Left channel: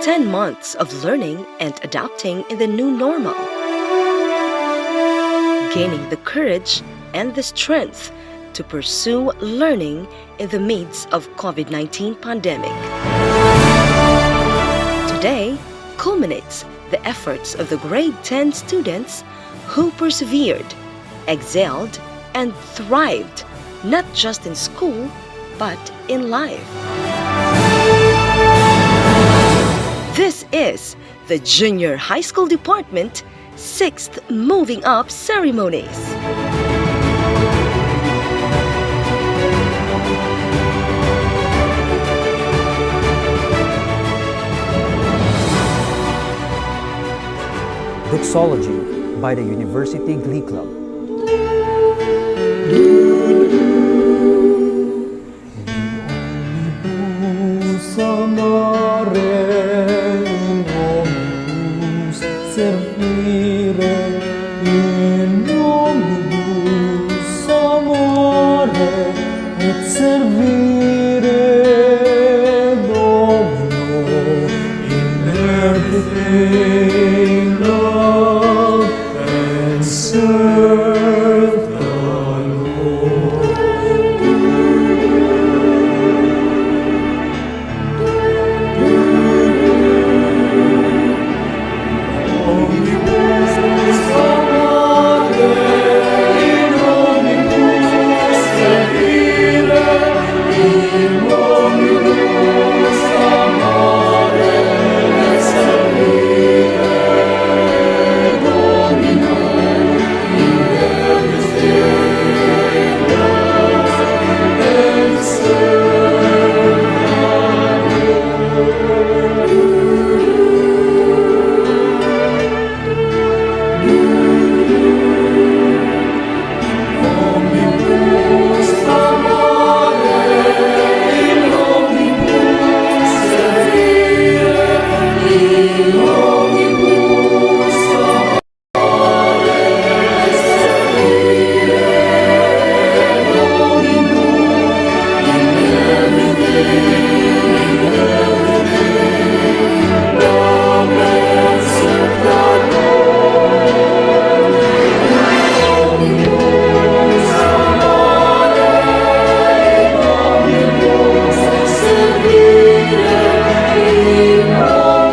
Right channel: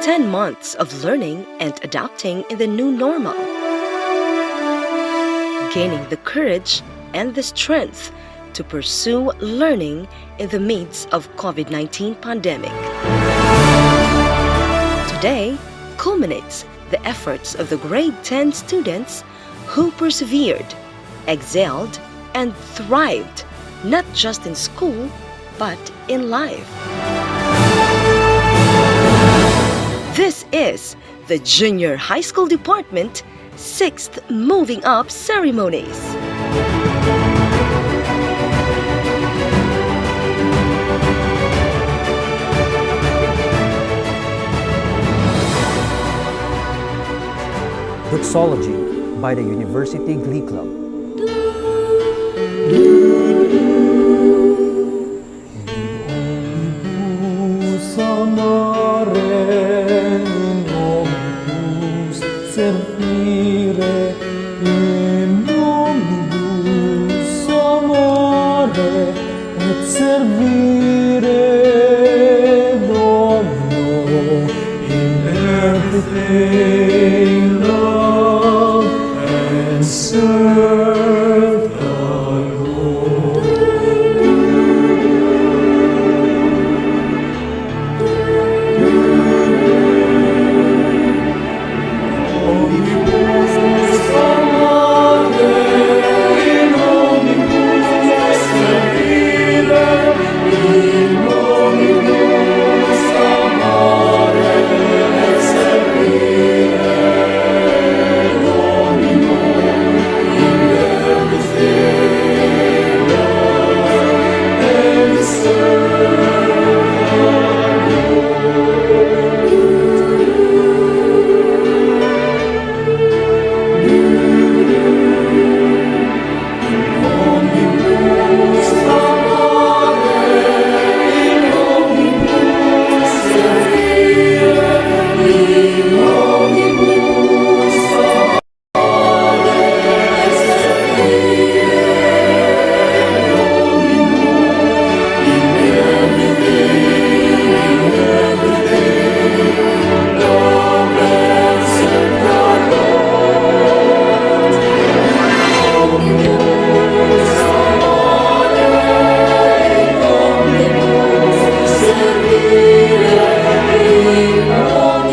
10 months of learning and adapting in the new normal, gaining the courage and the strength to pursue learning in the midst of COVID-19 pandemic. Today culminates the efforts of the grade 10 students who persevered, excelled, and thrived not just in school but in life. This is the Junior High School Department 6th Moving Up Ceremonies. Doxology by the University Glee Club. Servire in omnibus amore et servire Domino in everything love and serve the Lord. Omnibus amore, in omnibus servire, in omnibus amore et servire Domino in everything love and serve the Omnibus amore, in omnibus servire, in omnibus amore et servire Domino in everything love and serve the Lord. Omnibus amore, in omnibus servire, in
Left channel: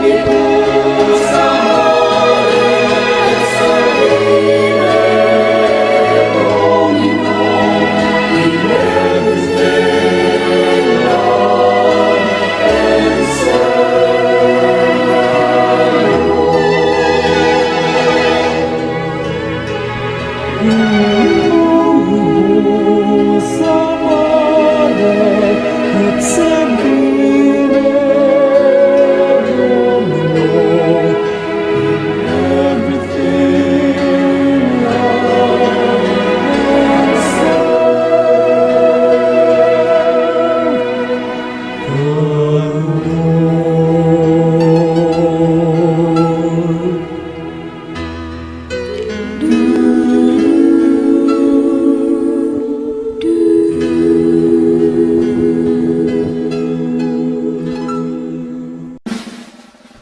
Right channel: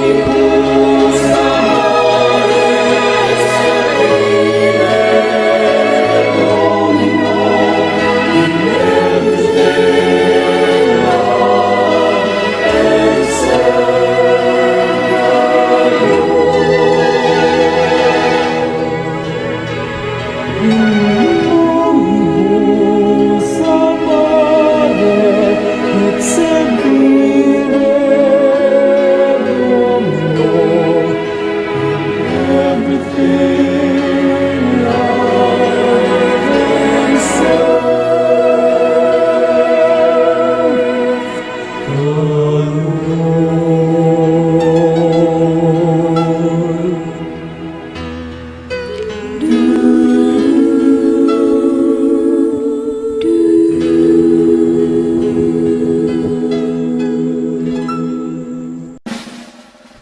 omnibus amore et servire Domino in everything love and serve the omnibus amore et servire Domino in everything love and serve the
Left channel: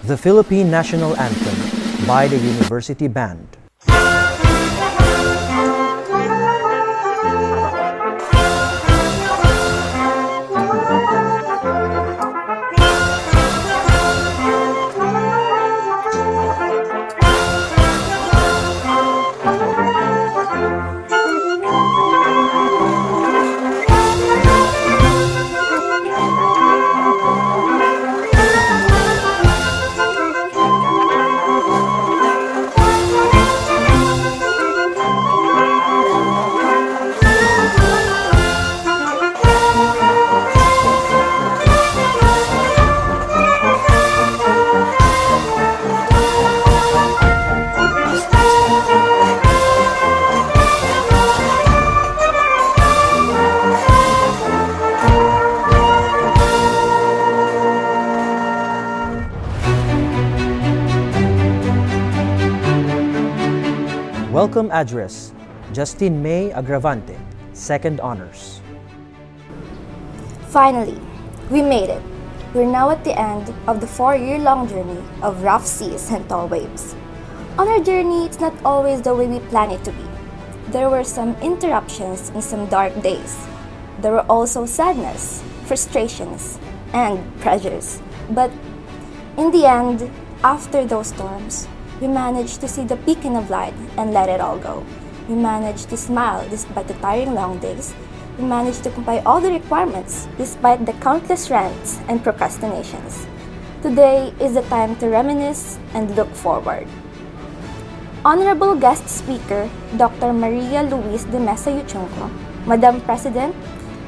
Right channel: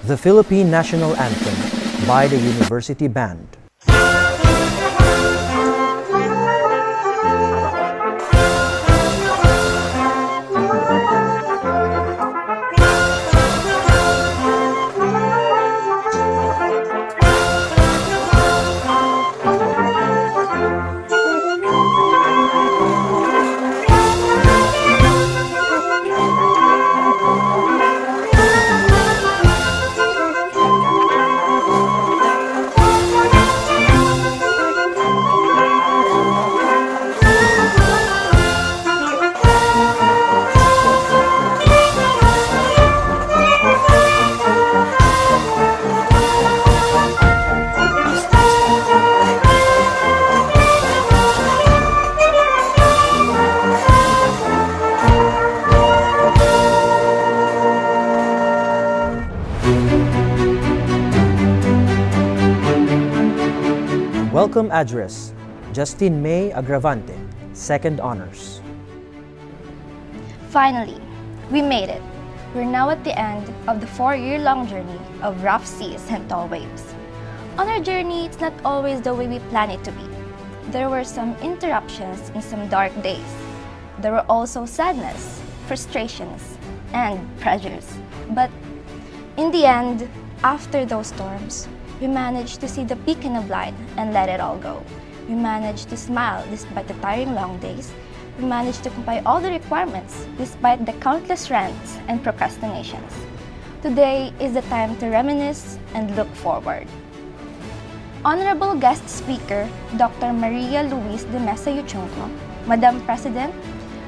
The Philippine National Anthem by the University Band. Welcome Address, Justine May Agravante, Second Honors. Finally, we made it. We're now at the end of the 4-year-long journey of rough seas and tall waves. On our journey, it's not always the way we plan it to be. There were some interruptions and some dark days. There were also sadness, frustrations, and pressures. But in the end, after those storms, we managed to see the beacon of light and let it all go. We managed to smile despite the tiring long days. We managed to comply all the requirements despite the countless rants and procrastinations. Today is the time to reminisce and look forward. Honorable guest speaker, Dr. Maria Luis de Mesa Yuchungco, Madam President,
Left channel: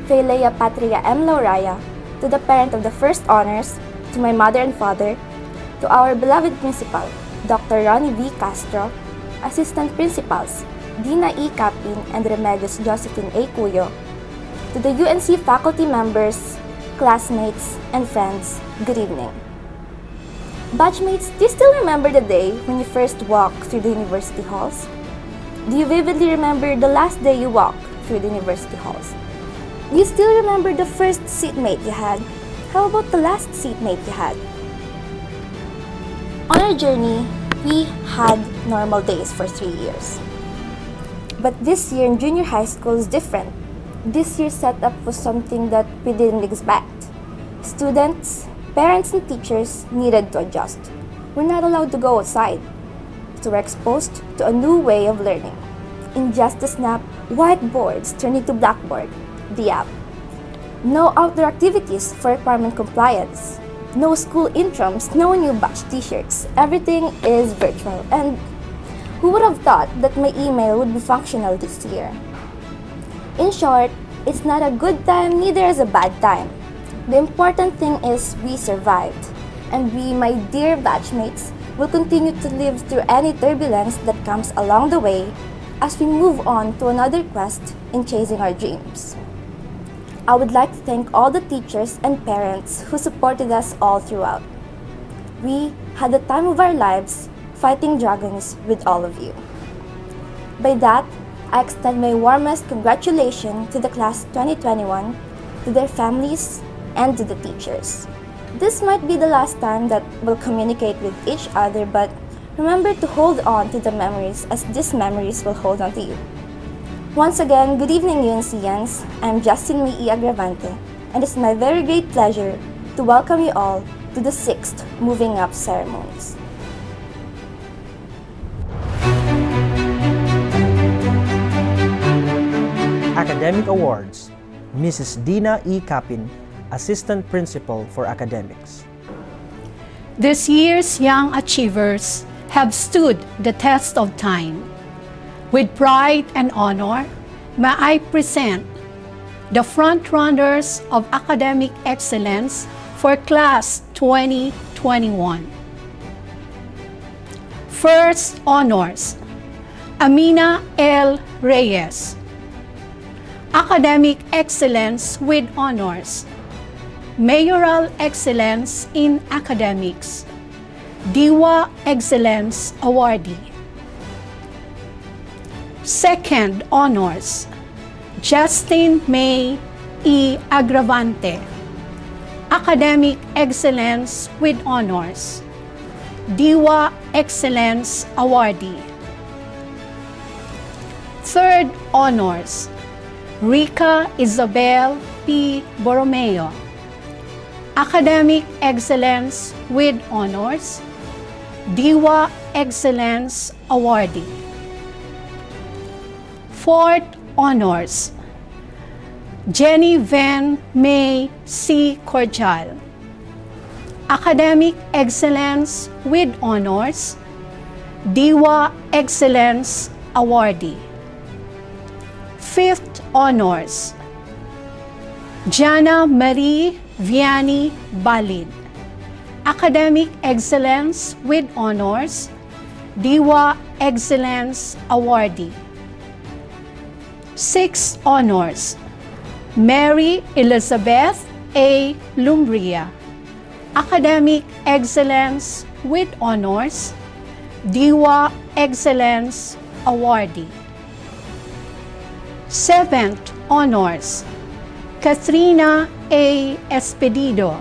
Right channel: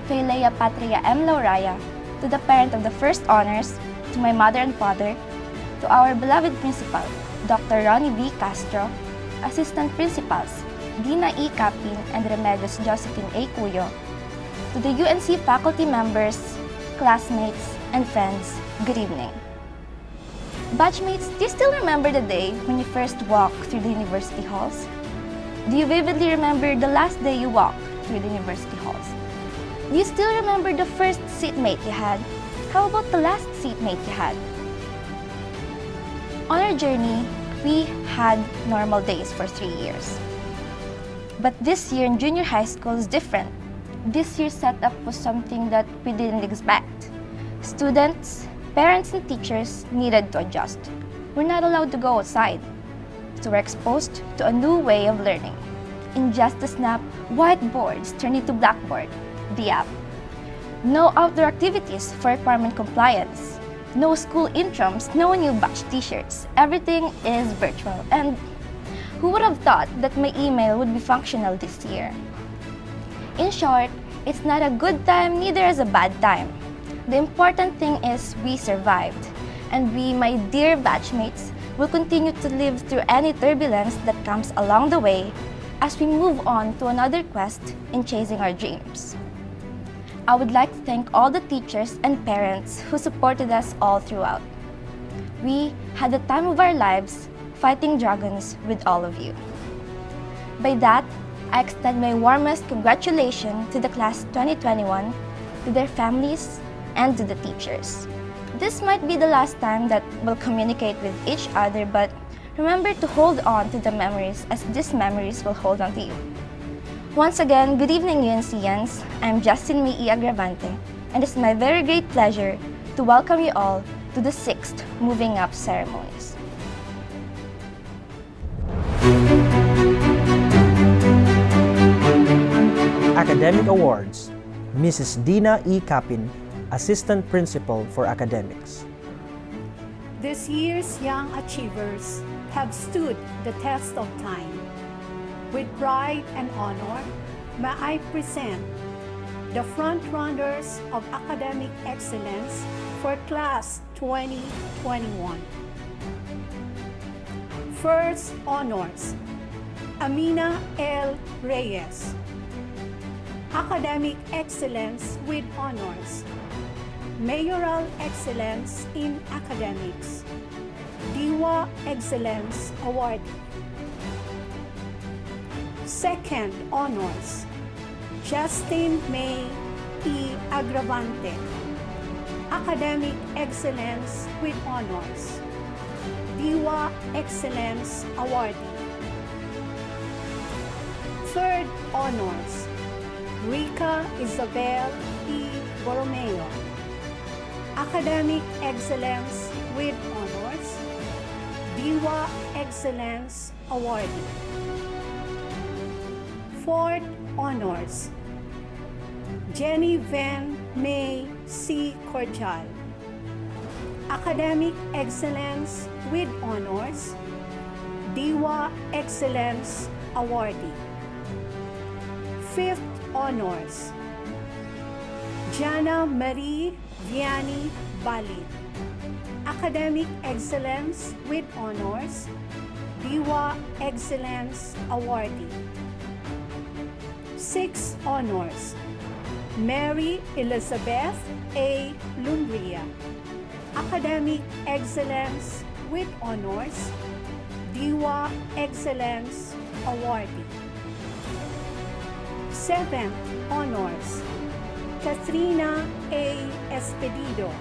Feilea Patria M. Lauraya, to the parent of the first honors, to my mother and father, to our beloved principal, Dr. Ronnie V. Castro, assistant principals, Dina E. Capin and Remedios Josephine A. Cuyo, to the UNC faculty members, classmates, and friends, good evening. Batchmates, do you still remember the day when you first walked through the university halls? Do you vividly remember the last day you walked through the university halls? Do you still remember the first seatmate you had? How about the last seatmate you had? On our journey, we had normal days for 3 years. But this year in junior high school is different. This year's setup was something that we didn't expect. Students, parents, and teachers needed to adjust. We're not allowed to go outside, so we're exposed to a new way of learning. In just a snap, whiteboards turned into blackboard, the app. No outdoor activities for requirement compliance. No school intrams, no new batch t-shirts. Everything is virtual. And who would have thought that my email would be functional this year? In short, it's not a good time, neither is a bad time. The important thing is we survived, and we, my dear batchmates, will continue to live through any turbulence that comes along the way as we move on to another quest in chasing our dreams. I would like to thank all the teachers and parents who supported us all throughout. We had the time of our lives fighting dragons with all of you. By that, I extend my warmest congratulations to the class 2021, to their families, and to the teachers. This might be the last time that we'll communicate with each other, but remember to hold on to the memories as these memories will hold on to you. Once again, good evening UNCians. I'm Justin Mii Agravante, and it's my very great pleasure to welcome you all to the 6th Moving Up Ceremonies. Academic Awards, Mrs. Dina E. Capin, Assistant Principal for Academics. This year's young achievers have stood the test of time. With pride and honor, may I present the front-runners of academic excellence for Class 2021. First honors, Amina L. Reyes. Academic excellence with honors, Mayoral Excellence in Academics, Diwa Excellence Awardee. Second honors, Justin May E. Agravante, Academic Excellence with honors, Diwa Excellence Awardee. Third honors, Rica Isabel P. Borromeo, Academic Excellence with honors, Diwa Excellence Awardee. Fourth honors, Jenny Van May C. Cordial, Academic Excellence with honors, Diwa Excellence Awardee. Fifth honors, Jana Marie Vianney Balid, Academic Excellence with honors, Diwa Excellence Awardee. Sixth honors, Mary Elizabeth A. Lumbria, Academic Excellence with honors, Diwa Excellence Awardee. Seventh honors, Katrina A. Espedido,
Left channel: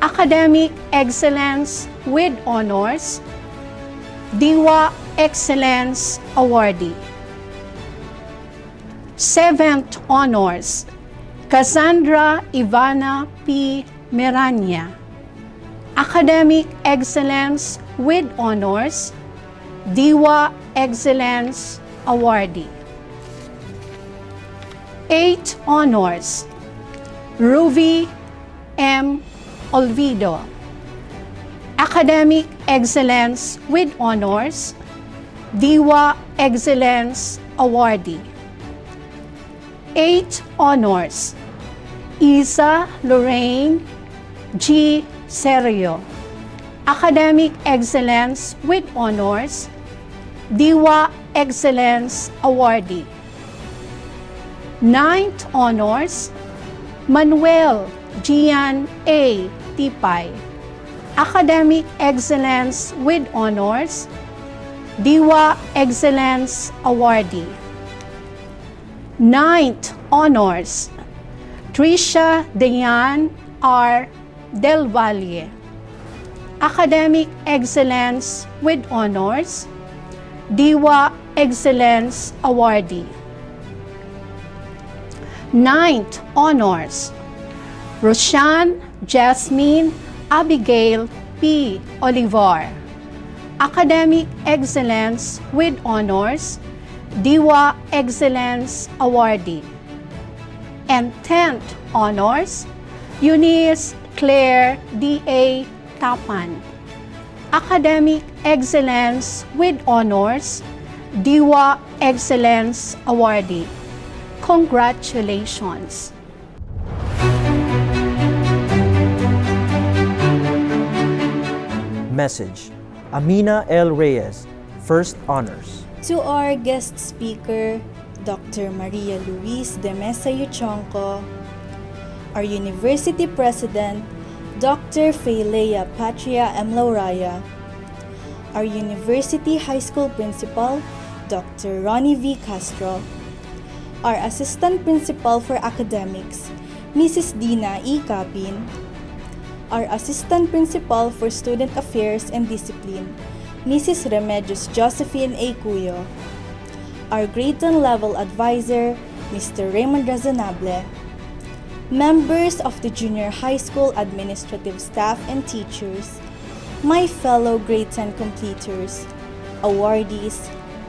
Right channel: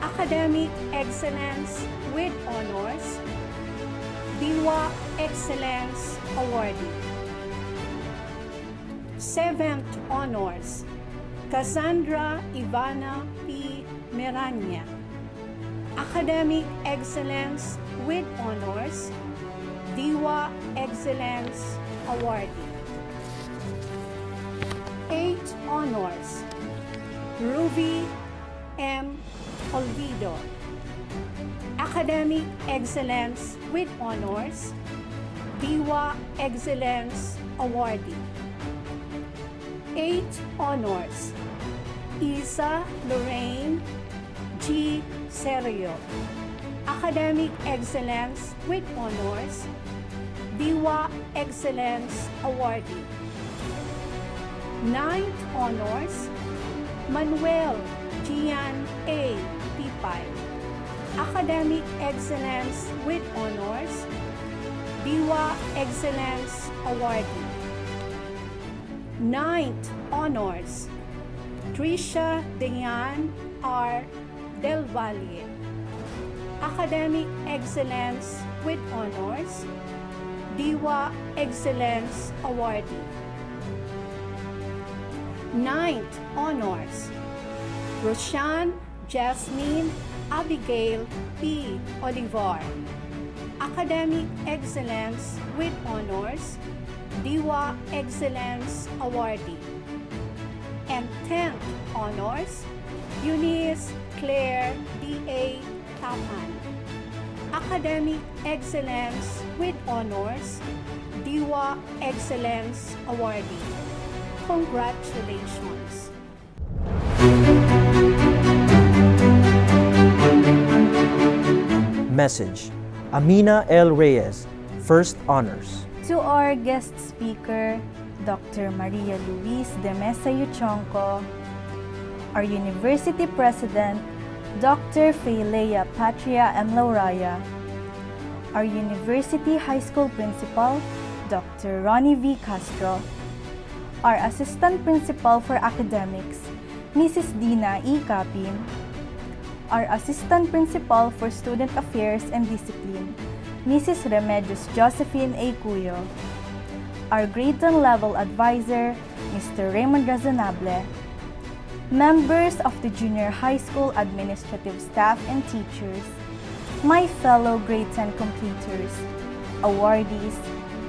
Academic Excellence with Honors, DIWA Excellence Awardee. 7th Honors, Cassandra Ivana P. Miranya, Academic Excellence with Honors, DIWA Excellence Awardee. 8th Honors, Ruby M. Olvido, Academic Excellence with Honors, DIWA Excellence Awardee. 8th Honors, Isa Lorraine G. Serio, Academic Excellence with Honors, DIWA Excellence Awardee. 9th Honors, Manuel Gian A. Tipay, Academic Excellence with Honors, DIWA Excellence Awardee. 9th Honors, Tricia Dayan R. Del Valle, Academic Excellence with Honors, DIWA Excellence Awardee. 9th Honors, Roshan Jasmine Abigail P. Olivar, Academic Excellence with Honors, DIWA Excellence Awardee. And 10th Honors, Eunice Claire D.A. Tapan, Academic Excellence with Honors, DIWA Excellence Awardee. Congratulations! Message: Amina L. Reyes, First Honors. To our guest speaker, Dr. Maria Luis de Mesa Yuchonco, our University President, Dr. Feilea Patria M. Lauraya, our University High School Principal, Dr. Ronnie V. Castro, our Assistant Principal for Academics, Mrs. Dina E. Capin, our Assistant Principal for Student Affairs and Discipline, Mrs. Remedios Josephine A. Cuyo, our Grade 10 Level Advisor, Mr. Raymond Razonable, members of the Junior High School administrative staff and teachers, my fellow Grade 10 completers, awardees,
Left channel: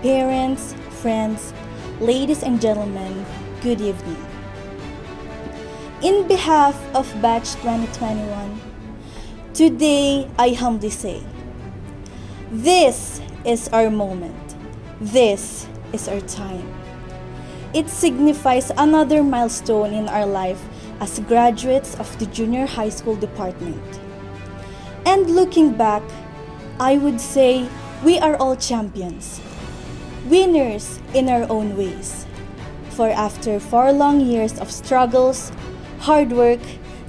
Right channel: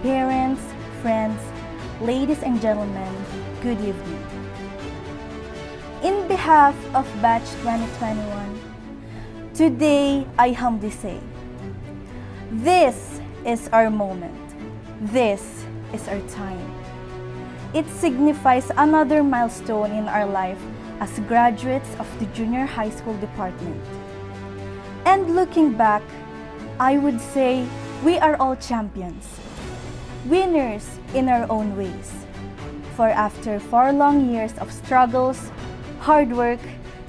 parents, friends, ladies and gentlemen, good evening. In behalf of Batch 2021, today I humbly say, this is our moment. This is our time. It signifies another milestone in our life as graduates of the Junior High School Department. And looking back, I would say we are all champions, winners in our own ways. For after 4 long years of struggles, hard work,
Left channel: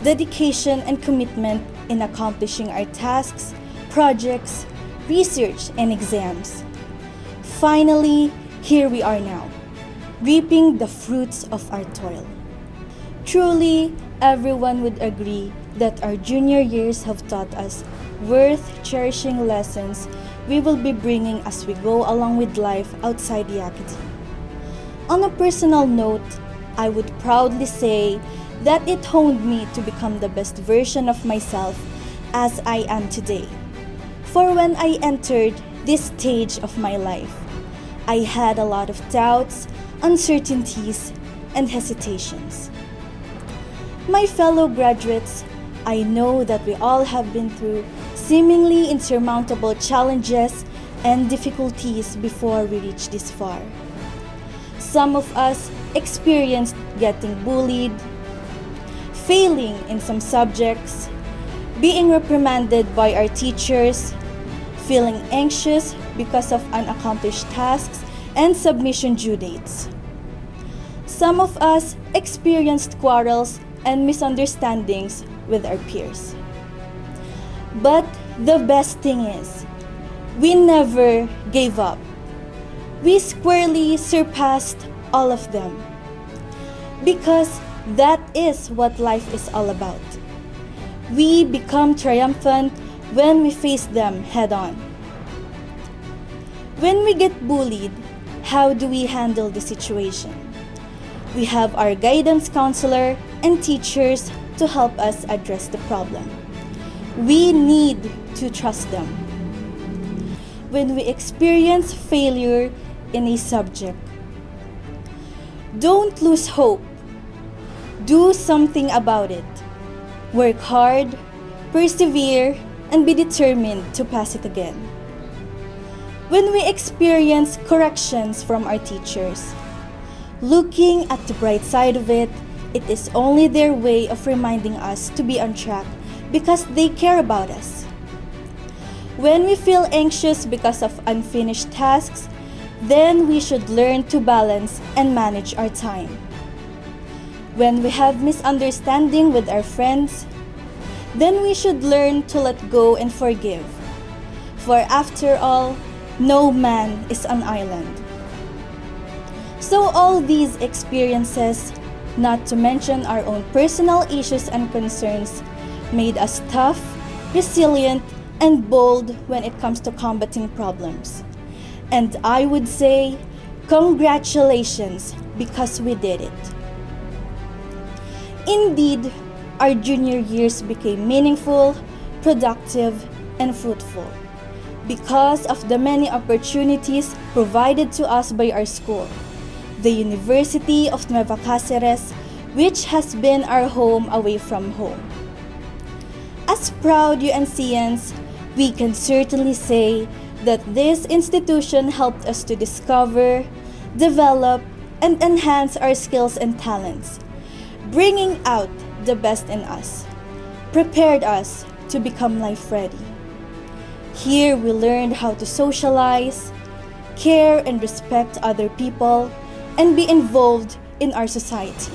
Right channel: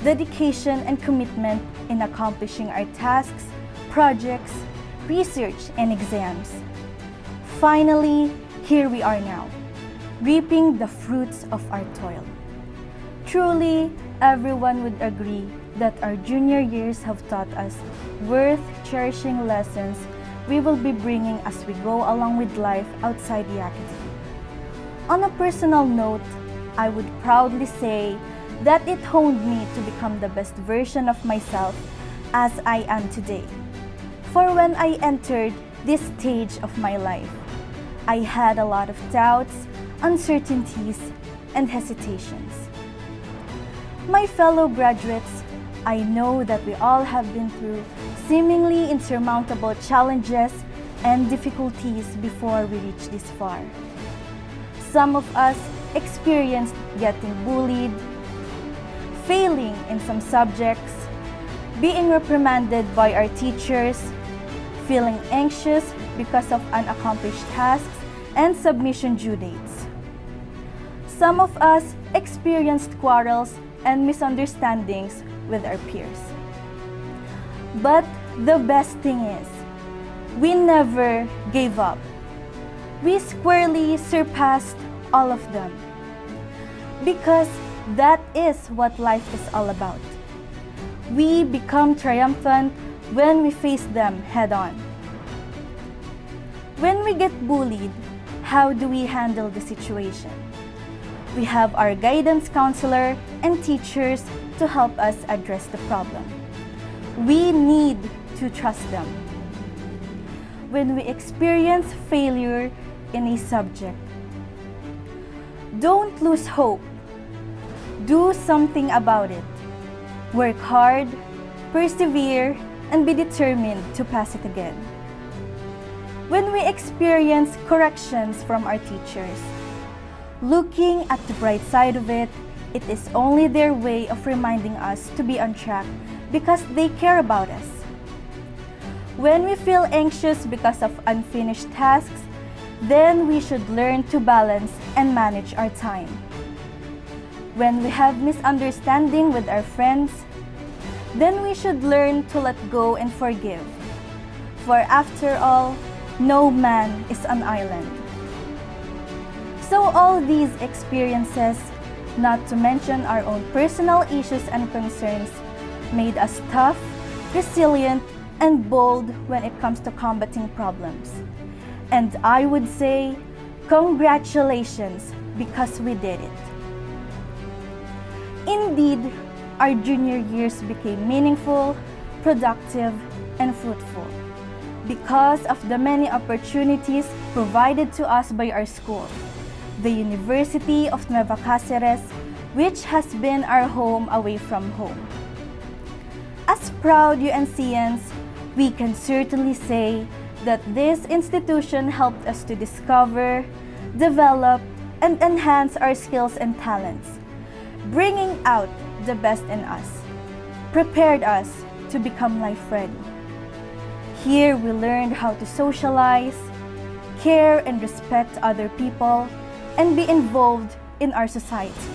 dedication, and commitment in accomplishing our tasks, projects, research, and exams, finally, here we are now, reaping the fruits of our toil. Truly, everyone would agree that our junior years have taught us worth cherishing lessons we will be bringing as we go along with life outside the academy. On a personal note, I would proudly say that it honed me to become the best version of myself as I am today. For when I entered this stage of my life, I had a lot of doubts, uncertainties, and hesitations. My fellow graduates, I know that we all have been through seemingly insurmountable challenges and difficulties before we reach this far. Some of us experienced getting bullied, failing in some subjects, being reprimanded by our teachers, feeling anxious because of unaccomplished tasks and submission due dates. Some of us experienced quarrels and misunderstandings with our peers. But the best thing is, we never gave up. We squarely surpassed all of them. Because that is what life is all about. We become triumphant when we face them head on. When we get bullied, how do we handle the situation? We have our guidance counselor and teachers to help us address the problem. We need to trust them. When we experience failure in a subject, don't lose hope. Do something about it. Work hard, persevere, and be determined to pass it again. When we experience corrections from our teachers, looking at the bright side of it, it is only their way of reminding us to be on track because they care about us. When we feel anxious because of unfinished tasks, then we should learn to balance and manage our time. When we have misunderstanding with our friends, then we should learn to let go and forgive. For after all, no man is an island. So all these experiences, not to mention our own personal issues and concerns, made us tough, resilient, and bold when it comes to combating problems. And I would say, congratulations, because we did it. Indeed, our junior years became meaningful, productive, and fruitful because of the many opportunities provided to us by our school, the University of Nueva Cáceres, which has been our home away from home. As proud UNCians, we can certainly say that this institution helped us to discover, develop, and enhance our skills and talents, bringing out the best in us, prepared us to become life-ready. Here we learned how to socialize, care and respect other people, and be involved in our society.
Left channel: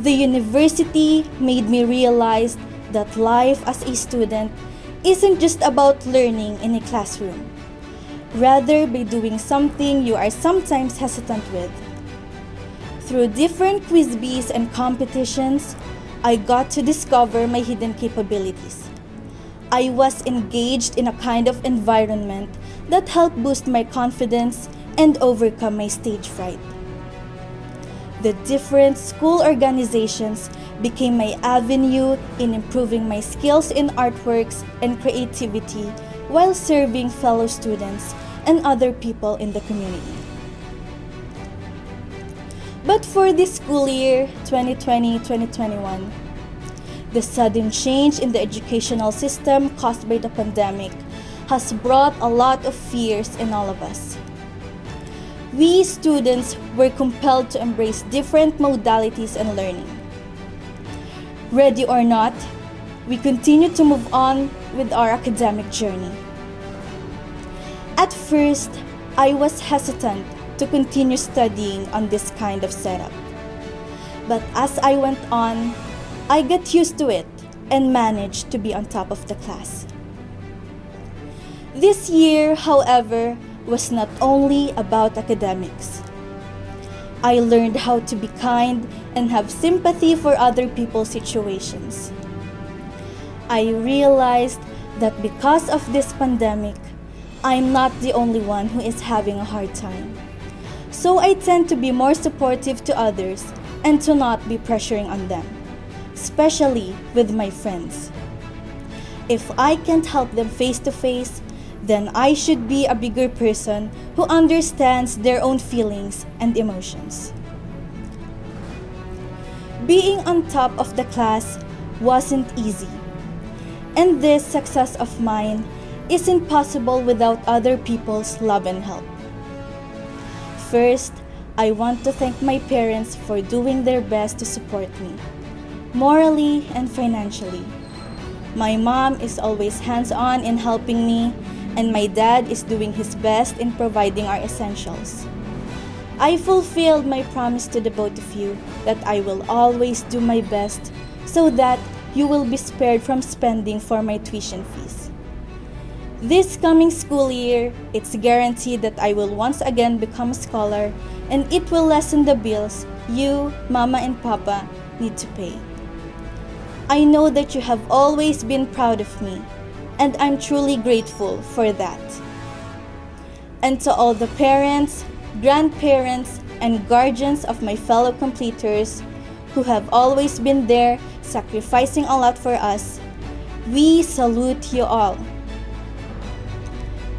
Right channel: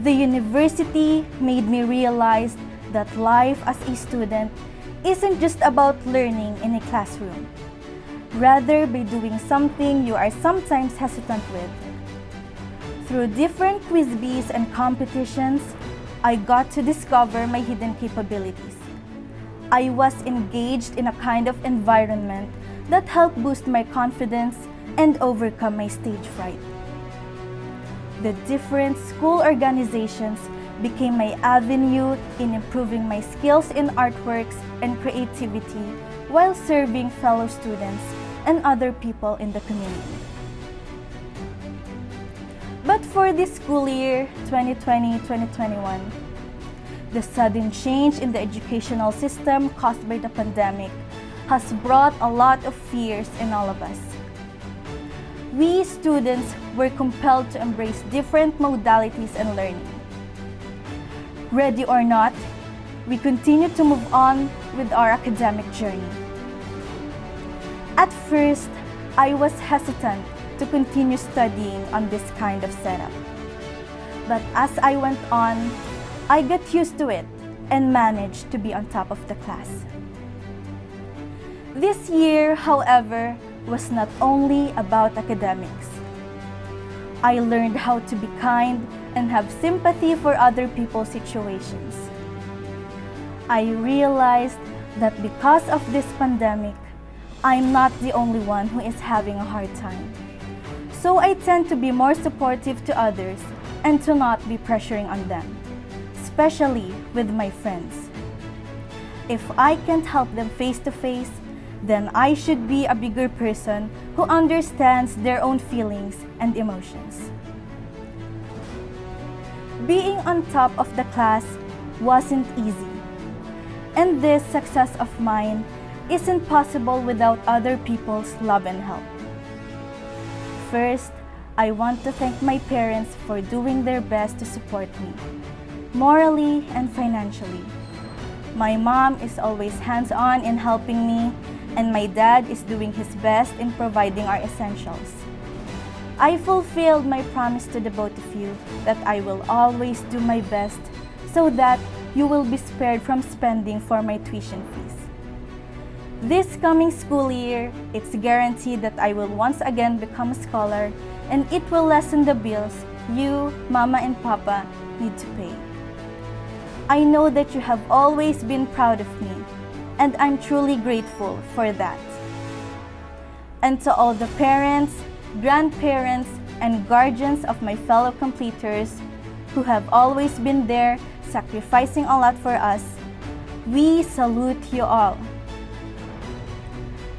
The university made me realize that life as a student isn't just about learning in a classroom, rather by doing something you are sometimes hesitant with. Through different quiz bees and competitions, I got to discover my hidden capabilities. I was engaged in a kind of environment that helped boost my confidence and overcome my stage fright. The different school organizations became my avenue in improving my skills in artworks and creativity while serving fellow students and other people in the community. But for this school year, 2020-2021, the sudden change in the educational system caused by the pandemic has brought a lot of fears in all of us. We students were compelled to embrace different modalities and learning. Ready or not, we continue to move on with our academic journey. At first, I was hesitant to continue studying on this kind of setup. But as I went on, I got used to it and managed to be on top of the class. This year, however, was not only about academics. I learned how to be kind and have sympathy for other people's situations. I realized that because of this pandemic, I'm not the only one who is having a hard time. So I tend to be more supportive to others and to not be pressuring on them, especially with my friends. If I can't help them face to face, then I should be a bigger person who understands their own feelings and emotions. Being on top of the class wasn't easy, and this success of mine isn't possible without other people's love and help. First, I want to thank my parents for doing their best to support me, morally and financially. My mom is always hands-on in helping me, and my dad is doing his best in providing our essentials. I fulfilled my promise to the both of you that I will always do my best so that you will be spared from spending for my tuition fees. This coming school year, it's guaranteed that I will once again become a scholar, and it will lessen the bills you, Mama and Papa, need to pay. I know that you have always been proud of me, and I'm truly grateful for that. And to all the parents, grandparents, and guardians of my fellow completers who have always been there sacrificing a lot for us, we salute you all.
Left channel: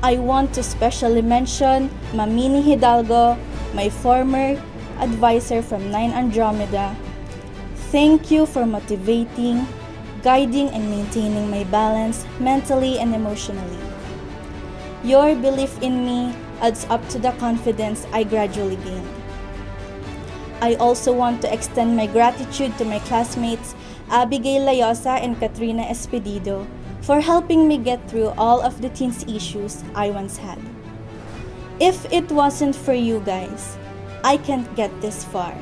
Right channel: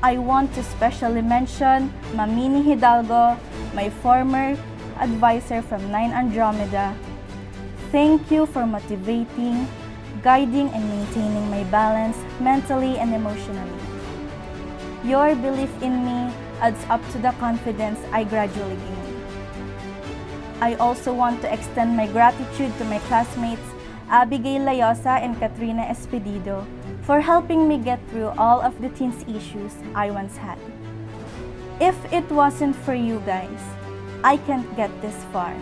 I want to specially mention Mamini Hidalgo, my former advisor from 9 Andromeda. Thank you for motivating, guiding, and maintaining my balance mentally and emotionally. Your belief in me adds up to the confidence I gradually gained. I also want to extend my gratitude to my classmates Abigail Layosa and Katrina Espedido for helping me get through all of the teens issues I once had. If it wasn't for you guys, I can't get this far.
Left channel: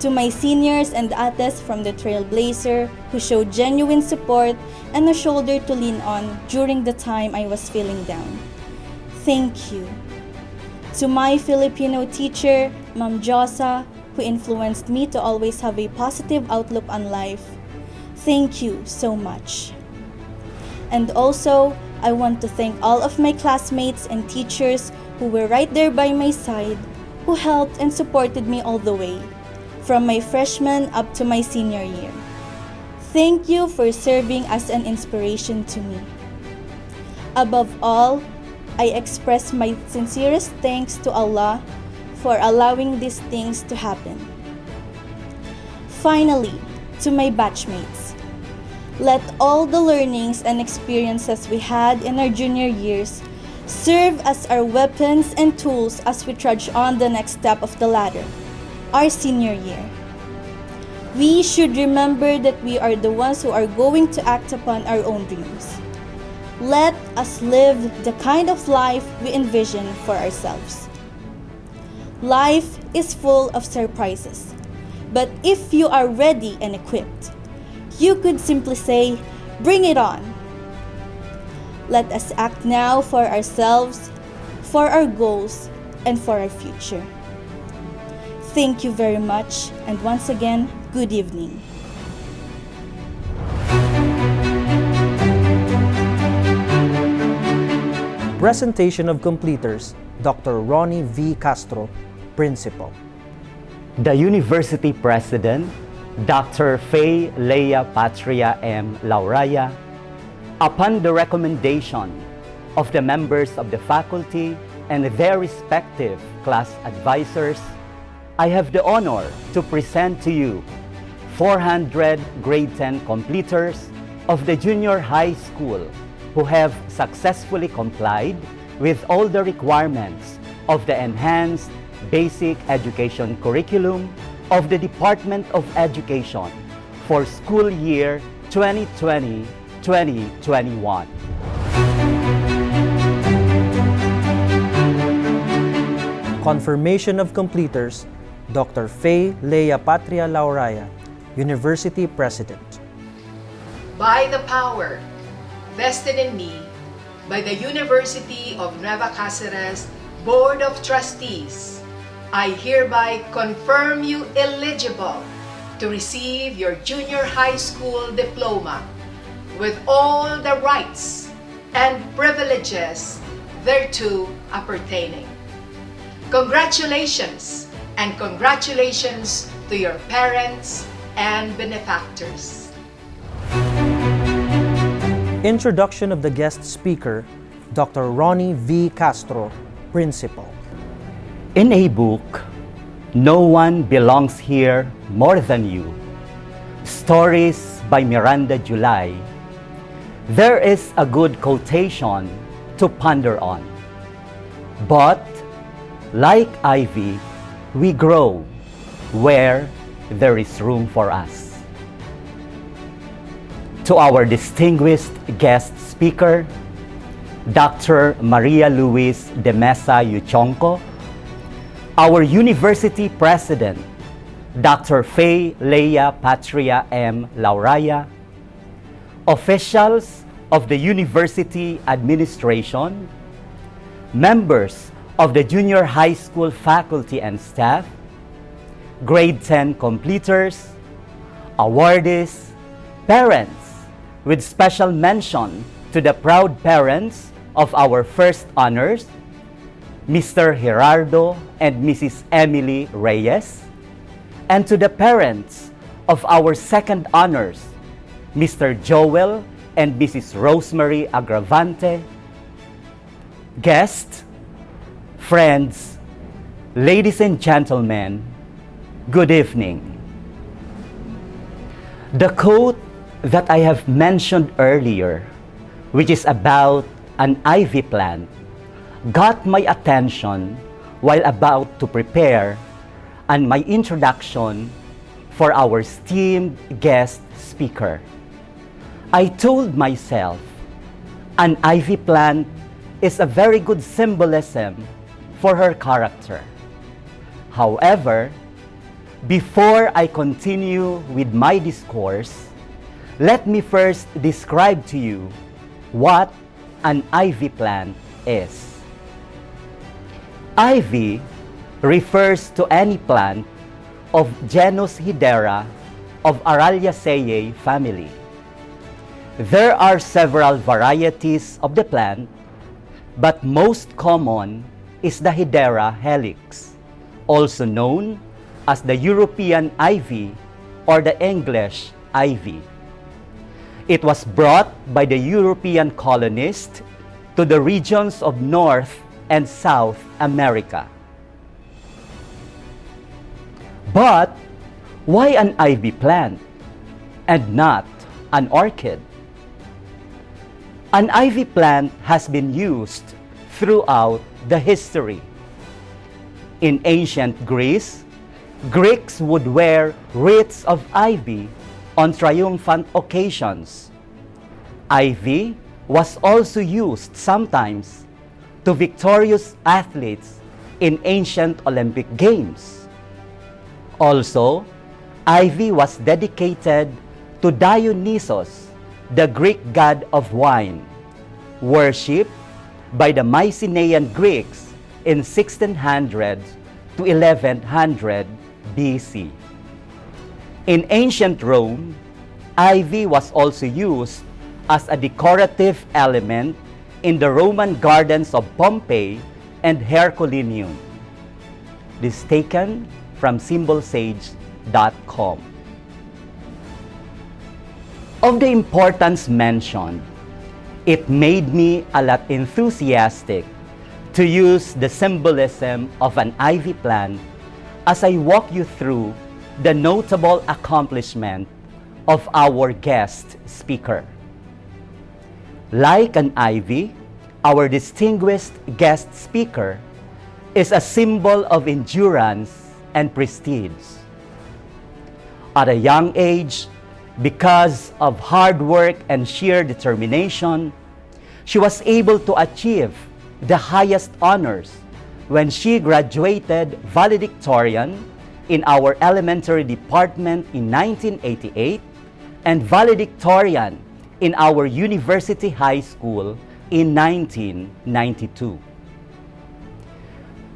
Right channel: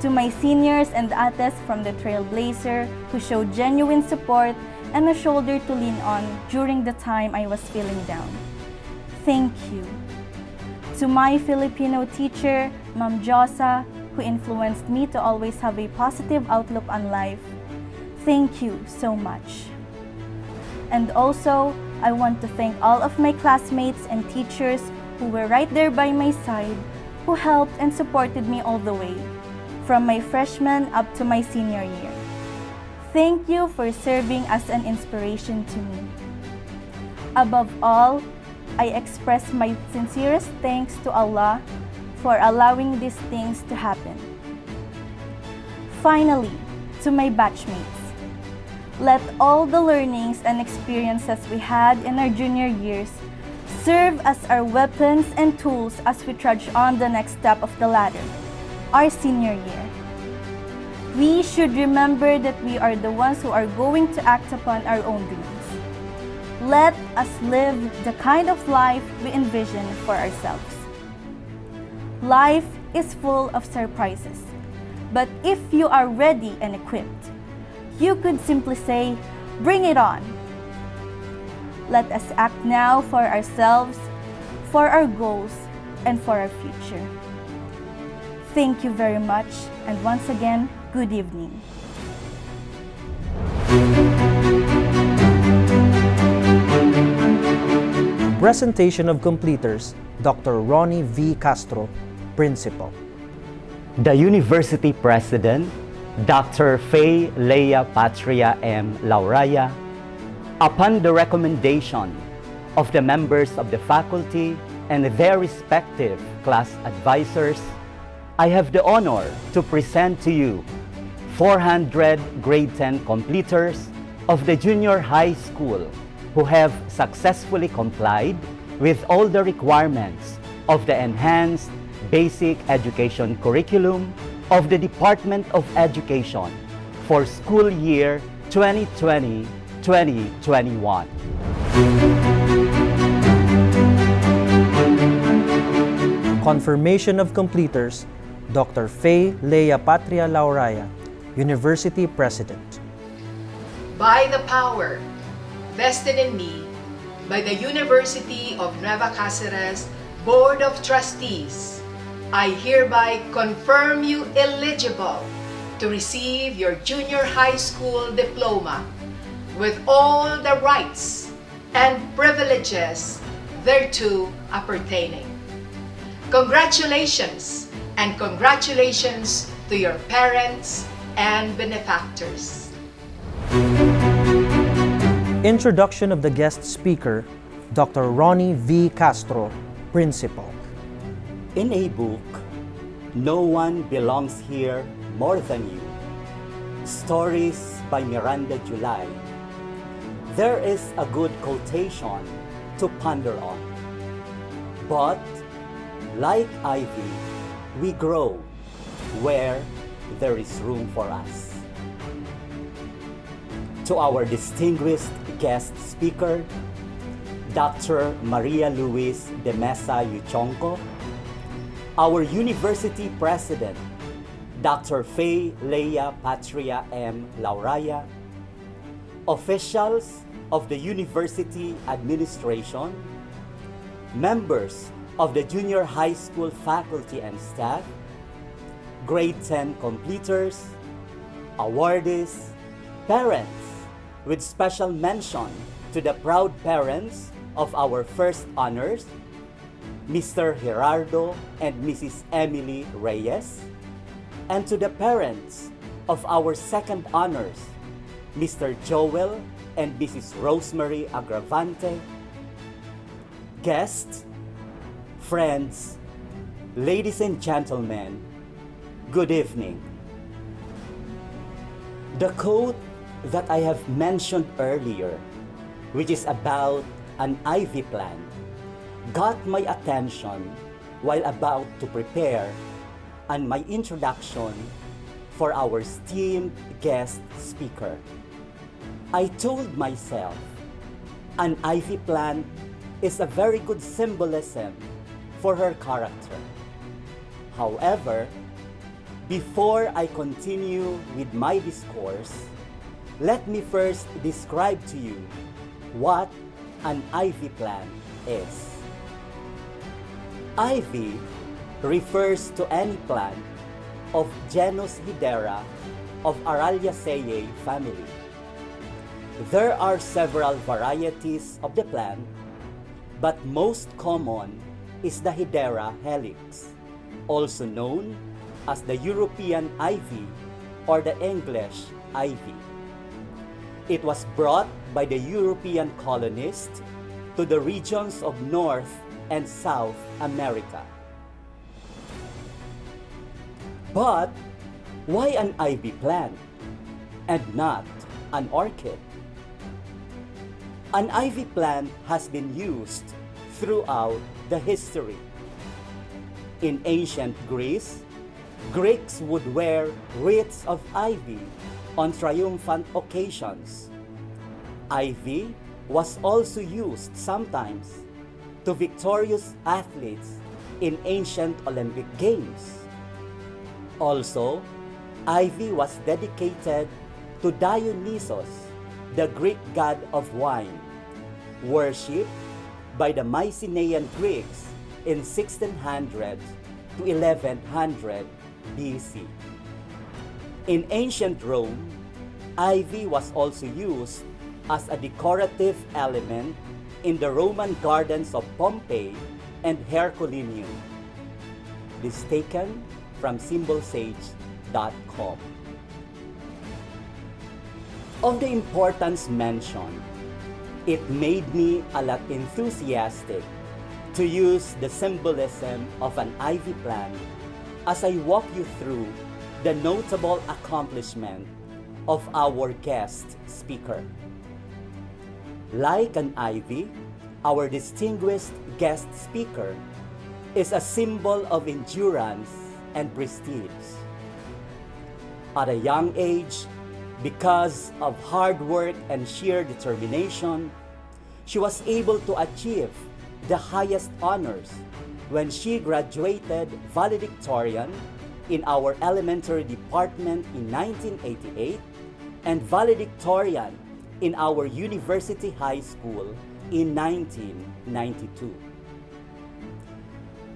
To my seniors and ates from the Trailblazer who showed genuine support and a shoulder to lean on during the time I was feeling down, thank you. To my Filipino teacher, Ma'am Josa, who influenced me to always have a positive outlook on life, thank you so much. And also, I want to thank all of my classmates and teachers who were right there by my side, who helped and supported me all the way, from my freshman up to my senior year. Thank you for serving as an inspiration to me. Above all, I express my sincerest thanks to Allah for allowing these things to happen. Finally, to my batchmates, let all the learnings and experiences we had in our junior years serve as our weapons and tools as we trudge on the next step of the ladder, our senior year. We should remember that we are the ones who are going to act upon our own dreams. Let us live the kind of life we envision for ourselves. Life is full of surprises, but if you are ready and equipped, you could simply say, "Bring it on." Let us act now for ourselves, for our goals, and for our future. Thank you very much, and once again, good evening. Presentation of completers, Dr. Ronnie V. Castro, Principal. The University President, Dr. Faye Leia Patria M. Lauraya, upon the recommendation of the members of the faculty and their respective class advisors, I have the honor to present to you 400 grade 10 completers of the junior high school who have successfully complied with all the requirements of the enhanced basic education curriculum of the Department of Education for school year 2020-2021. Confirmation of completers, Dr. Faye Leia Patria Lauraya, University President. By the power vested in me by the University of Nueva Cáceres Board of Trustees, I hereby confirm you eligible to receive your junior high school diploma with all the rights and privileges thereto appertaining. Congratulations, and congratulations to your parents and benefactors. Introduction of the guest speaker, Dr. Ronnie V. Castro, Principal. In a book, No One Belongs Here More Than You, Stories by Miranda July, there is a good quotation to ponder on. But, like ivy, we grow where there is room for us. To our distinguished guest speaker, Dr. Maria Luis de Mesa Yuchonco, our University President, Dr. Faye Leia Patria M. Lauraya, officials of the University Administration, members of the junior high school faculty and staff, grade 10 completers, awardees, Parents, with special mention to the proud parents of our first honors, Mr. Gerardo and Mrs. Emily Reyes, and to the parents of our second honors, Mr. Joel and Mrs. Rosemary Agravante, guests, friends, ladies and gentlemen, good evening. The quote that I have mentioned earlier, which is about an ivy plant, got my attention while about to prepare and my introduction for our esteemed guest speaker. I told myself, an ivy plant is a very good symbolism for her character. However, before I continue with my discourse, let me first describe to you what an ivy plant is. Ivy refers to any plant of genus Hedera of Araliaceae family. There are several varieties of the plant, but most common is the Hedera helix, also known as the European ivy or the English ivy. It was brought by the European colonists to the regions of North and South America. But why an ivy plant and not an orchid? An ivy plant has been used throughout the history. In ancient Greece, Greeks would wear wreaths of ivy on triumphant occasions. Ivy was also used sometimes to victorious athletes in ancient Olympic Games. Also, ivy was dedicated to Dionysus, the Greek god of wine, worshipped by the Mycenaean Greeks in 1600 to 1100 BC. In ancient Rome, ivy was also used as a decorative element in the Roman gardens of Pompeii and Herculaneum. This taken from symbolsage.com. Of the importance mentioned, it made me a lot enthusiastic to use the symbolism of an ivy plant as I walk you through the notable accomplishment of our guest speaker. Like an ivy, our distinguished guest speaker is a symbol of endurance and prestige. At a young age, because of hard work and sheer determination, she was able to achieve the highest honors when she graduated valedictorian in our elementary department in 1988 and valedictorian in our university high school in 1992.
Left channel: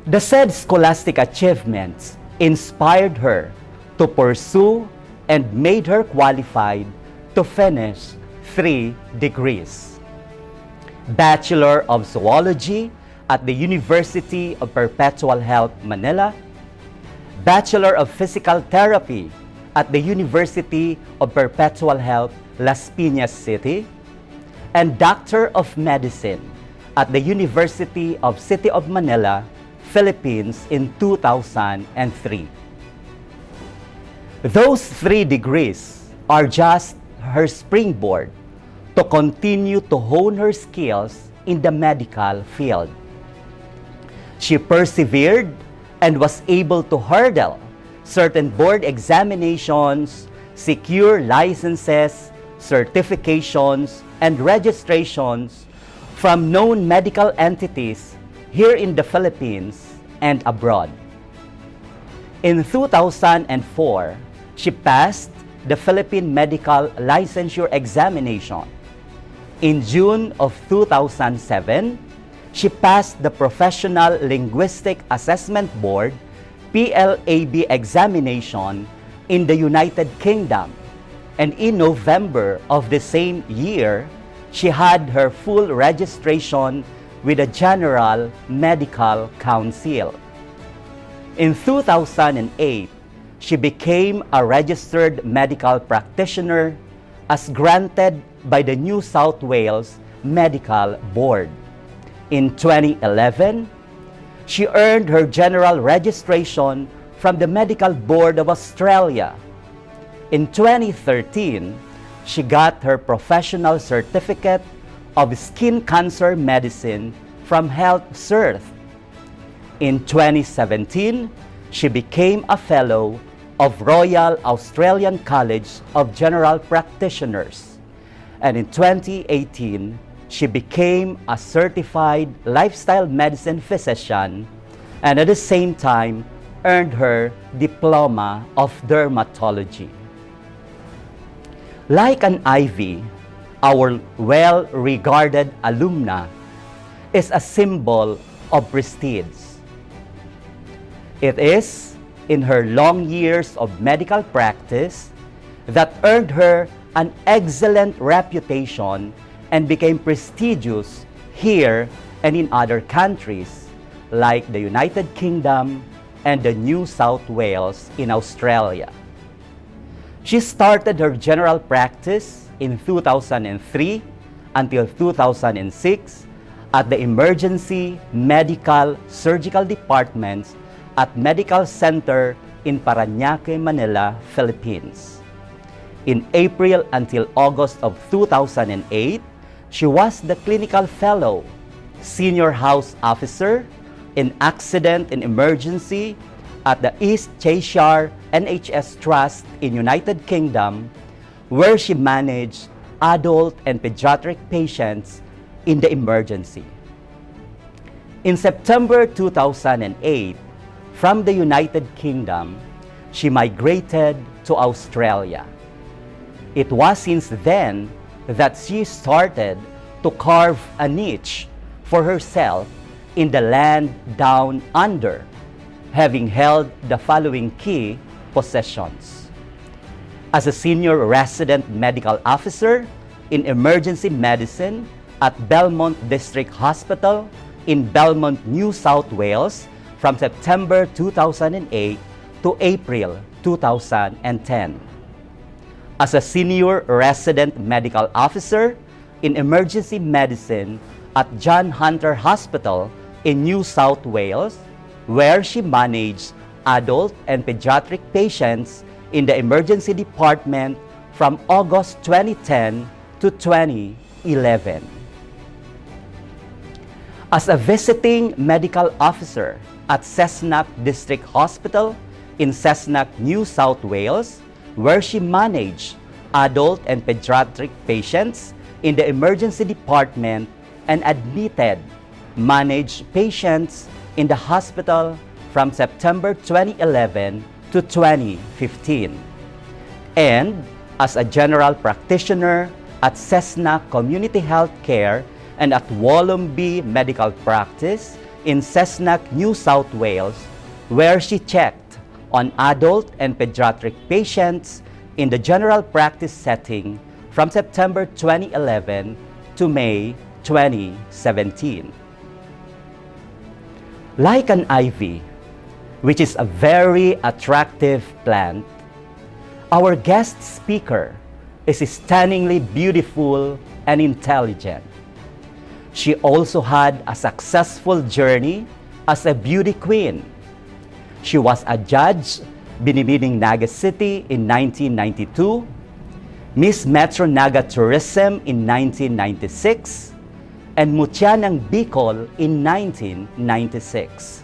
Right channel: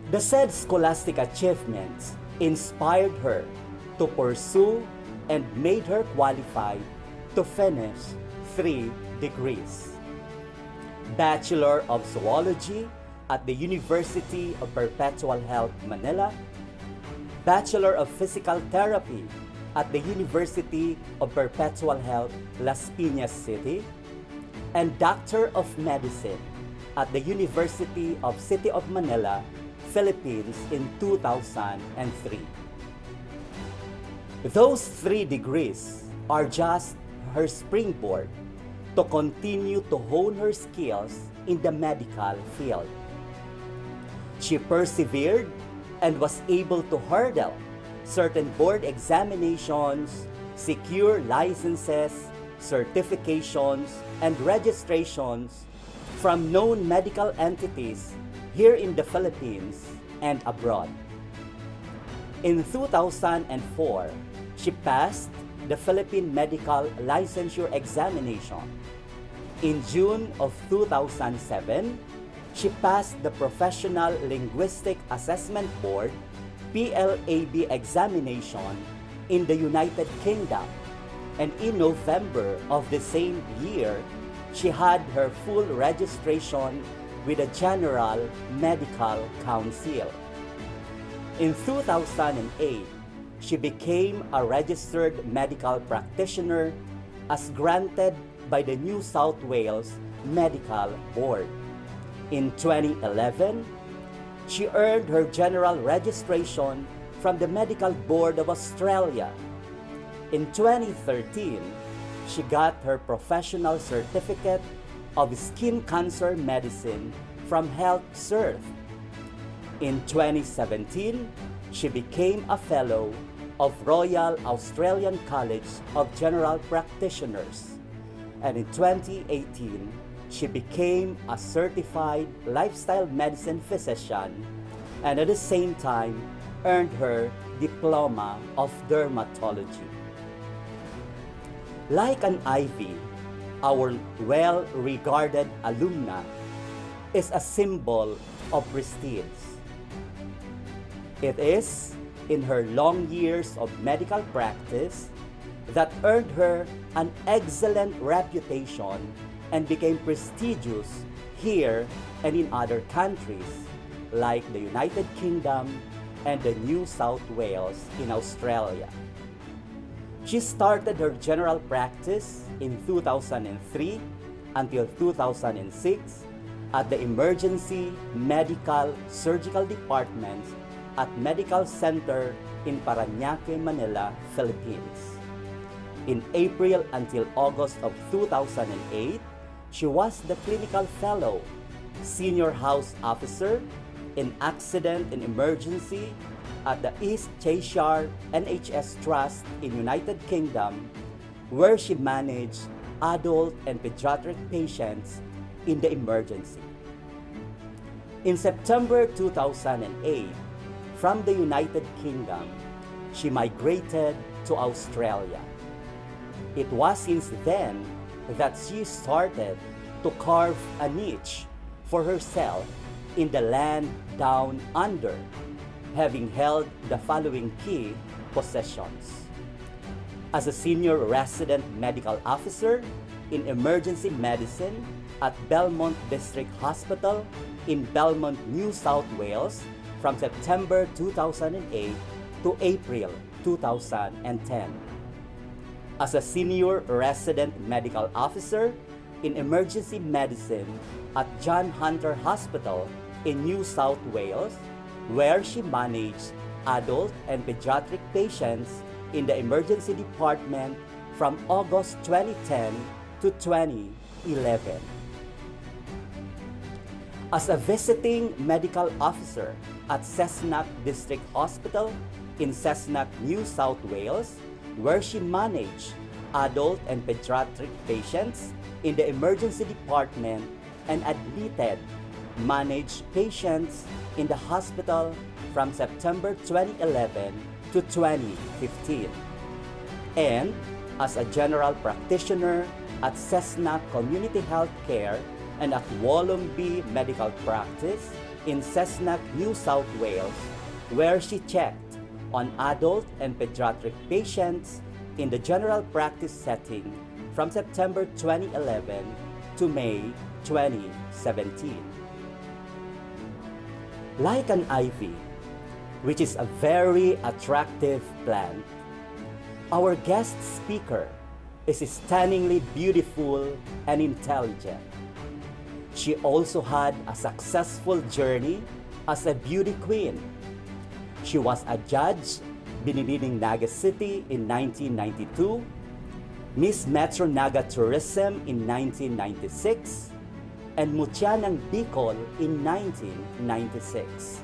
The said scholastic achievements inspired her to pursue and made her qualified to finish 3 degrees. Bachelor of Zoology at the University of Perpetual Health, Manila, Bachelor of Physical Therapy at the University of Perpetual Health, Las Piñas City, and Doctor of Medicine at the University of City of Manila, Philippines in 2003. Those 3 degrees are just her springboard to continue to hone her skills in the medical field. She persevered and was able to hurdle certain board examinations, secure licenses, certifications, and registrations from known medical entities here in the Philippines and abroad. In 2004, she passed the Philippine Medical Licensure Examination. In June of 2007, she passed the Professional Linguistic Assessment Board (PLAB) examination in the United Kingdom And in November of the same year, she had her full registration with the General Medical Council. In 2008, she became a registered medical practitioner as granted by the New South Wales Medical Board. In 2011, she earned her general registration from the Medical Board of Australia. In 2013, she got her professional certificate of skin cancer medicine from Health Cert. In 2017, she became a fellow of Royal Australian College of General Practitioners. And in 2018, she became a certified lifestyle medicine physician and at the same time earned her diploma of dermatology. Like an ivy, our well-regarded alumna is a symbol of prestige. It is in her long years of medical practice that earned her an excellent reputation and became prestigious here and in other countries like the United Kingdom and the New South Wales in Australia. She started her general practice in 2003 until 2006 at the Emergency Medical Surgical Departments at Medical Center in Parañaque, Manila, Philippines. In April until August of 2008, she was the Clinical Fellow, Senior House Officer in Accident and Emergency at the East Cheshire NHS Trust in United Kingdom, where she managed adult and pediatric patients in the emergency. In September 2008, from the United Kingdom, she migrated to Australia. It was since then that she started to carve a niche for herself in the land down under, having held the following key positions: as a senior resident medical officer in emergency medicine at Belmont District Hospital in Belmont, New South Wales from September 2008 to April 2010. As a senior resident medical officer in emergency medicine at John Hunter Hospital in New South Wales, where she managed adult and pediatric patients in the emergency department from August 2010 to 2011. As a visiting medical officer at Cessnock District Hospital in Cessnock, New South Wales, where she managed adult and pediatric patients in the emergency department and admitted managed patients in the hospital from September 2011 to 2015. And as a general practitioner at Cessnock Community Health Care and at Wollombi Medical Practice in Cessnock, New South Wales, where she checked on adult and pediatric patients in the general practice setting from September 2011 to May 2017. Like an ivy, which is a very attractive plant, our guest speaker is stunningly beautiful and intelligent. She also had a successful journey as a beauty queen. She was a judge Binibining Naga City in 1992, Miss Metro Naga Tourism in 1996, and Mutya ng Bicol in 1996.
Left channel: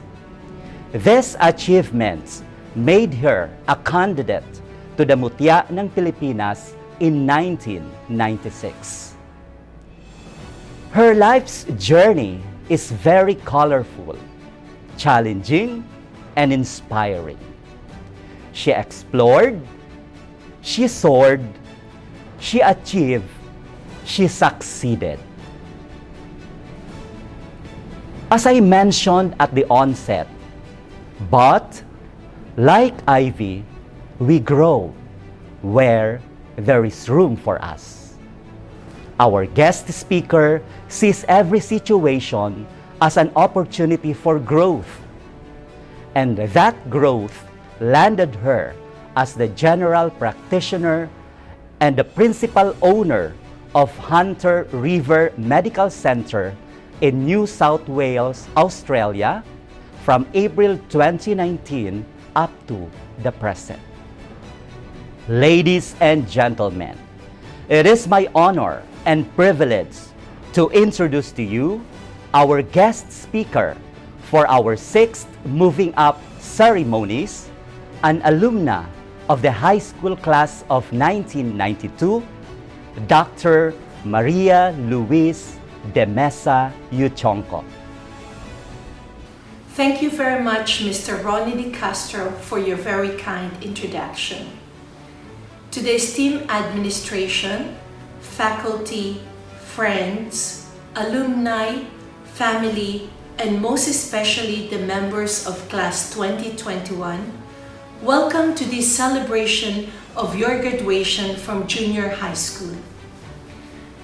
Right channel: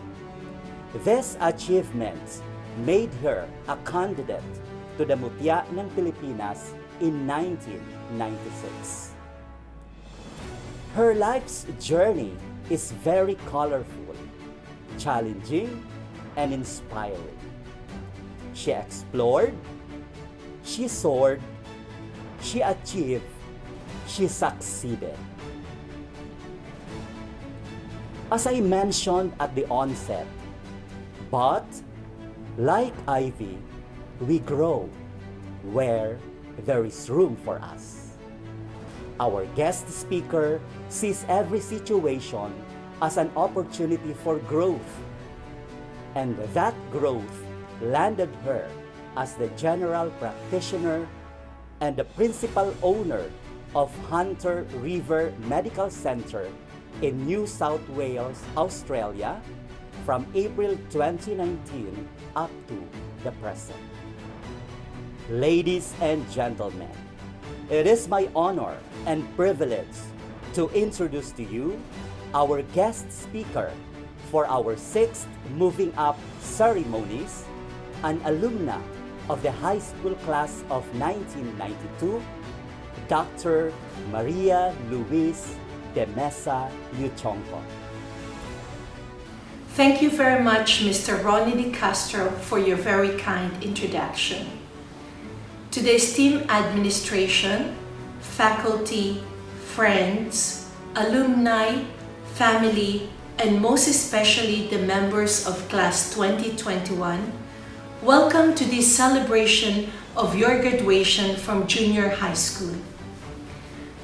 These achievements made her a candidate to the Mutya ng Pilipinas in 1996. Her life's journey is very colorful, challenging, and inspiring. She explored, she soared, she achieved, she succeeded. As I mentioned at the onset, but like ivy, we grow where there is room for us. Our guest speaker sees every situation as an opportunity for growth. And that growth landed her as the general practitioner and the principal owner of Hunter River Medical Center in New South Wales, Australia, from April 2019 up to the present. Ladies and gentlemen, it is my honor and privilege to introduce to you our guest speaker for our 6th Moving Up Ceremonies, an alumna of the high school class of 1992, Dr. Maria Luis de Mesa Yuchonco. Thank you very much, Mr. Ronnie Di Castro, for your very kind introduction. To the esteemed administration, faculty, friends, alumni, family, and most especially the members of Class 2021, welcome to this celebration of your graduation from junior high school.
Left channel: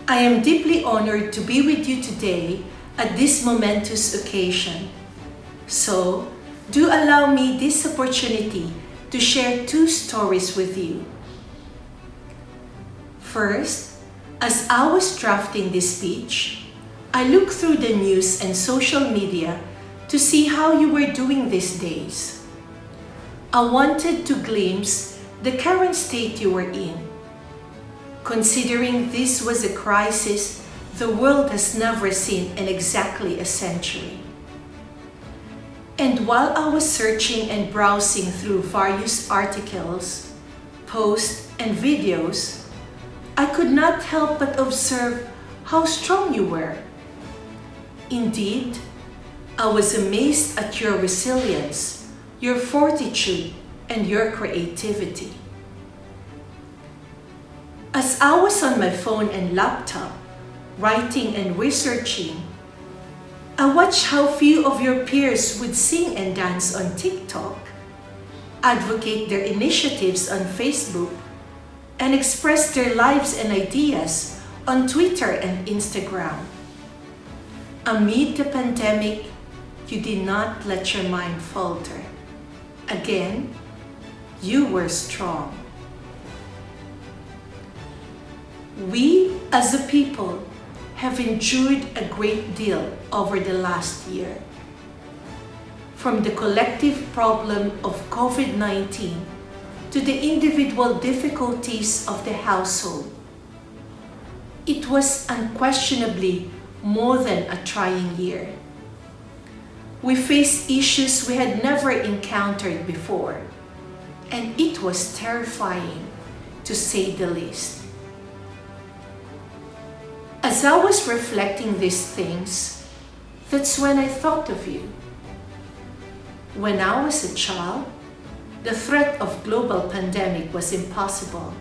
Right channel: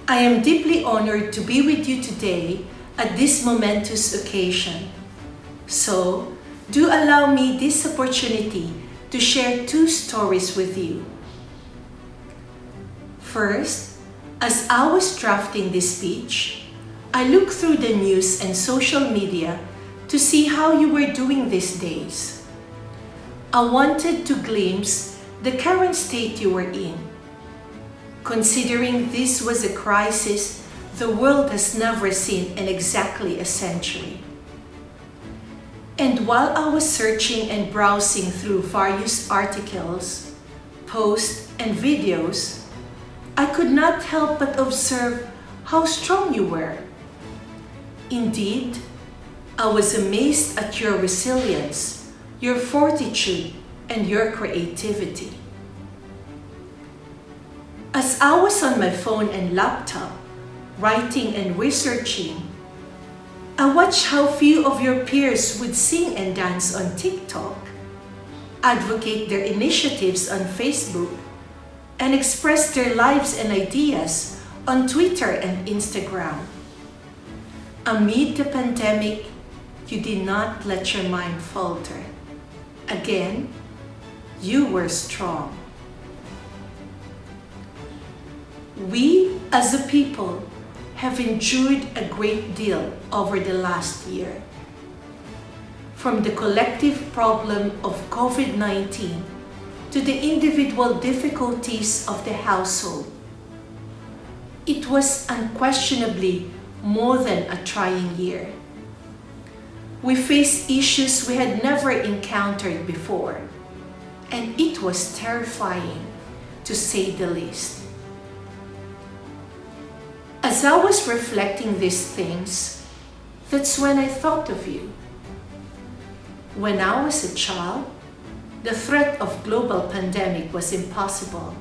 I am deeply honored to be with you today at this momentous occasion. So, do allow me this opportunity to share 2 stories with you. First, as I was drafting this speech, I looked through the news and social media to see how you were doing these days. I wanted to glimpse the current state you were in. Considering this was a crisis the world has never seen in exactly a century. And while I was searching and browsing through various articles, posts, and videos, I could not help but observe how strong you were. Indeed, I was amazed at your resilience, your fortitude, and your creativity. As I was on my phone and laptop, writing and researching, I watched how few of your peers would sing and dance on TikTok, advocate their initiatives on Facebook, and express their lives and ideas on Twitter and Instagram. Amid the pandemic, you did not let your mind falter. Again, you were strong. We, as a people, have endured a great deal over the last year. From the collective problem of COVID-19 to the individual difficulties of the household, it was unquestionably more than a trying year. We faced issues we had never encountered before, and it was terrifying, to say the least. As I was reflecting these things, that's when I thought of you. When I was a child, the threat of global pandemic was impossible.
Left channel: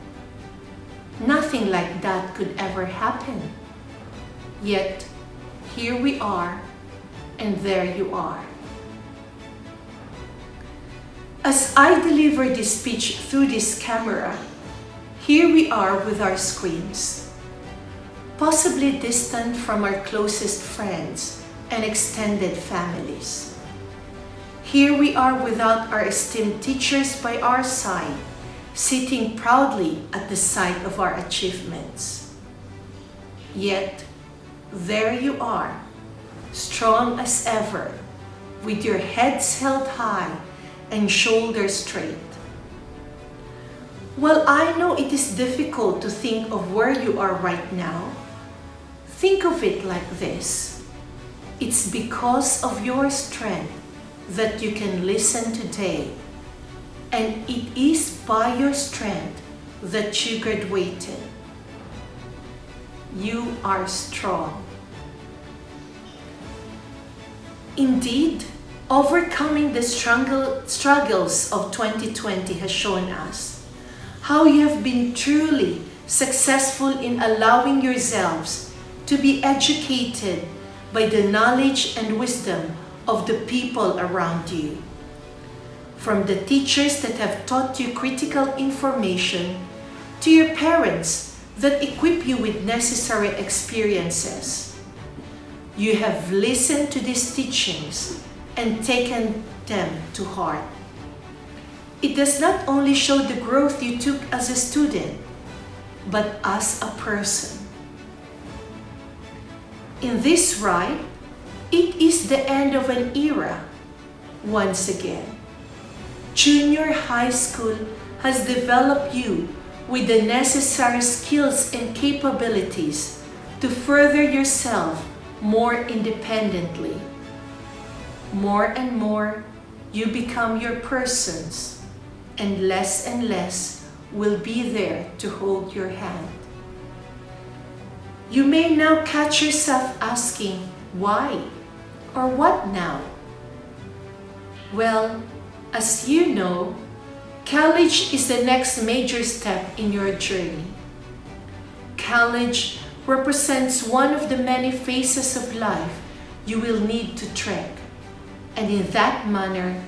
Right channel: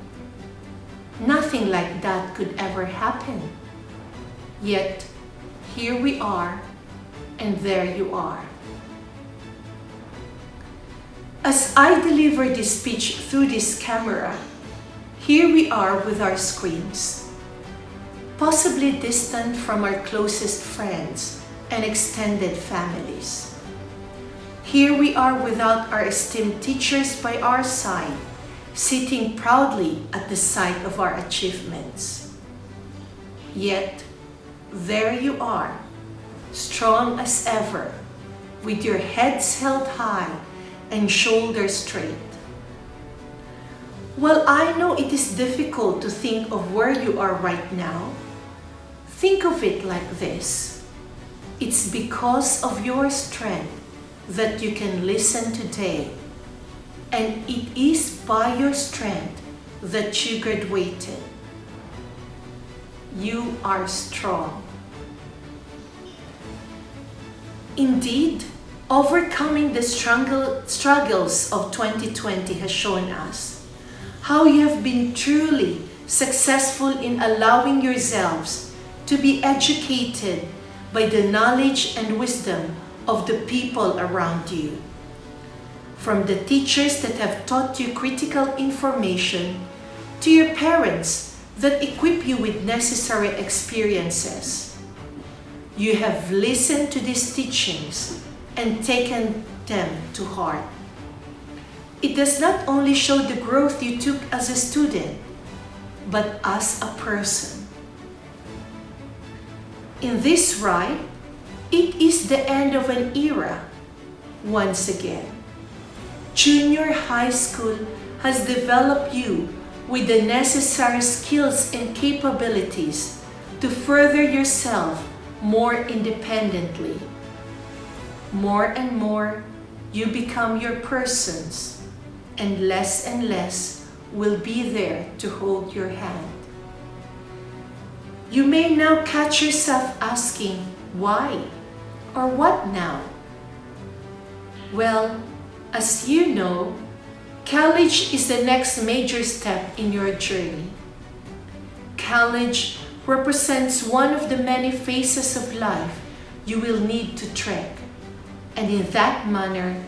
Nothing like that could ever happen. Yet, here we are, and there you are. As I deliver this speech through this camera, here we are with our screens, possibly distant from our closest friends and extended families. Here we are without our esteemed teachers by our side, sitting proudly at the sight of our achievements. Yet, there you are, strong as ever, with your heads held high and shoulders straight. While I know it is difficult to think of where you are right now, think of it like this. It's because of your strength that you can listen today, and it is by your strength that you graduated. You are strong. Indeed, overcoming the struggles of 2020 has shown us how you have been truly successful in allowing yourselves to be educated by the knowledge and wisdom of the people around you. From the teachers that have taught you critical information to your parents that equip you with necessary experiences. You have listened to these teachings and taken them to heart. It does not only show the growth you took as a student, but as a person. In this rite, it is the end of an era. Once again, junior high school has developed you with the necessary skills and capabilities to further yourself more independently. More and more, you become your persons, and less will be there to hold your hand. You may now catch yourself asking, why? Or what now? Well, as you know, college is the next major step in your journey. College represents one of the many phases of life you will need to trek, and in that manner,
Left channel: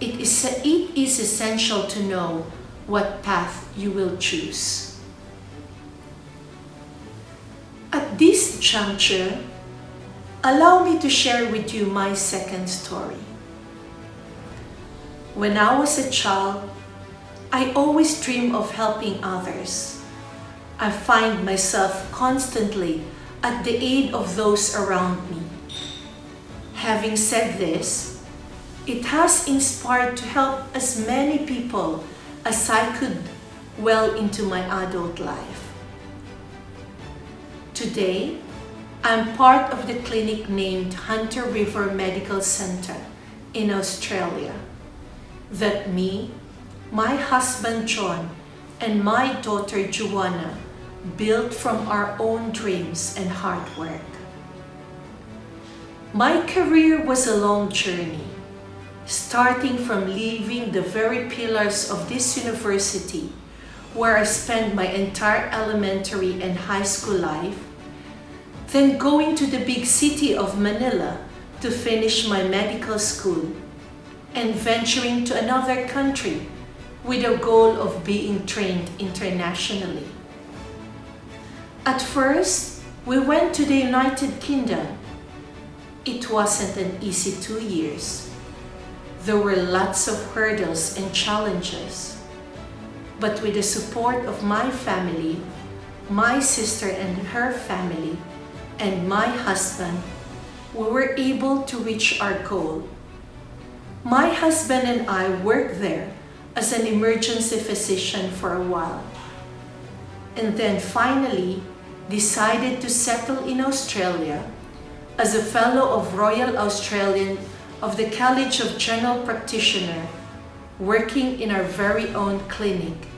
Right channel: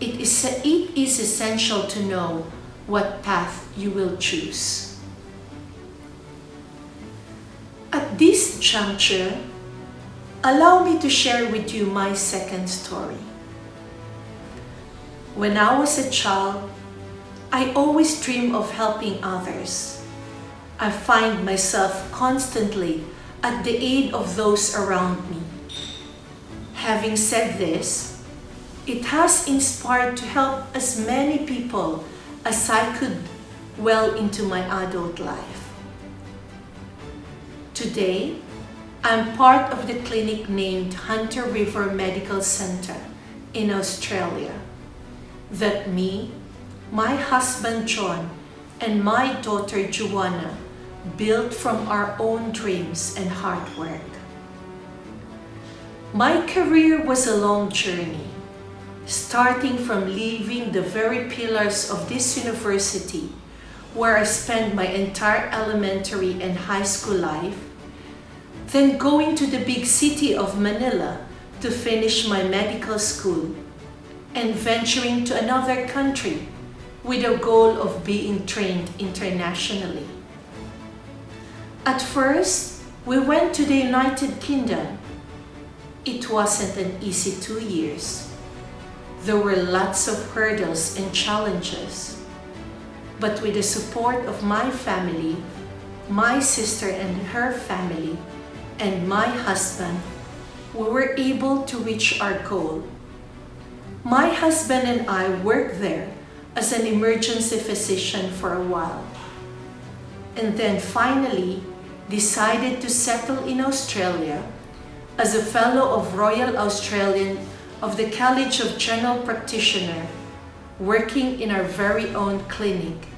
it is essential to know what path you will choose. At this juncture, allow me to share with you my second story. When I was a child, I always dreamed of helping others. I find myself constantly at the aid of those around me. Having said this, it has inspired to help as many people as I could well into my adult life. Today, I'm part of the clinic named Hunter River Medical Center in Australia that me, my husband John, and my daughter Joanna built from our own dreams and hard work. My career was a long journey, starting from leaving the very pillars of this university where I spent my entire elementary and high school life, then going to the big city of Manila to finish my medical school, and venturing to another country with a goal of being trained internationally. At first, we went to the United Kingdom. It wasn't an easy 2 years. There were lots of hurdles and challenges. But with the support of my family, my sister and her family, and my husband, we were able to reach our goal. My husband and I worked there as an emergency physician for a while, and then finally decided to settle in Australia as a Fellow of Royal Australian of the College of General Practitioner, working in our very own clinic,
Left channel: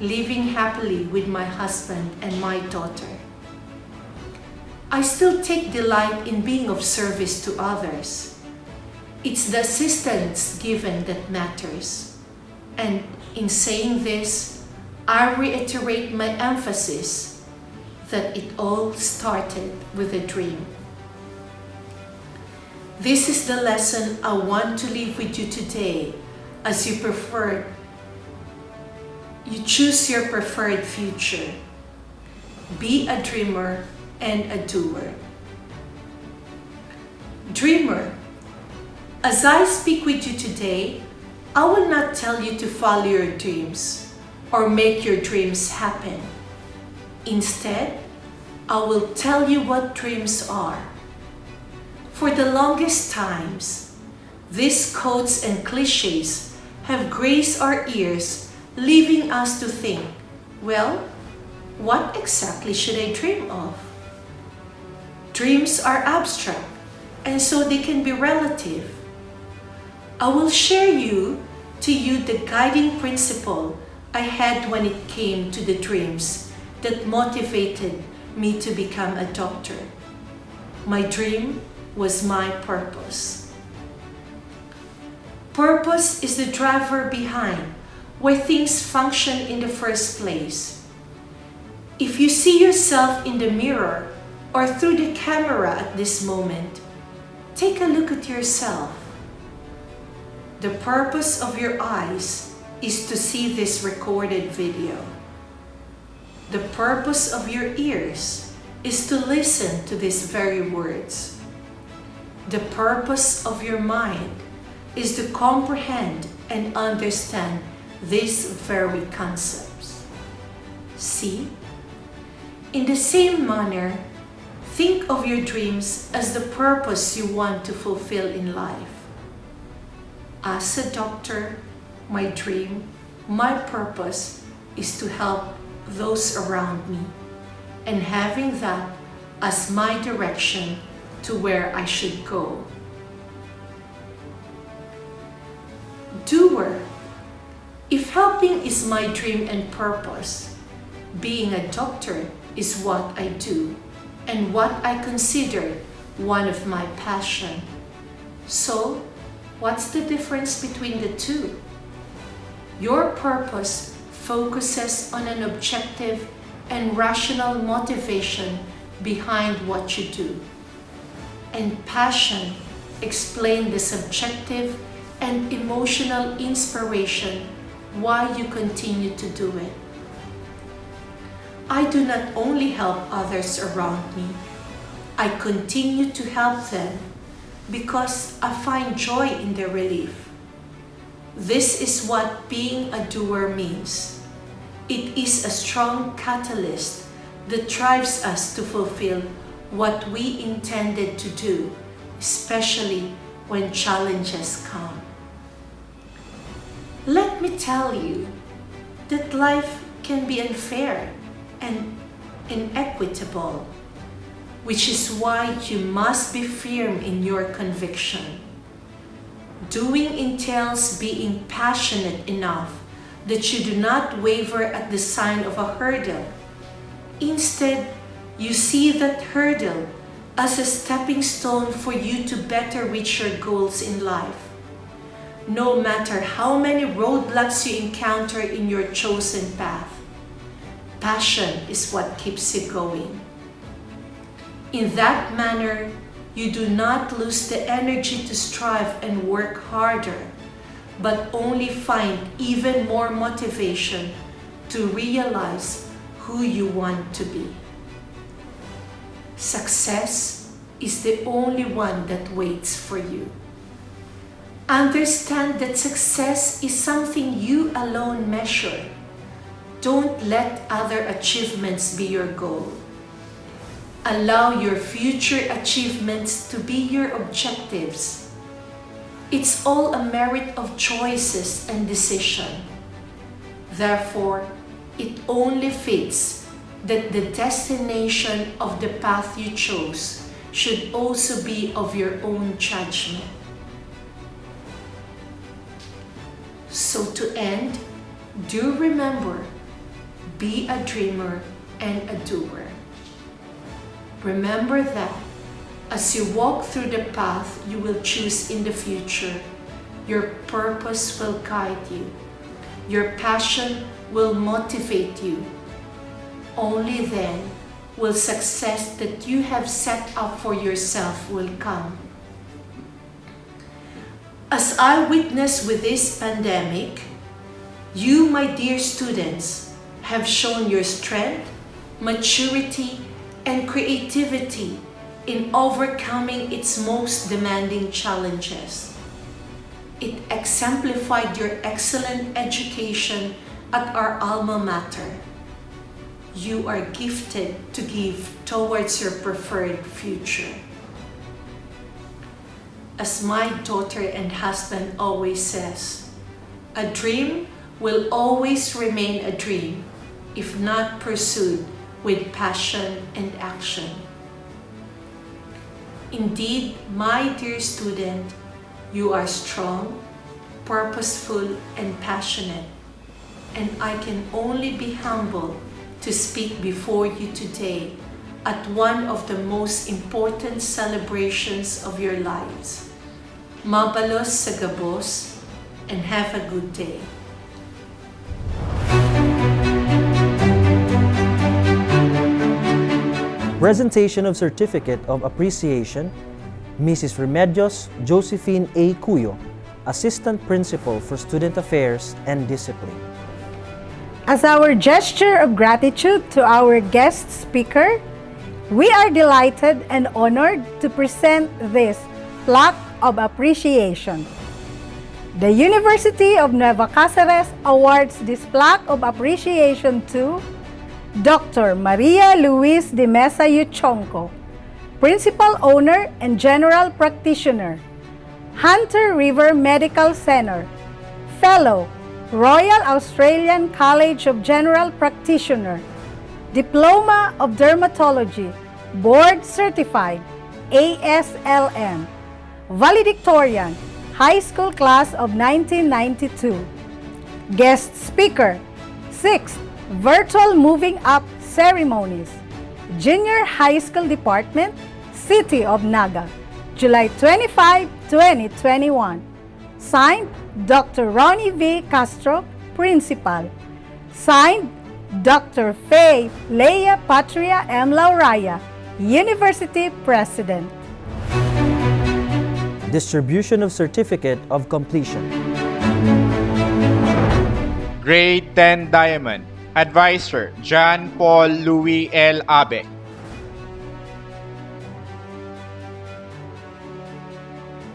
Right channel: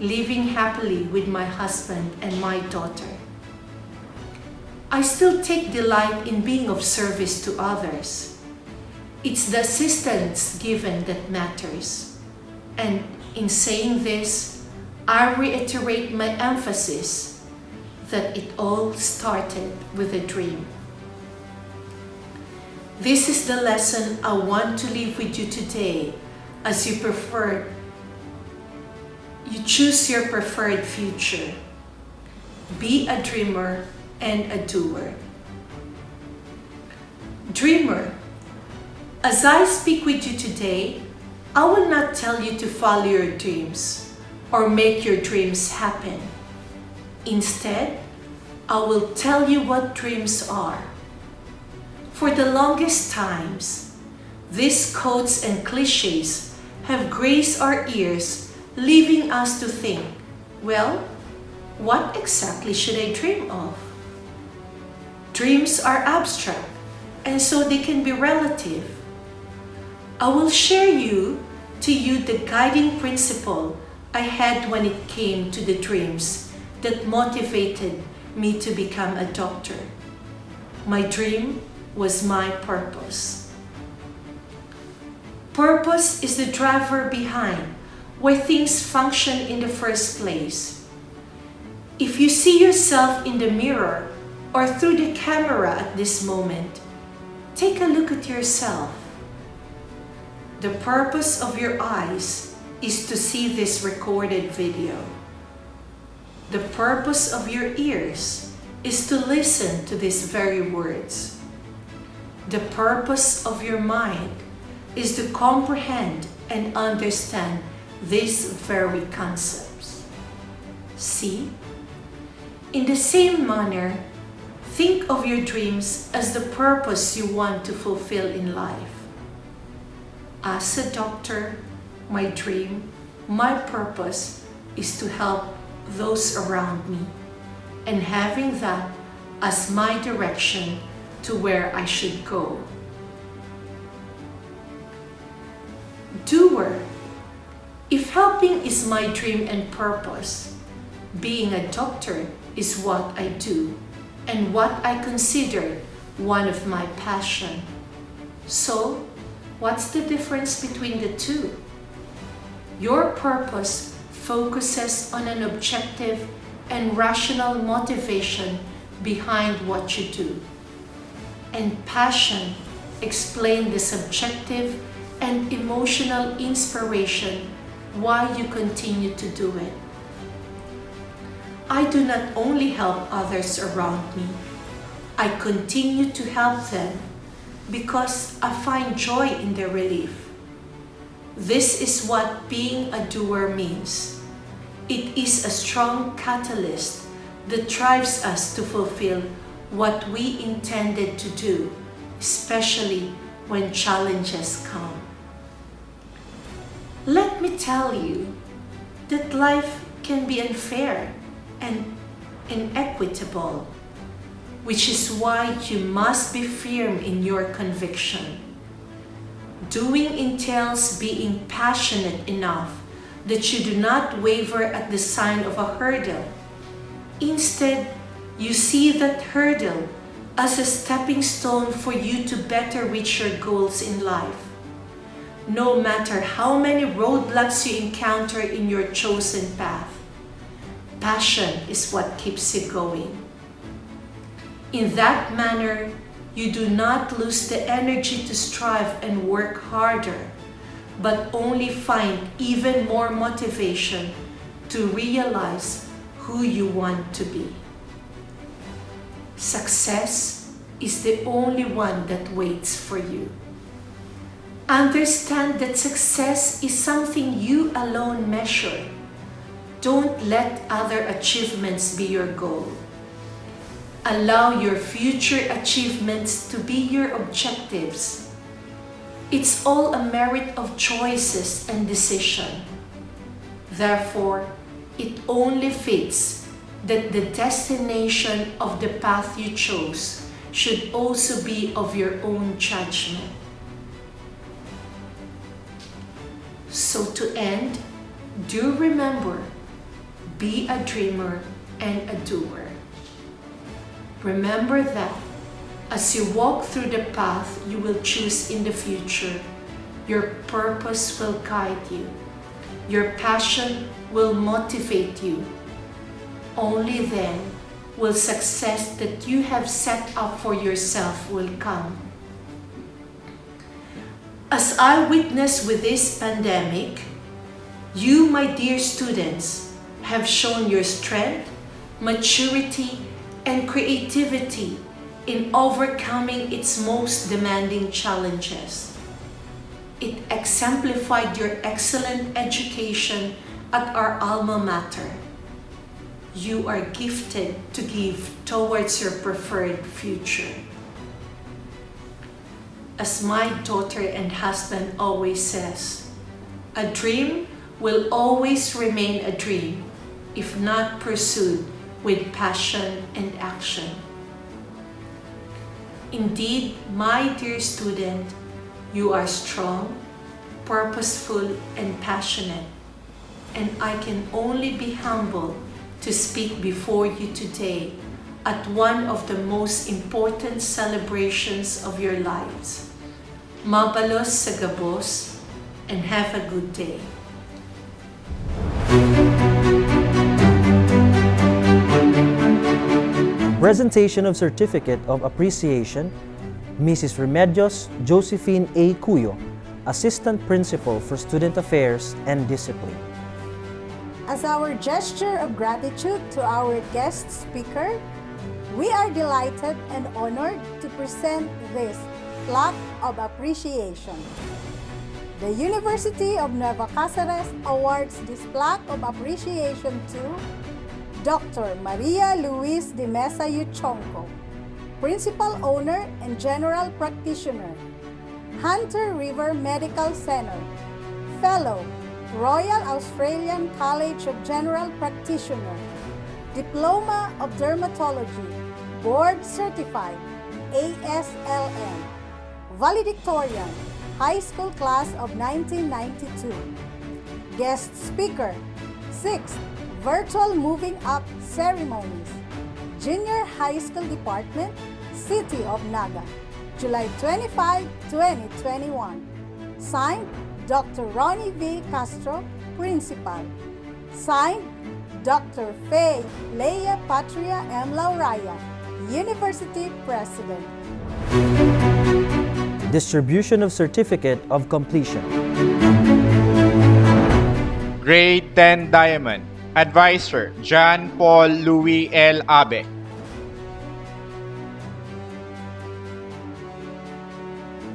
living happily with my husband and my daughter. I still take delight in being of service to others. It's the assistance given that matters. And in saying this, I reiterate my emphasis that it all started with a dream. This is the lesson I want to leave with you today as you choose your preferred future. Be a dreamer and a doer. Dreamer, as I speak with you today, I will not tell you to follow your dreams or make your dreams happen. Instead, I will tell you what dreams are. For the longest times, these quotes and cliches have graced our ears, leaving us to think, well, what exactly should I dream of? Dreams are abstract, and so they can be relative. I will share to you the guiding principle I had when it came to the dreams that motivated me to become a doctor. My dream was my purpose. Purpose is the driver behind why things function in the first place. If you see yourself in the mirror or through the camera at this moment, take a look at yourself. The purpose of your eyes is to see this recorded video. The purpose of your ears is to listen to these very words. The purpose of your mind is to comprehend and understand these very concepts. See? In the same manner, think of your dreams as the purpose you want to fulfill in life. As a doctor, my dream, my purpose is to help those around me, and having that as my direction to where I should go. Doer. If helping is my dream and purpose, being a doctor is what I do and what I consider one of my passion. So, what's the difference between the two? Your purpose focuses on an objective and rational motivation behind what you do. And passion explains the subjective and emotional inspiration why you continue to do it. I do not only help others around me, I continue to help them because I find joy in their relief. This is what being a doer means. It is a strong catalyst that drives us to fulfill what we intended to do, especially when challenges come. Let me tell you that life can be unfair and inequitable, which is why you must be firm in your conviction. Doing entails being passionate enough that you do not waver at the sign of a hurdle. Instead, you see that hurdle as a stepping stone for you to better reach your goals in life. No matter how many roadblocks you encounter in your chosen path, passion is what keeps you going. In that manner, you do not lose the energy to strive and work harder, but only find even more motivation to realize who you want to be. Success is the only one that waits for you. Understand that success is something you alone measure. Don't let other achievements be your goal. Allow your future achievements to be your objectives. It's all a merit of choices and decision. Therefore, it only fits that the destination of the path you chose should also be of your own judgment. So to end, do remember, be a dreamer and a doer. Remember that as you walk through the path you will choose in the future, your purpose will guide you. Your passion will motivate you. Only then will success that you have set up for yourself will come. As I witness with this pandemic, you, my dear students, have shown your strength, maturity, and creativity in overcoming its most demanding challenges. It exemplified your excellent education at our alma mater. You are gifted to give towards your preferred future. As my daughter and husband always says, a dream will always remain a dream if not pursued with passion and action. Indeed, my dear student, you are strong, purposeful, and passionate, and I can only be humbled to speak before you today at one of the most important celebrations of your lives. Mabalos sa gabos, and have a good day. Presentation of Certificate of Appreciation, Mrs. Remedios Josephine A. Cuyo, Assistant Principal for Student Affairs and Discipline. As our gesture of gratitude to our guest speaker, we are delighted and honored to present this plaque of appreciation. The University of Nueva Cáceres awards this plaque of appreciation to Dr. Maria Luis de Mesa Yuchonco, Principal Owner and General Practitioner, Hunter River Medical Center, Fellow, Royal Australian College of General Practitioner, Diploma of Dermatology, Board Certified, ASLM, Valedictorian, High School Class of 1992. Guest Speaker, 6th Virtual Moving Up Ceremonies, Junior High School Department, City of Naga, July 25, 2021. Signed, Dr. Ronnie V. Castro, Principal. Signed, Dr. Faye Leia Patria M. Lauraya, University President. Distribution of Certificate of Completion. Grade 10 Diamond, Advisor John Paul Louis L. Abe.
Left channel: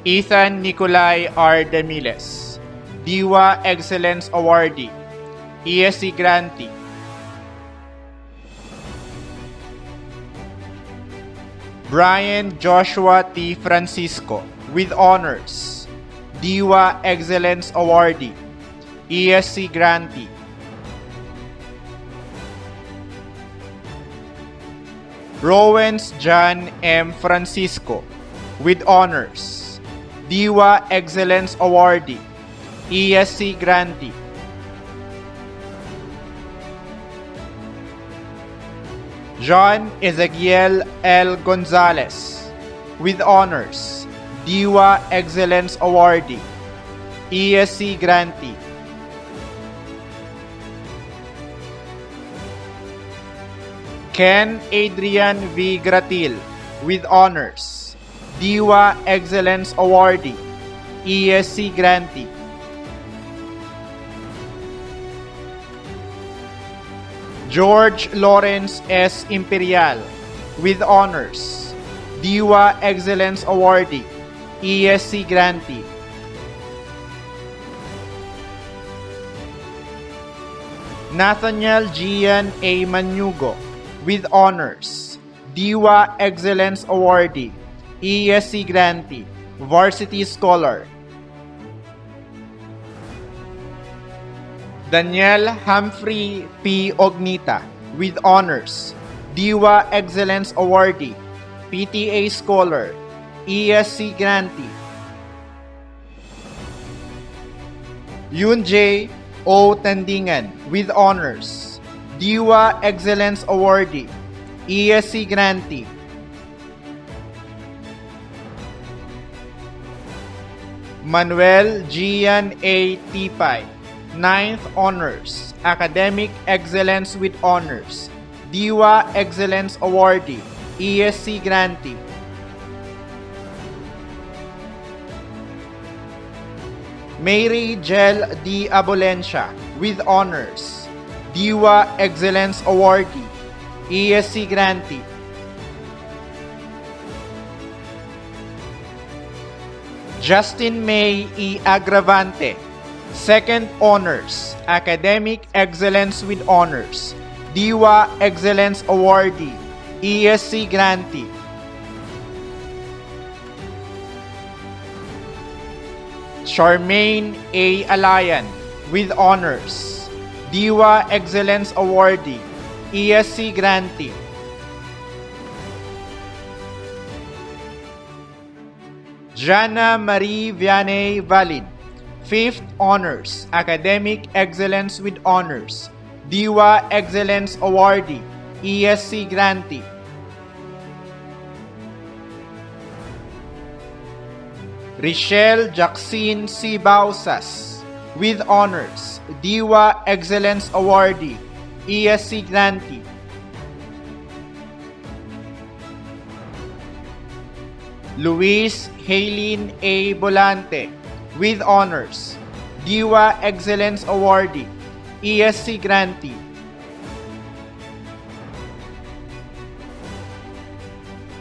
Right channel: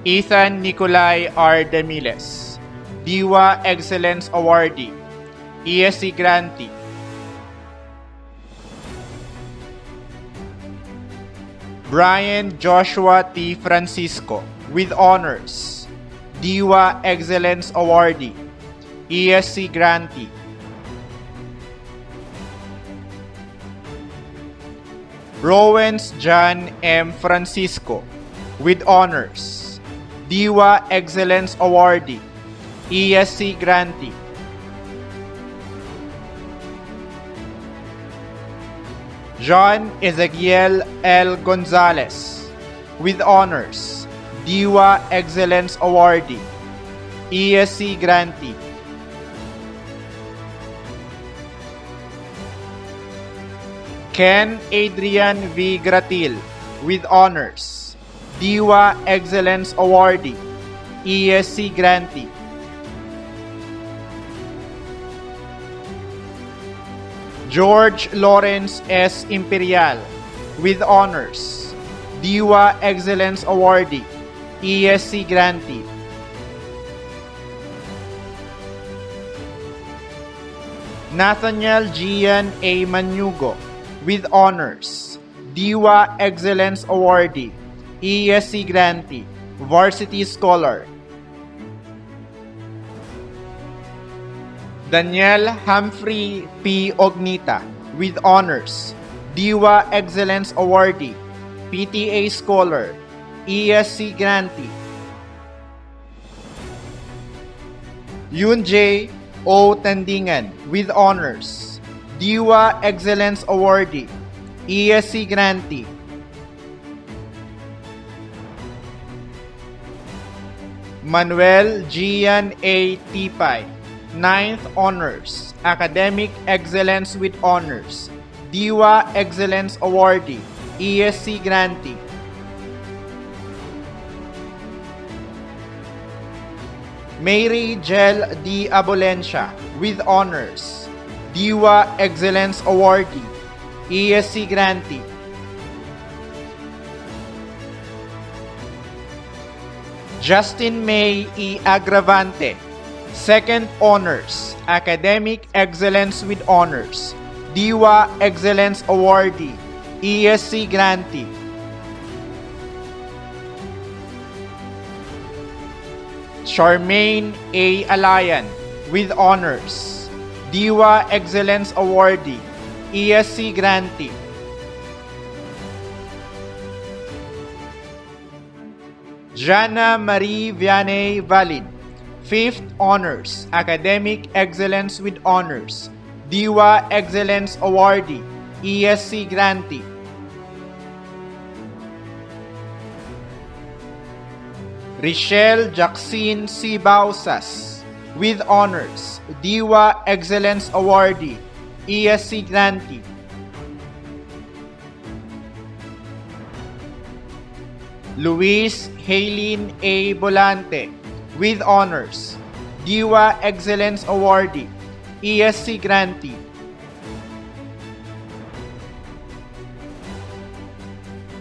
Ethan Nicolai R. Demiles, Diwa Excellence Awardee, ESC Grantee. Brian Joshua T. Francisco, with honors, Diwa Excellence Awardee, ESC Grantee. Rowens John M. Francisco, with honors, Diwa Excellence Awardee, ESC Grantee. John Ezequiel L. Gonzalez, with honors, Diwa Excellence Awardee, ESC Grantee. Ken Adrian V. Gratil, with honors, Diwa Excellence Awardee, ESC Grantee. George Lawrence S. Imperial, with honors, Diwa Excellence Awardee, ESC Grantee. Nathaniel Gian A. Manugo, with honors, Diwa Excellence Awardee, ESC Grantee, Varsity Scholar. Daniel Humphrey P. Ognita, with honors, Diwa Excellence Awardee, PTA Scholar, ESC Grantee. Yun J. O. Tandingan, with honors, Diwa Excellence Awardee, ESC Grantee. Manuel Gian A. Tipay, 9th Honors, Academic Excellence with Honors, Diwa Excellence Awardee, ESC Grantee. Mary Jel D. Abolencia, with honors, Diwa Excellence Awardee, ESC Grantee. Justin May E. Agravante, 2nd Honors, Academic Excellence with Honors, Diwa Excellence Awardee, ESC Grantee. Charmaine A. Alayan, with honors, Diwa Excellence Awardee, ESC Grantee. Jana Marie Vianney Valid, 5th Honors, Academic Excellence with Honors, Diwa Excellence Awardee, ESC Grantee. Richelle Jackson C. Bausas, with honors, Diwa Excellence Awardee, ESC Grantee. Luis Haylene A. Bolante, with honors, Diwa Excellence Awardee, ESC grantee.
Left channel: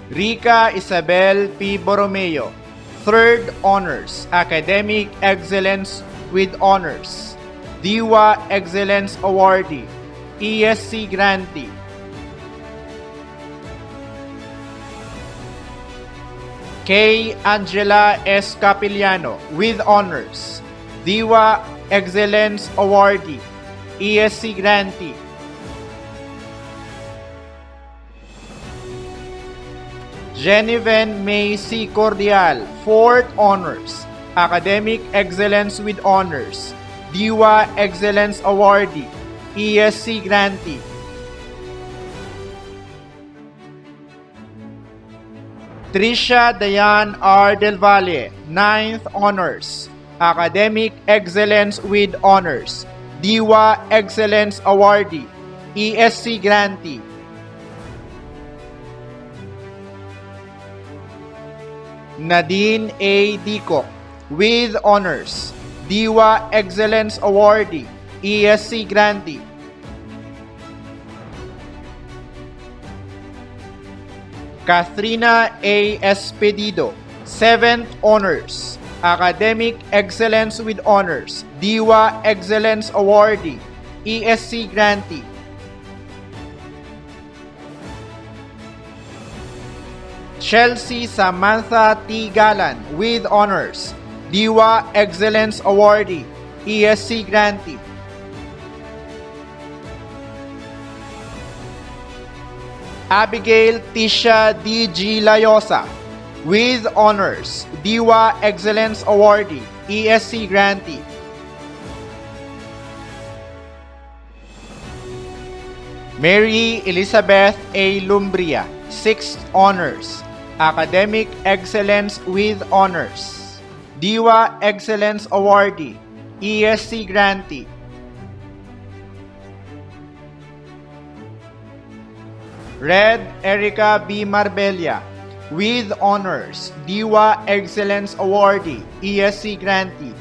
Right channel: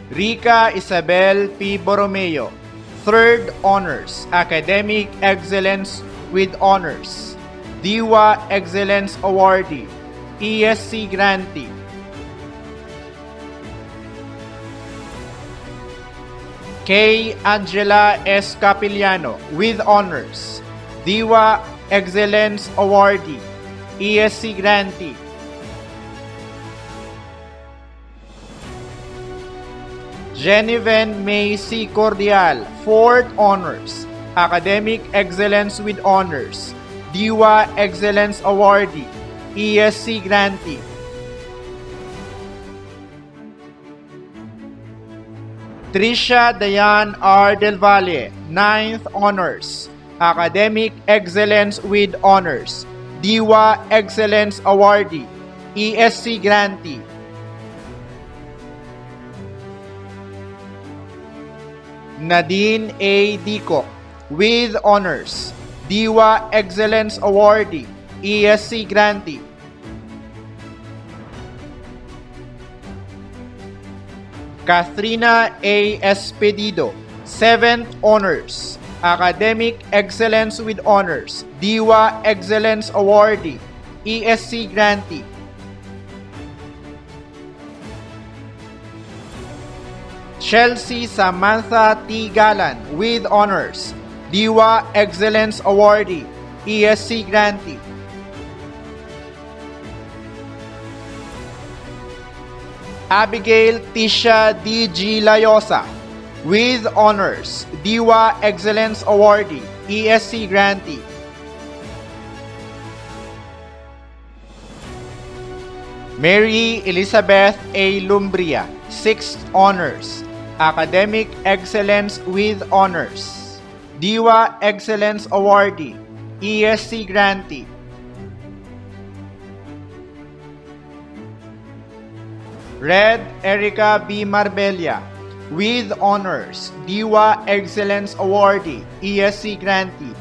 Rica Isabel P. Borromeo, 3rd Honors, Academic Excellence with Honors, DIWA Excellence Awardee, ESC grantee. K. Angela S. Capiliano, with Honors, DIWA Excellence Awardee, ESC grantee. Genevieve May C. Cordial, 4th Honors, Academic Excellence with Honors, DIWA Excellence Awardee, ESC grantee. Tricia Dayan R. Del Valle, 9th Honors, Academic Excellence with Honors, DIWA Excellence Awardee, ESC grantee. Nadine A. Dico, with Honors, DIWA Excellence Awardee, ESC grantee. Kathrina A. Espedido, 7th Honors, Academic Excellence with Honors, DIWA Excellence Awardee, ESC grantee. Chelsea Samantha T. Galan, with Honors, DIWA Excellence Awardee, ESC grantee. Abigail Tisha D. G. Layosa, with Honors, DIWA Excellence Awardee, ESC grantee. Mary Elizabeth A. Lumbria, 6th Honors, Academic Excellence with Honors, DIWA Excellence Awardee, ESC grantee. Red Erica B. Marbella, with Honors, DIWA Excellence Awardee, ESC grantee.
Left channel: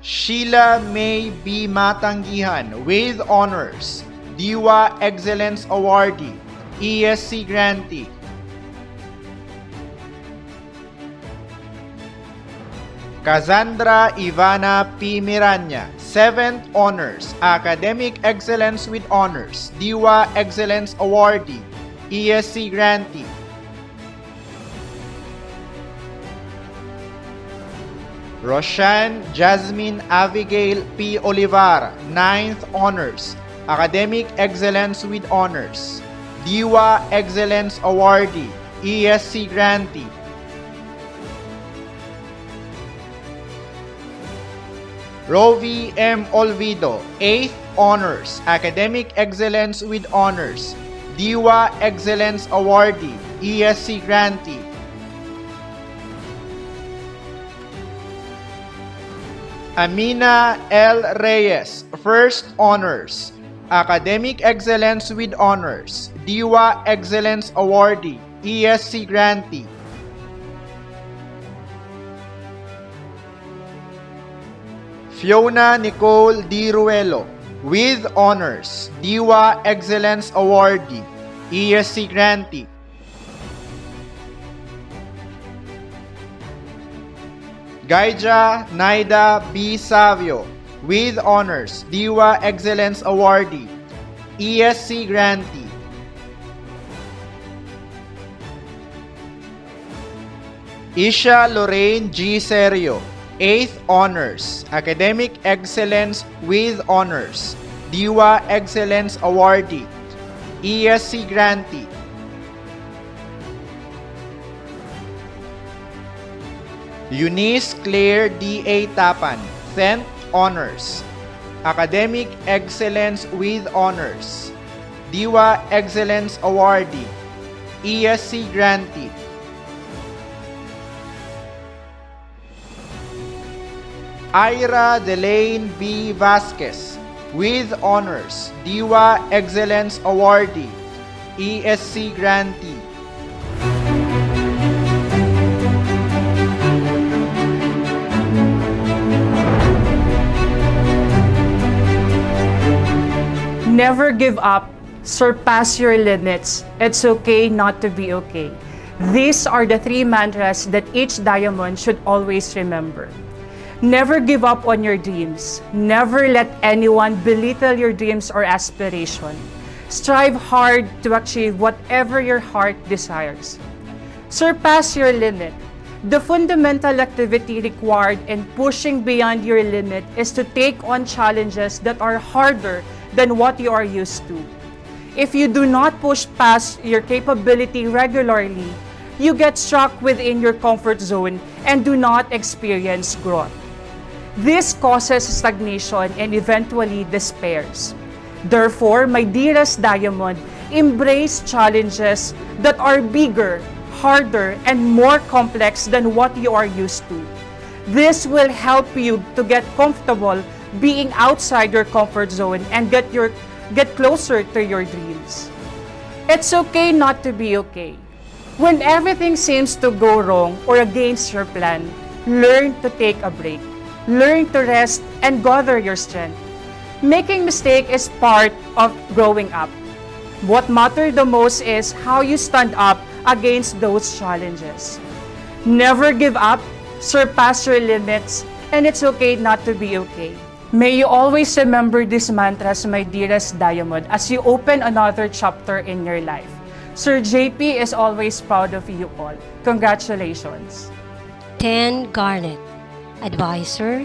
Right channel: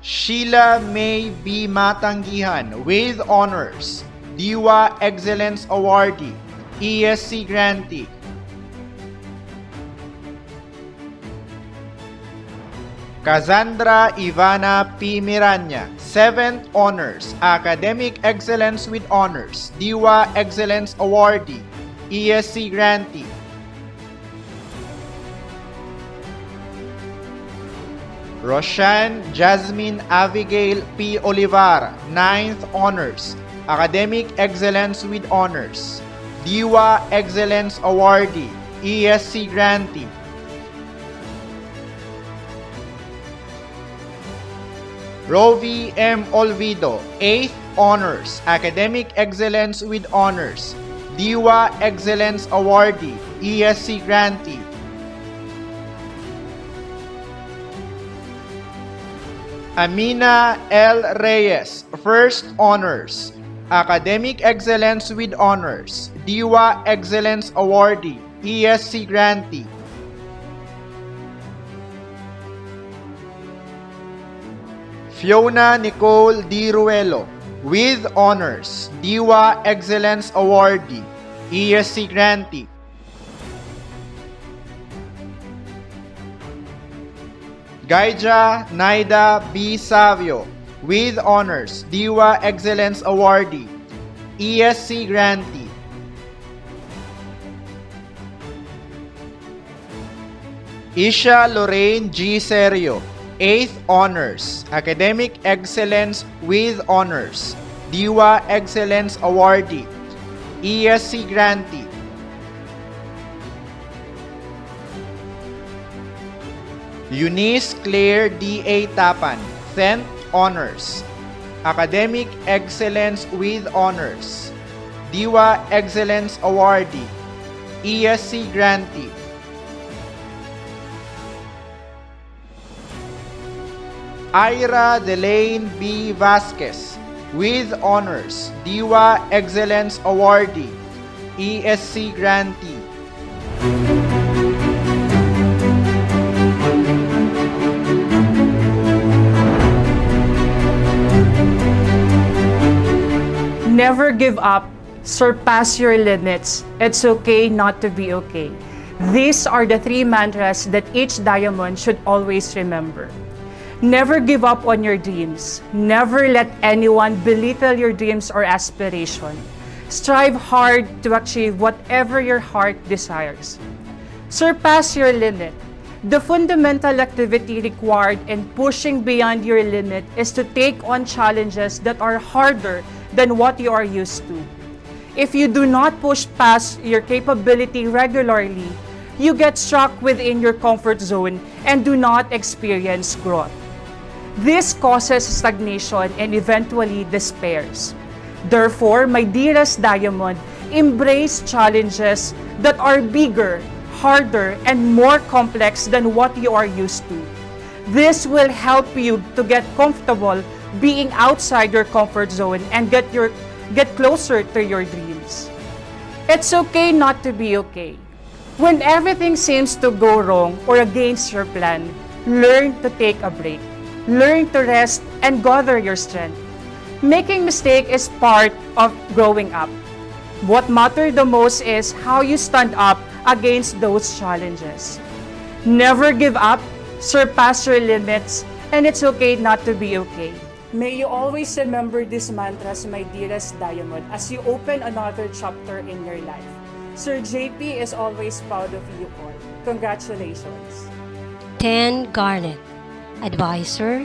Sheila May B. Matanggihan, with Honors, DIWA Excellence Awardee, ESC grantee. Cassandra Ivana P. Miranya, 7th Honors, Academic Excellence with Honors, DIWA Excellence Awardee, ESC grantee. Roshan Jasmine Abigail P. Olivar, 9th Honors, Academic Excellence with Honors, DIWA Excellence Awardee, ESC grantee. Rovi M. Olvido, 8th Honors, Academic Excellence with Honors, DIWA Excellence Awardee, ESC grantee. Amina L. Reyes, 1st Honors, Academic Excellence with Honors, DIWA Excellence Awardee, ESC grantee. Fiona Nicole D. Ruelo, with Honors, DIWA Excellence Awardee, ESC grantee. Gaija Naida B. Savio, with Honors, DIWA Excellence Awardee, ESC grantee. Isha Lorraine G. Serio, 8th Honors, Academic Excellence with Honors, DIWA Excellence Awardee, ESC grantee. Eunice Claire D.A. Tapan, 10th Honors, Academic Excellence with Honors, DIWA Excellence Awardee, ESC grantee. Ira Delaine B. Vasquez, with Honors, DIWA Excellence Awardee, ESC grantee. Never give up. Surpass your limits. It's okay not to be okay. These are the 3 mantras that each diamond should always remember. Never give up on your dreams. Never let anyone belittle your dreams or aspiration. Strive hard to achieve whatever your heart desires. Surpass your limit. The fundamental activity required in pushing beyond your limit is to take on challenges that are harder than what you are used to. If you do not push past your capability regularly, you get stuck within your comfort zone and do not experience growth. This causes stagnation and eventually despairs. Therefore, my dearest diamond, embrace challenges that are bigger, harder, and more complex than what you are used to. This will help you to get comfortable being outside your comfort zone and get closer to your dreams. It's okay not to be okay. When everything seems to go wrong or against your plan, learn to take a break. Learn to rest and gather your strength. Making mistakes is part of growing up. What matters the most is how you stand up against those challenges. Never give up, surpass your limits, and it's okay not to be okay. May you always remember these mantras, my dearest diamond, as you open another chapter in your life. Sir JP is always proud of you all. Congratulations. 10 Garnet. Advisor,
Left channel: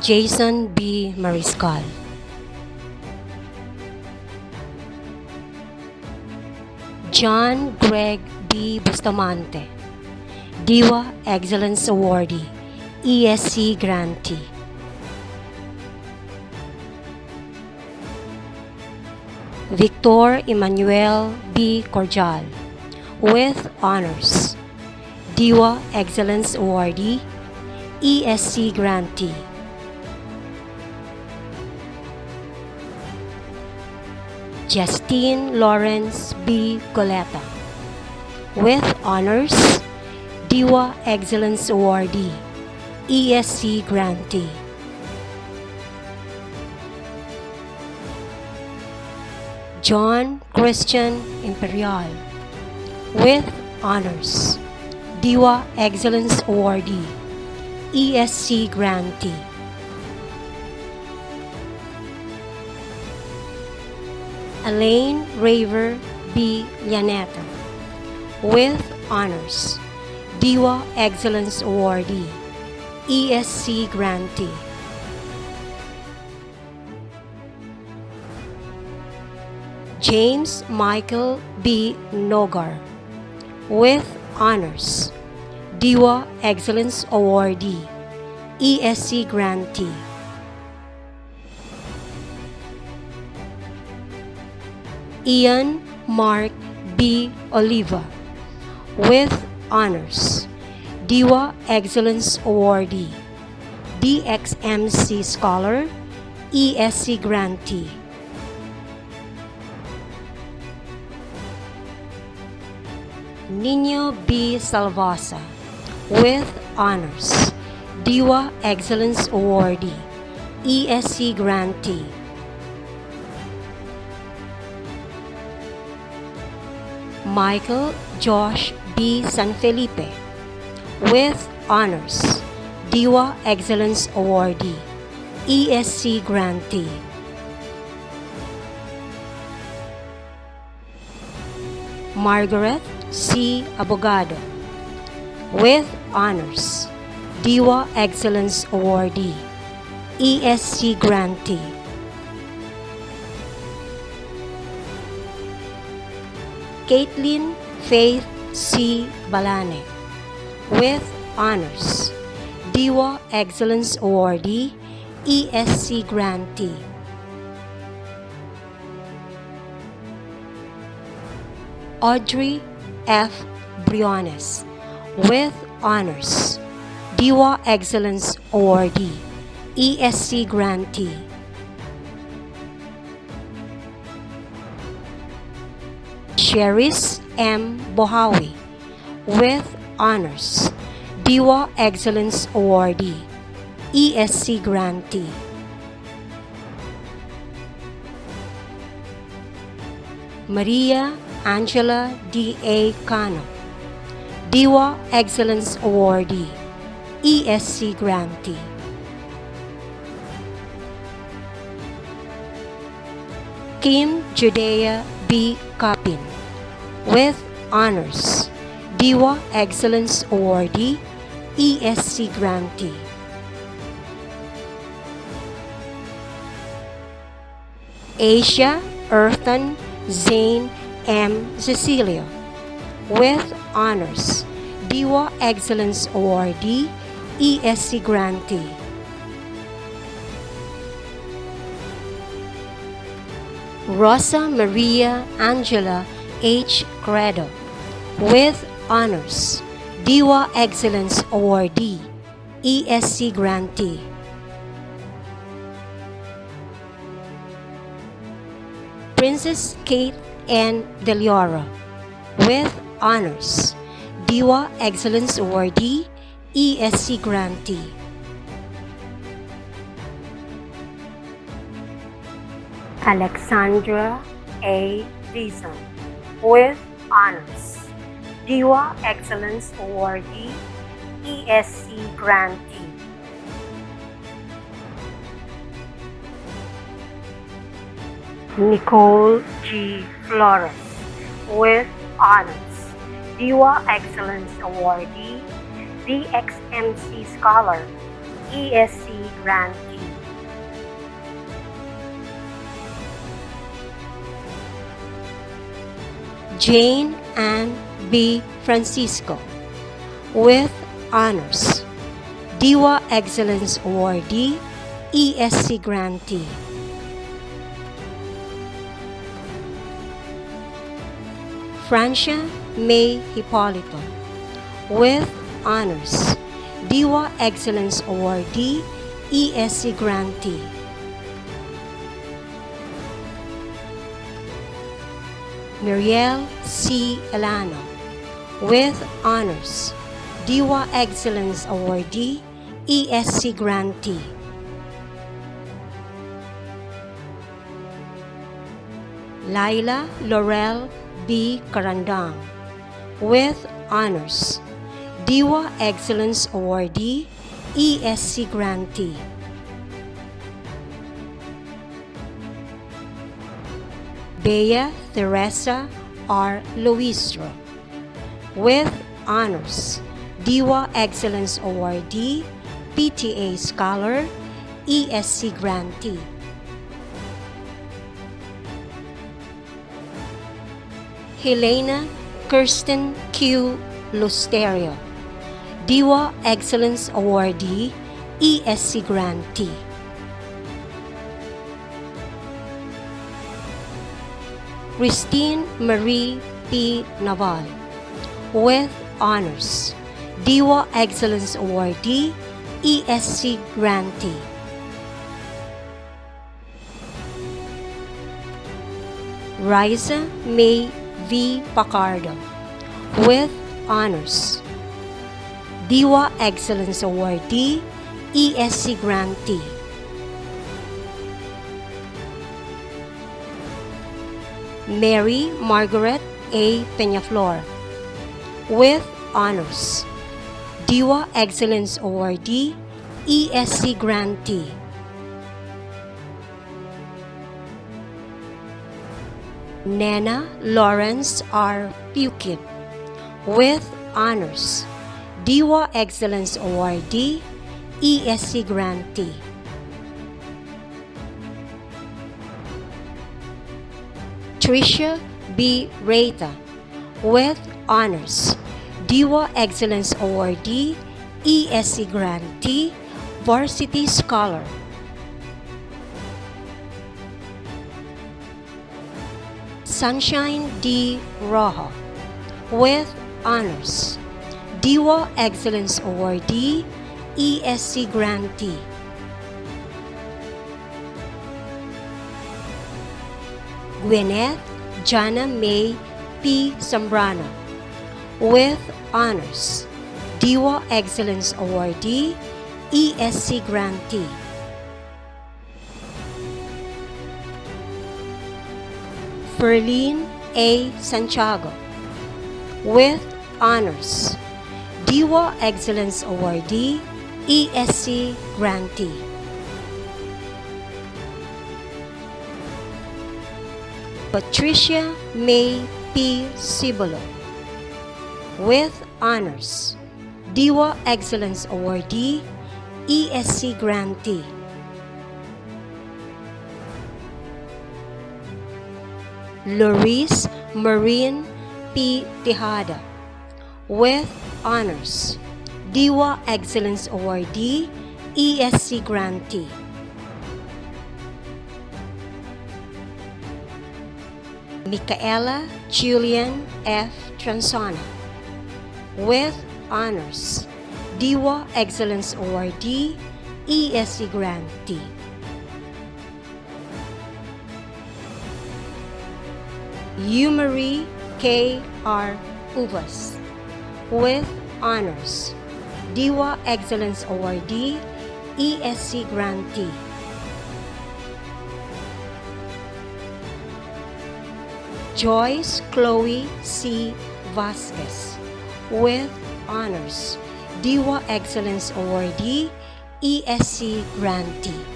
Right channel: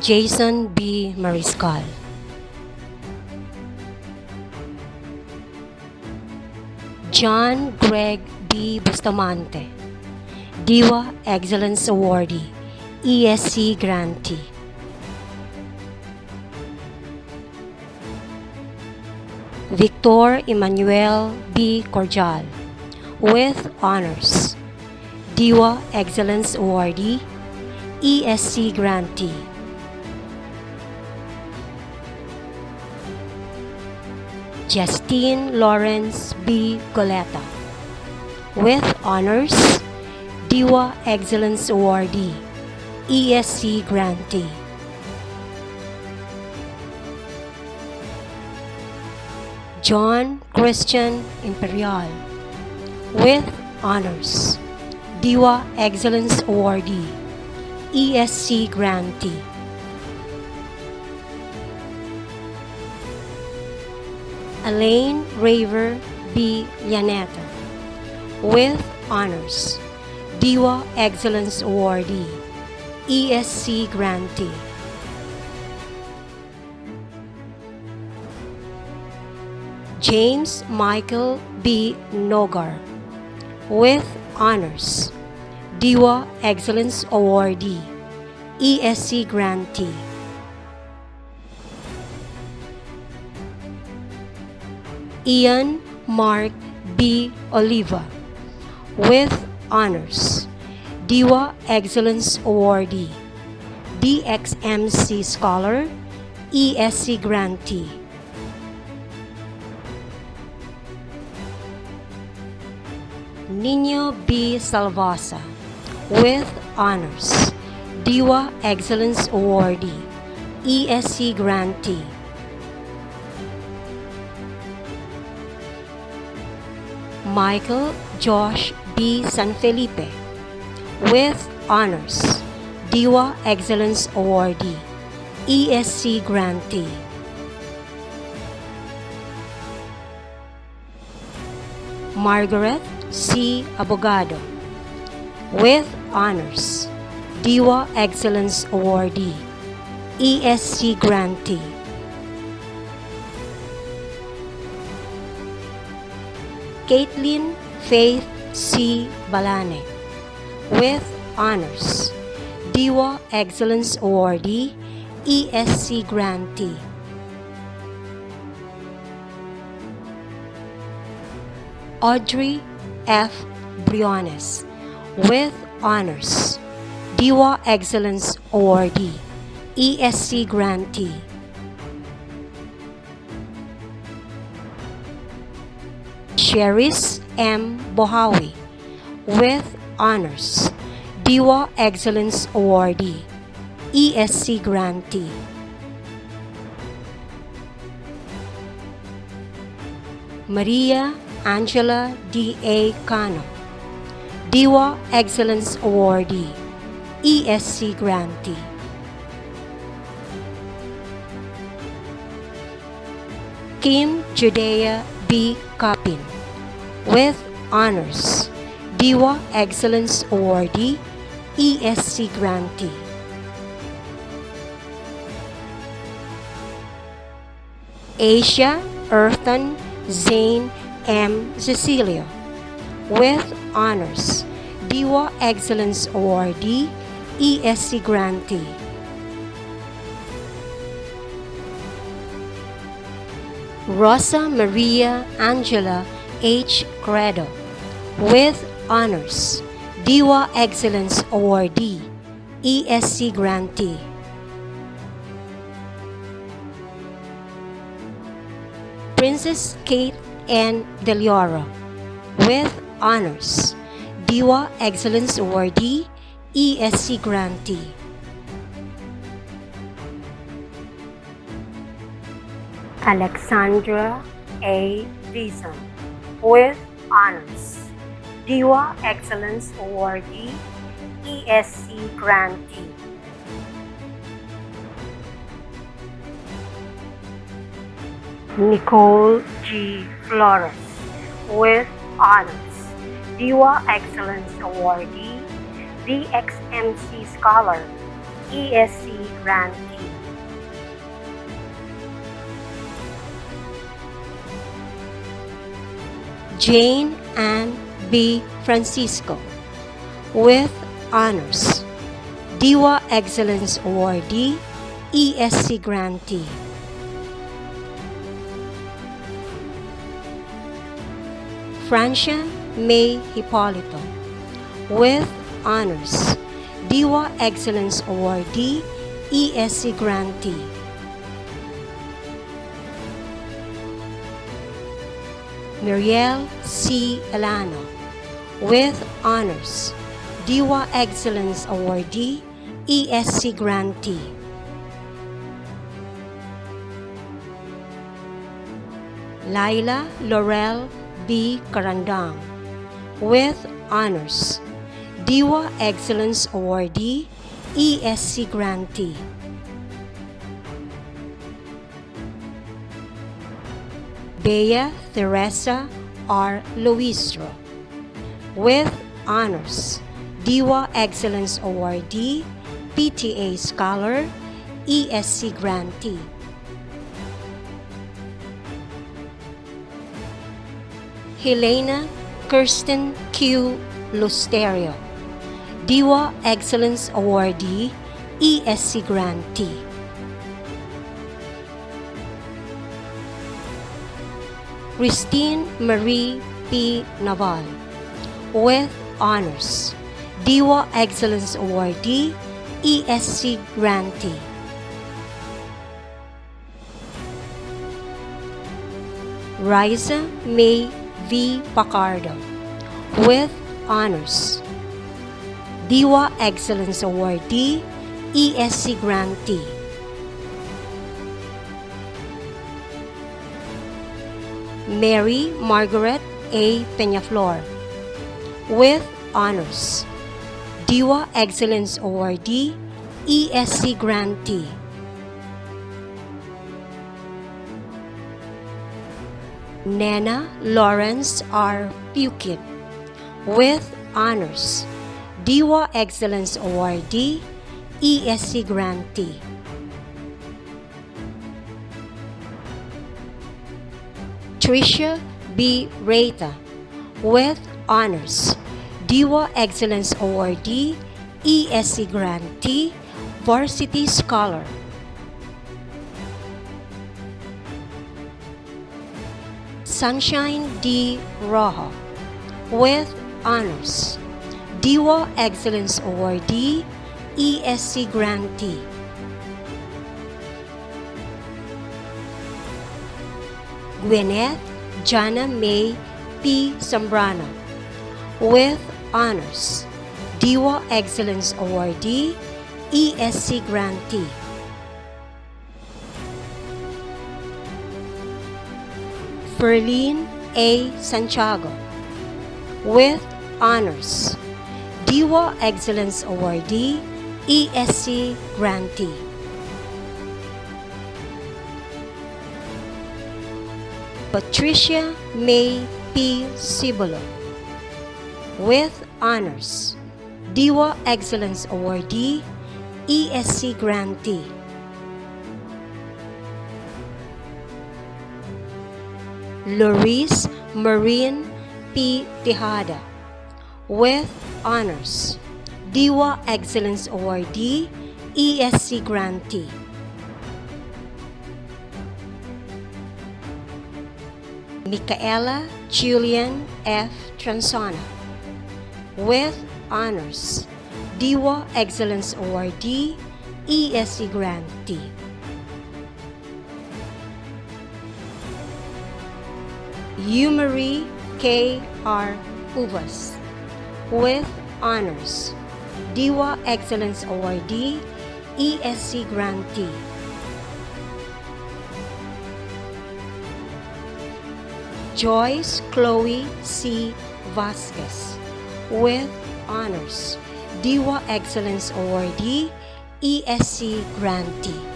Jason B. Mariscal. John Greg B. Bustamante, Diwa Excellence Awardee, ESC Grantee. Victor Emmanuel B. Cordial, with honors, Diwa Excellence Awardee, ESC Grantee. Justine Lawrence B. Goleta, with honors, Diwa Excellence Awardee, ESC Grantee. John Christian Imperial, with honors, Diwa Excellence Awardee, ESC Grantee. Elaine Raver B. Llaneta, with honors, Diwa Excellence Awardee, ESC Grantee. James Michael B. Nogar, with honors, Diwa Excellence Awardee, ESC Grantee. Ian Mark B. Oliva, with honors, Diwa Excellence Awardee, DXMC Scholar, ESC Grantee. Nino B. Salvasa, with honors, Diwa Excellence Awardee, ESC Grantee. Michael Josh B. San Felipe, with honors, Diwa Excellence Awardee, ESC Grantee. Margaret C. Abogado, with honors, Diwa Excellence Awardee, ESC Grantee. Caitlin Faith C. Balane, with honors, Diwa Excellence Awardee, ESC Grantee. Audrey F. Briones, with honors, Diwa Excellence Awardee, ESC Grantee. Cheris M. Bohawi, with honors, Diwa Excellence Awardee, ESC Grantee. Maria Angela D.A. Cano, DIWA Excellence Awardee, ESC Grantee. Kim Judea B. Capin, with honors, DIWA Excellence Awardee, ESC Grantee. Asia Earthan Zane M. Cecilio, with honors, DIWA Excellence Awardee, ESC Grantee. Rosa Maria Angela H. Credo, with honors, DIWA Excellence Awardee, ESC Grantee. Princess Kate N. Del Oro, with honors, DIWA Excellence Awardee, ESC Grantee. Alexandra A. Dizon, with honors, DIWA Excellence Awardee, ESC Grantee. Nicole G. Flores, with honors, DIWA Excellence Awardee, VXMC Scholar, ESC Grantee. Jane Ann B. Francisco, with honors, DIWA Excellence Awardee, ESC Grantee. Francia May Hipolito, with honors, DIWA Excellence Awardee, ESC Grantee. Muriel C. Elano, with honors, DIWA Excellence Awardee, ESC Grantee. Laila Laurel B. Carandang, with honors, DIWA Excellence Awardee, ESC Grantee. Bea Teresa R. Luistro, with honors, DIWA Excellence Awardee, PTA Scholar, ESC Grantee. Helena Kirsten Q. Lusterio, DIWA Excellence Awardee, ESC Grantee. Christine Marie P. Naval, with honors, DIWA Excellence Awardee, ESC Grantee. Riza May V. Pacardo, with honors, DIWA Excellence Awardee, ESC Grantee. Mary Margaret A. Peñaflor, with honors, DIWA Excellence Awardee, ESC Grantee. Nena Lawrence R. Pukid, with honors, DIWA Excellence Awardee, ESC Grantee. Tricia B. Reita, with honors, DIWA Excellence Awardee, ESC Grantee, Varsity Scholar. Sunshine D. Rojo, with honors, DIWA Excellence Awardee, ESC Grantee. Gwyneth Jana May P. Zambrano, with honors, DIWA Excellence Awardee, ESC Grantee. Ferlene A. Santiago. With honors, DIWA Excellence Awardee, ESC Grantee. Patricia May P. Cibolo. With honors, DIWA Excellence Awardee, ESC Grantee. Loris Marine P. Tejada. With honors, DIWA Excellence Awardee, ESC Grantee. Micaela Julian F. Transona. With honors, DIWA Excellence Awardee, ESC Grantee. Marie K. R. Uvas. With honors, DIWA Excellence Awardee, ESC Grantee. Joyce Chloe C. Vasquez. With honors, DIWA Excellence Awardee, ESC Grantee.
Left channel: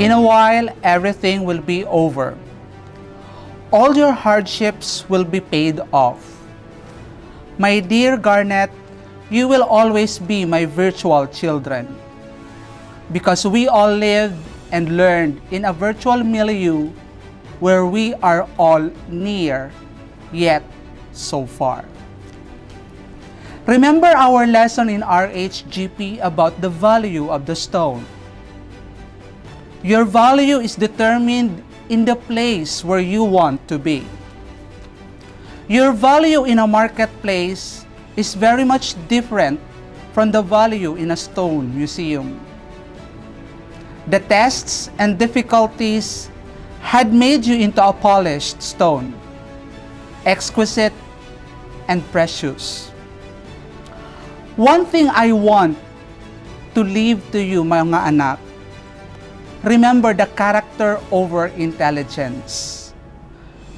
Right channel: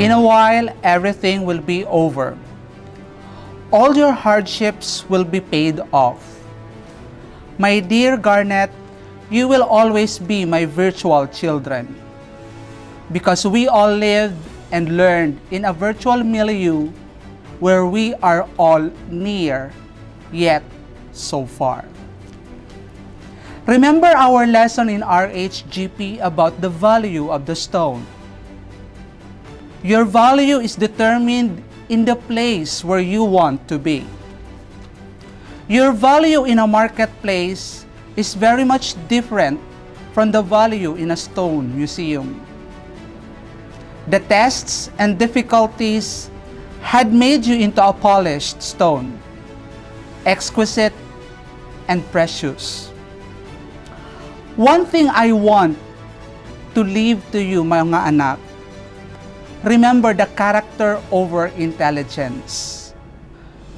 In a while, everything will be over. All your hardships will be paid off. My dear Garnet, you will always be my virtual children. Because we all lived and learned in a virtual milieu where we are all near, yet so far. Remember our lesson in RHGP about the value of the stone. Your value is determined in the place where you want to be. Your value in a marketplace is very much different from the value in a stone museum. The tests and difficulties had made you into a polished stone, exquisite and precious. One thing I want to leave to you, mga anak, remember the character over intelligence.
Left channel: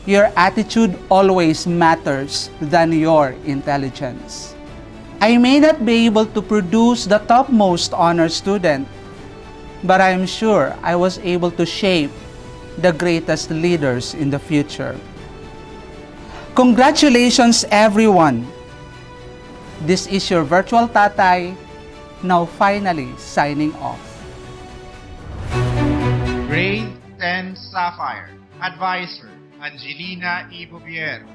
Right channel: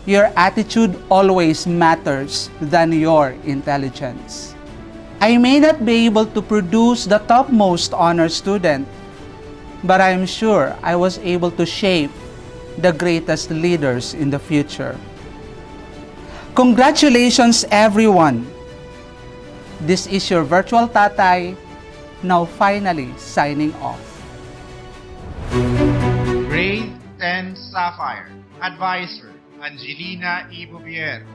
Your attitude always matters than your intelligence. I may not be able to produce the topmost honor student, but I am sure I was able to shape the greatest leaders in the future. Congratulations, everyone! This is your virtual tatay, now finally signing off. Grade 10 Sapphire. Advisor, Angelina E. Bubier.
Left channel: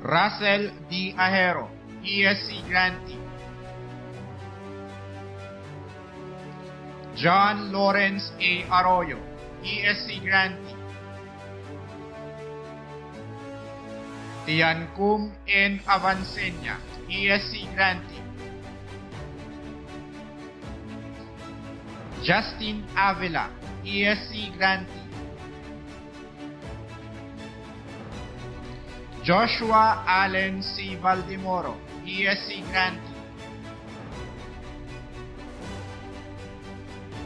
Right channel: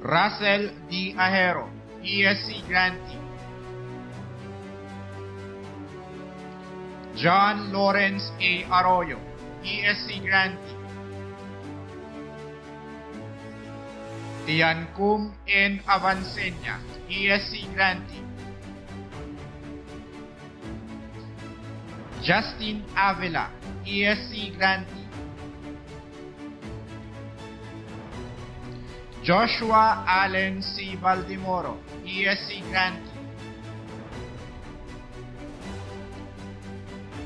Russell D. Ahero, ESC Grantee. John Lawrence A. Arroyo, ESC Grantee. Tiancum N. Avancenia, ESC Grantee. Justin Avila, ESC Grantee. Joshua Allen C. Valdemoro, ESC Grantee.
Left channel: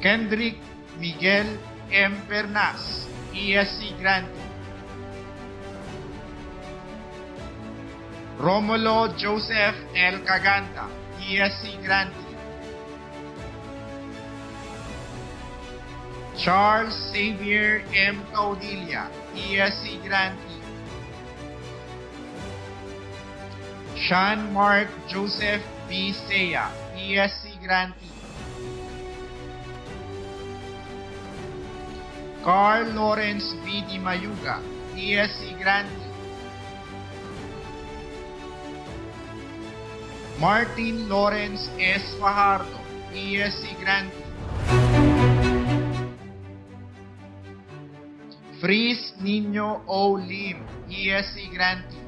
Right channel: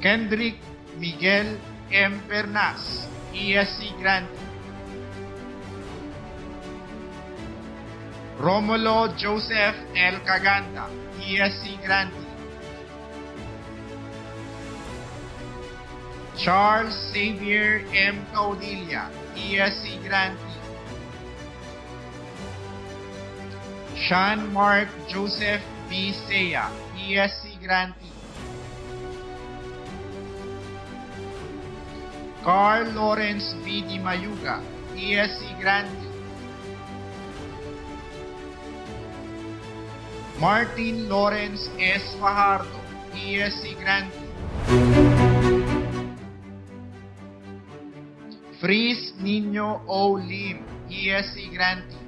Kendrick Miguel M. Bernas, ESC Grantee. Romulo Joseph L. Caganta, ESC Grantee. Charles Xavier M. Caudilla, ESC Grantee. Sean Mark Joseph B. Seya, ESC Grantee. Carl Lawrence B. Di Mayuga, ESC Grantee. Martin Lawrence S. Fajardo, ESC Grantee. Freeze Nino O. Lim, ESC Grantee.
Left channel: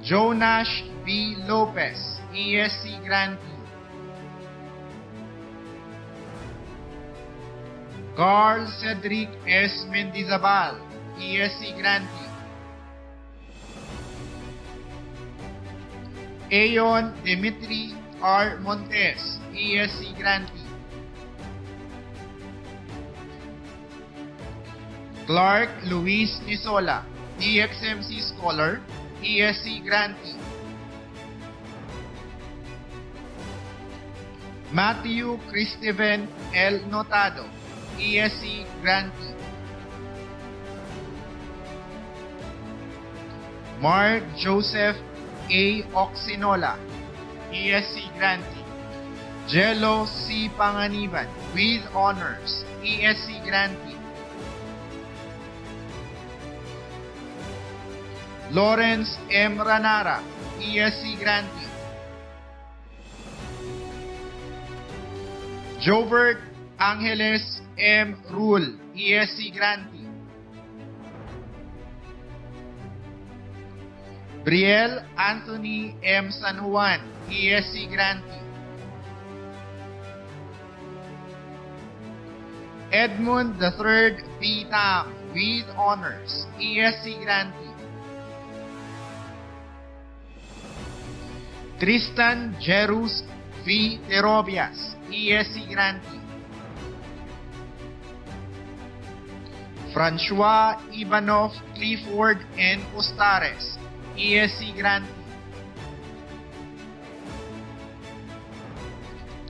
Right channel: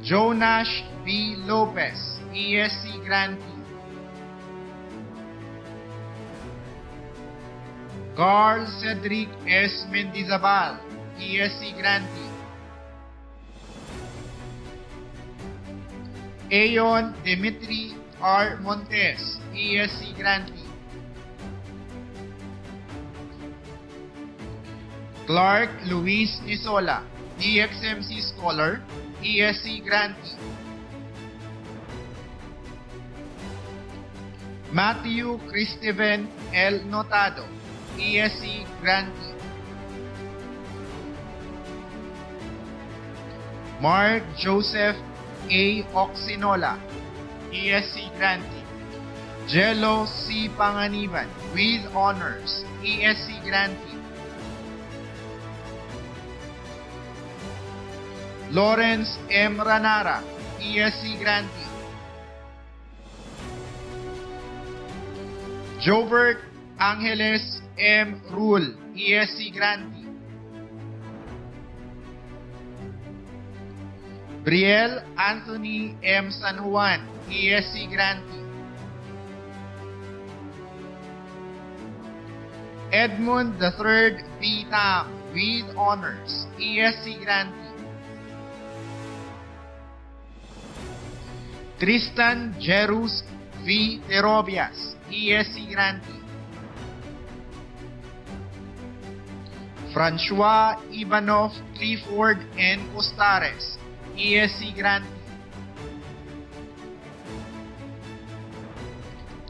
Jonas B. Lopez, ESC Grantee. Carl Cedric S. Mendizabal, ESC grantee. Ayon Dimitri R. Montes, ESC grantee. Clark Luis Nisola, DXMC Scholar, ESC grantee. Matthew Christiven L. Notado, ESC grantee. Mark Joseph A. Oxinola, ESC grantee. Jello C. Panganiban, with honors, ESC grantee. Lawrence M. Ranara, ESC grantee. Jovert Angeles M. Rule, ESC grantee. Brielle Anthony M. San Juan, ESC grantee. Edmund III B. Tam, with honors, ESC grantee. Tristan Jerus V. Terobias, ESC grantee. Francois Ivanov Clifford N. Costares, ESC grantee.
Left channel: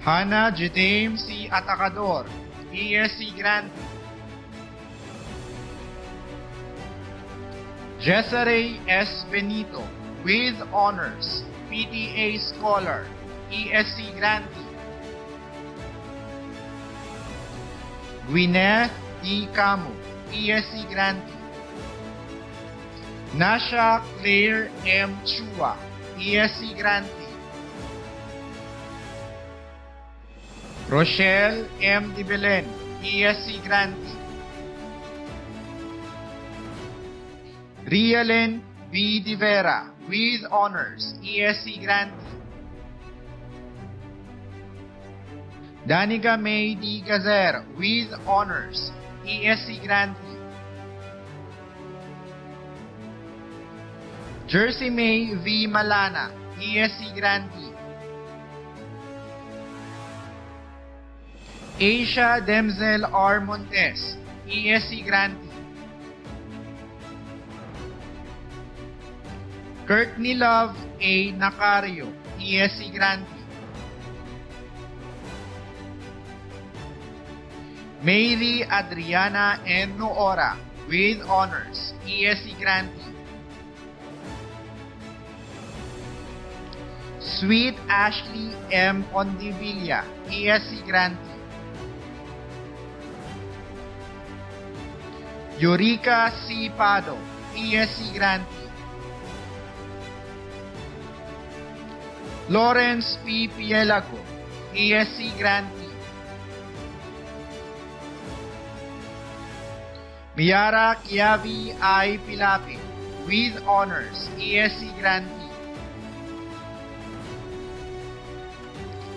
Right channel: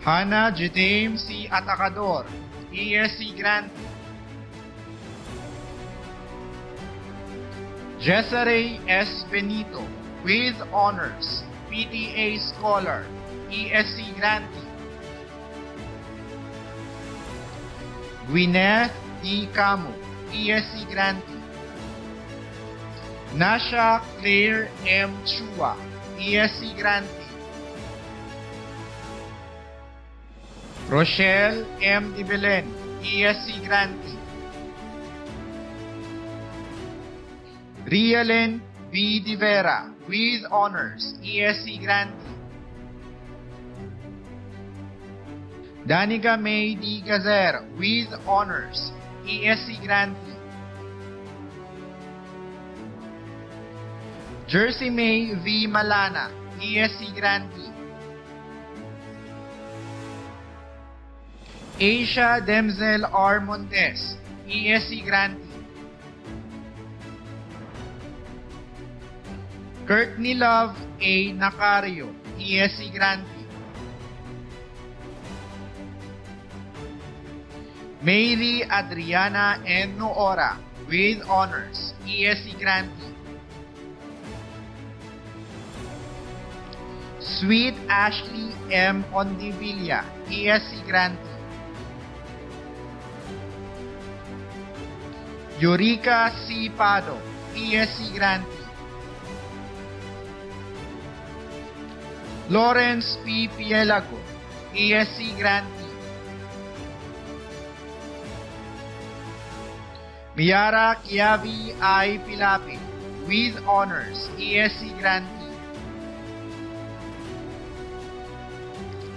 Hannah Jedame C. Atacador, ESC grantee. Jessare S. Benito, with honors, PTA Scholar, ESC grantee. Gwyneth D. Camo, ESC grantee. Nasha Claire M. Chua, ESC grantee. Rochelle M. Di Belen, ESC grantee. Rialen B. Di Vera, with honors, ESC grantee. Danica May D. Gazer, with honors, ESC grantee. Jersey May V. Malana, ESC grantee. Asia Demzel R. Montes, ESC grantee. Courtney Love A. Nacario, ESC grantee. Mary Adriana N. Noora, with honors, ESC grantee. Sweet Ashley M. Ondivilla, ESC grantee. Eureka C. Pado, ESC grantee. Lawrence P. Pielago, ESC grantee. Miara Kiavi I. Pilapil, with honors, ESC grantee.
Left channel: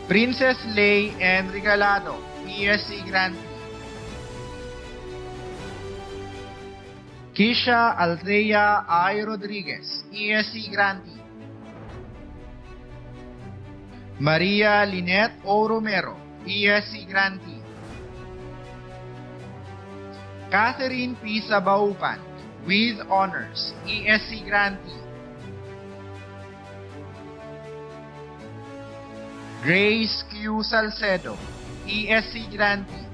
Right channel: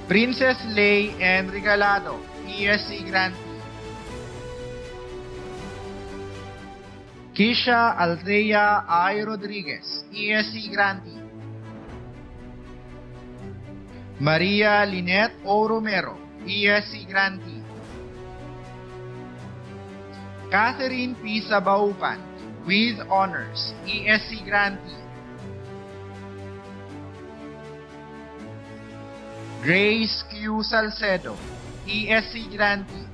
Princess Lay N. Regalado, ESC grantee. Kisha Althea I. Rodriguez, ESC grantee. Maria Lynette O. Romero, ESC grantee. Catherine P. Sabaupan, with honors, ESC grantee. Grace Q. Salcedo, ESC grantee.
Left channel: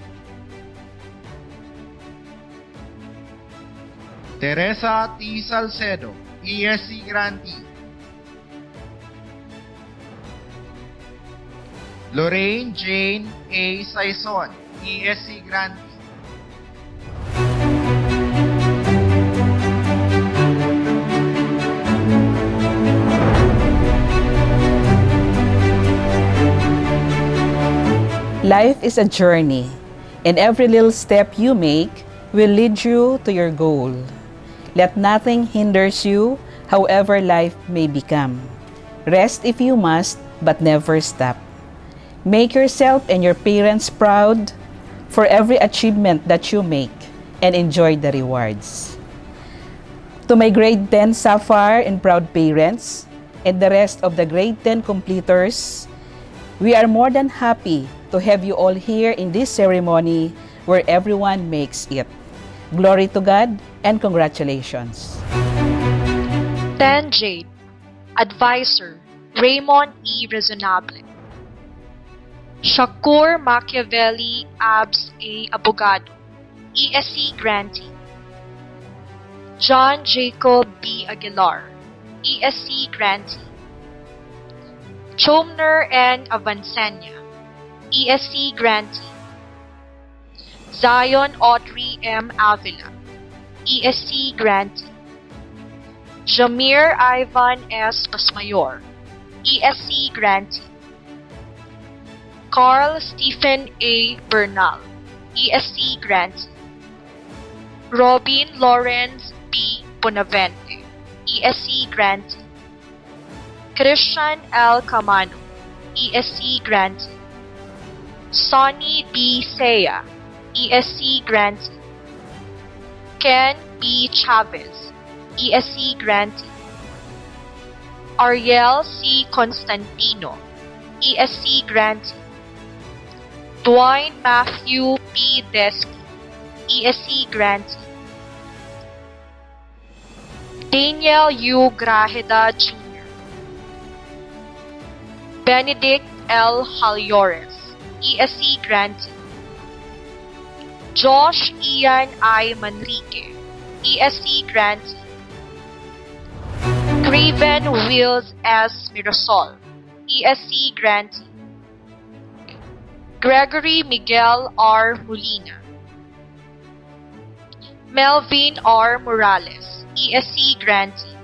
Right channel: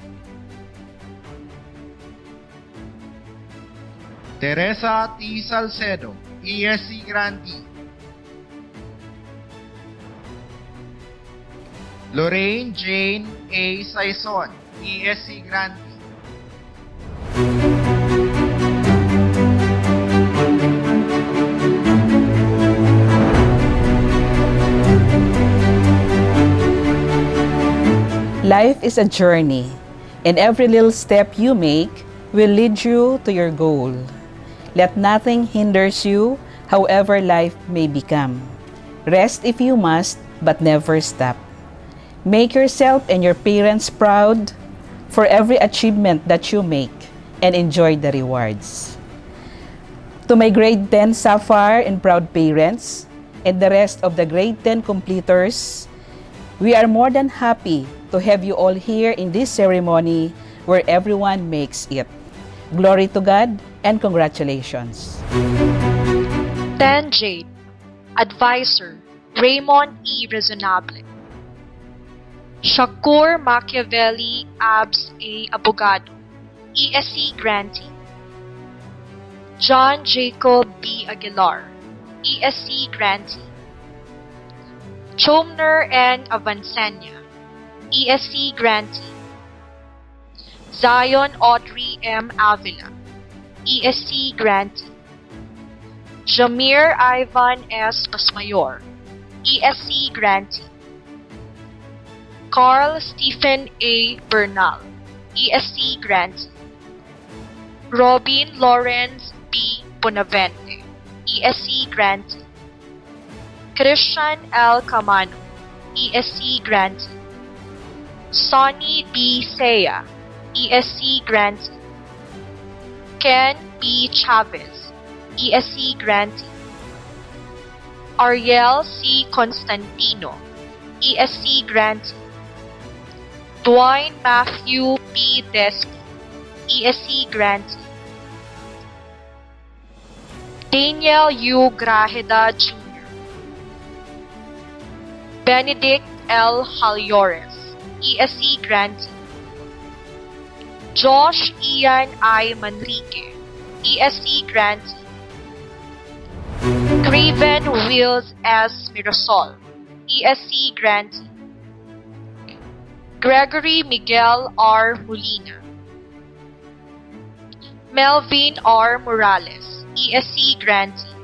Teresa T. Salcedo, ESC grantee. Lorraine Jane A. Saison, ESC grantee. Life is a journey, and every little step you make will lead you to your goal. Let nothing hinders you, however life may become. Rest if you must, but never stop. Make yourself and your parents proud for every achievement that you make, and enjoy the rewards. To my grade 10 Sapphire and proud parents, and the rest of the grade 10 completers, we are more than happy to have you all here in this ceremony where everyone makes it. Glory to God and congratulations. 10 Jade, Advisor, Raymond E. Resonable. Shakur Machiavelli Abs A. Abogado, ESC Grantee. John Jacob B. Aguilar, ESC Grantee. Chomner N. Avancenia, ESC Grantee. Zion Audrey M. Avila, ESC Grantee. Jamir Ivan S. Pasmayor, ESC Grantee. Carl Stephen A. Bernal, ESC Grantee. Robin Lawrence B. Bonavente, ESC Grantee. Christian L. Camano, ESC Grantee. Sonny B. Saya, ESC Grantee. Ken B. Chavez, ESC Grantee. Ariel C. Constantino, ESC Grantee. Dwayne Matthew P. Desky, ESC Grantee. Daniel U. Grajeda Jr. Benedict L. Halyores, ESC Grantee. Josh Ian I. Manrique, ESC Grantee. Craven Wills S. Mirasol, ESC Grantee. Gregory Miguel R. Molina. Melvin R. Morales, ESC Grantee.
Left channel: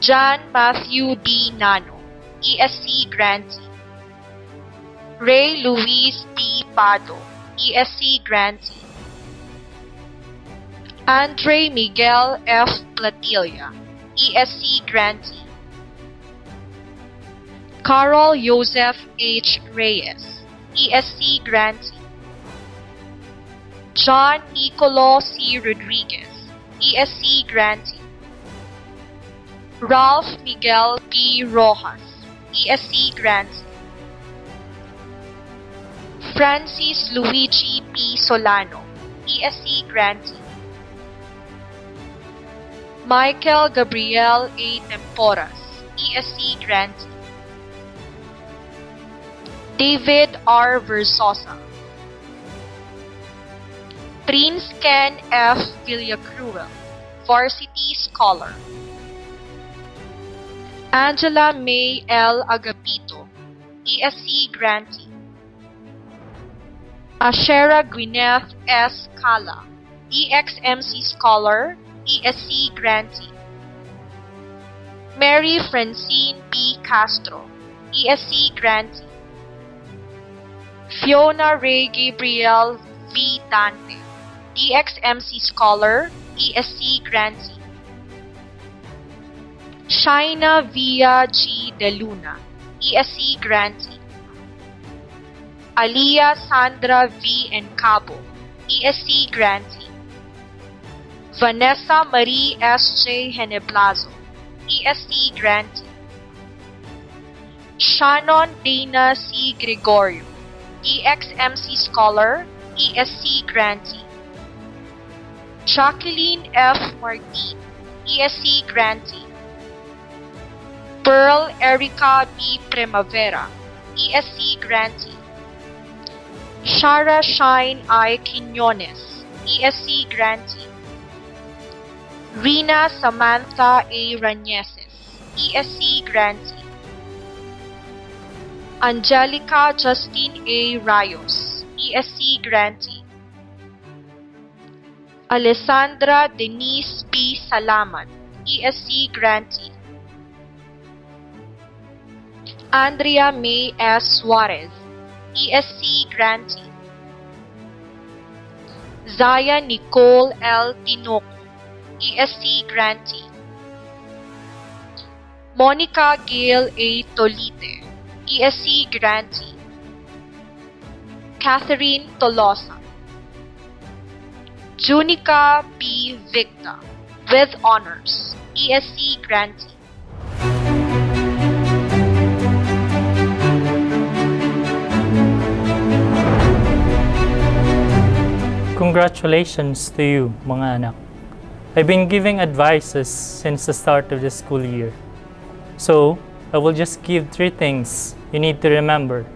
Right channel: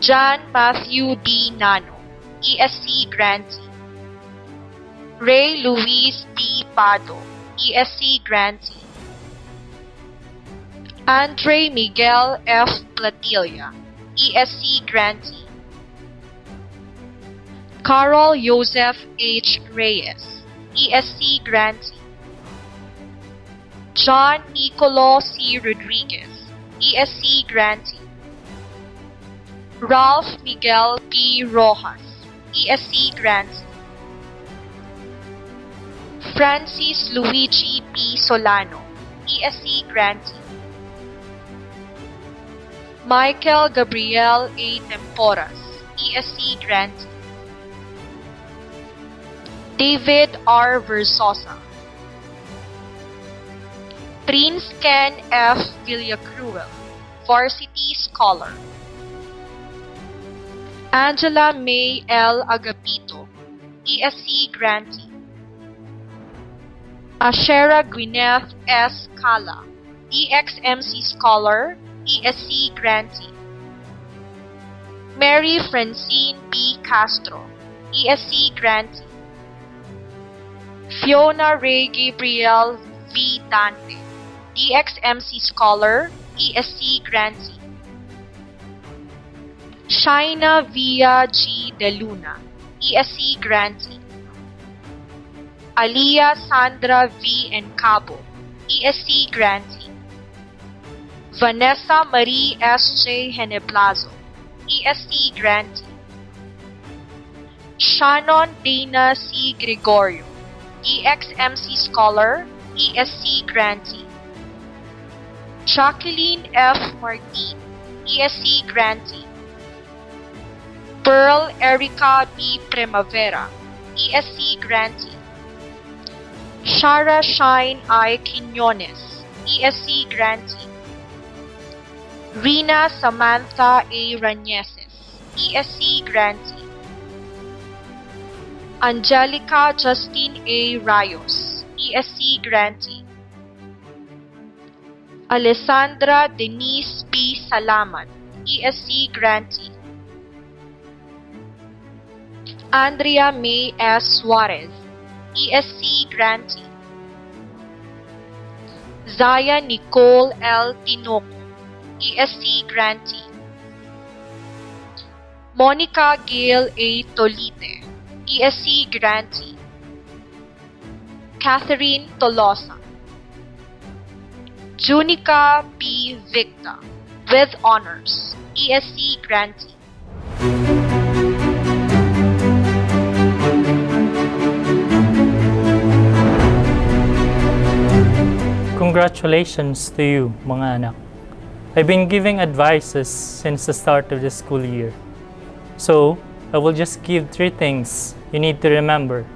John Matthew D. Nano, ESC Grantee. Ray Luis D. Pado, ESC Grantee. Andre Miguel F. Platilla, ESC Grantee. Carol Joseph H. Reyes, ESC Grantee. John Nicolo C. Rodriguez, ESC Grantee. Ralph Miguel P. Rojas, ESC Grantee. Francis Luigi P. Solano, ESC Grantee. Michael Gabriel A. Temporas, ESC Grantee. David R. Versosa. Prince Ken F. Villacruel, Varsity Scholar. Angela May L. Agapito, ESC Grantee. Ashera Gwyneth S. Cala, EXMC Scholar, ESC Grantee. Mary Francine B. Castro, ESC Grantee. Fiona Ray Gabriel V. Dante, DXMC Scholar, ESC Grantee. Shaina Via G. De Luna, ESC Grantee. Aliyah Sandra V. Encabo, ESC Grantee. Vanessa Marie S. J. Heneblazo, ESC Grantee. Shannon Dana C. Gregorio, EXMC Scholar, ESC Grantee. Jacqueline F. Martin, ESC Grantee. Pearl Erica B. Primavera, ESC Grantee. Shara Shine I. Quinones, ESC Grantee. Rina Samantha A. Rañeses, ESC Grantee. Angelica Justine A. Rayos, ESC Grantee. Alessandra Denise P. Salamat, ESC Grantee. Andrea May S. Suarez, ESC Grantee. Zaya Nicole L. Tinoco, ESC Grantee. Monica Gail A. Tolite, ESC Grantee. Catherine Tolosa. Junica P. Victa, with honors, ESC grantee. Congratulations to you, mga anak. I've been giving advices since the start of the school year. So, I will just give 3 things you need to remember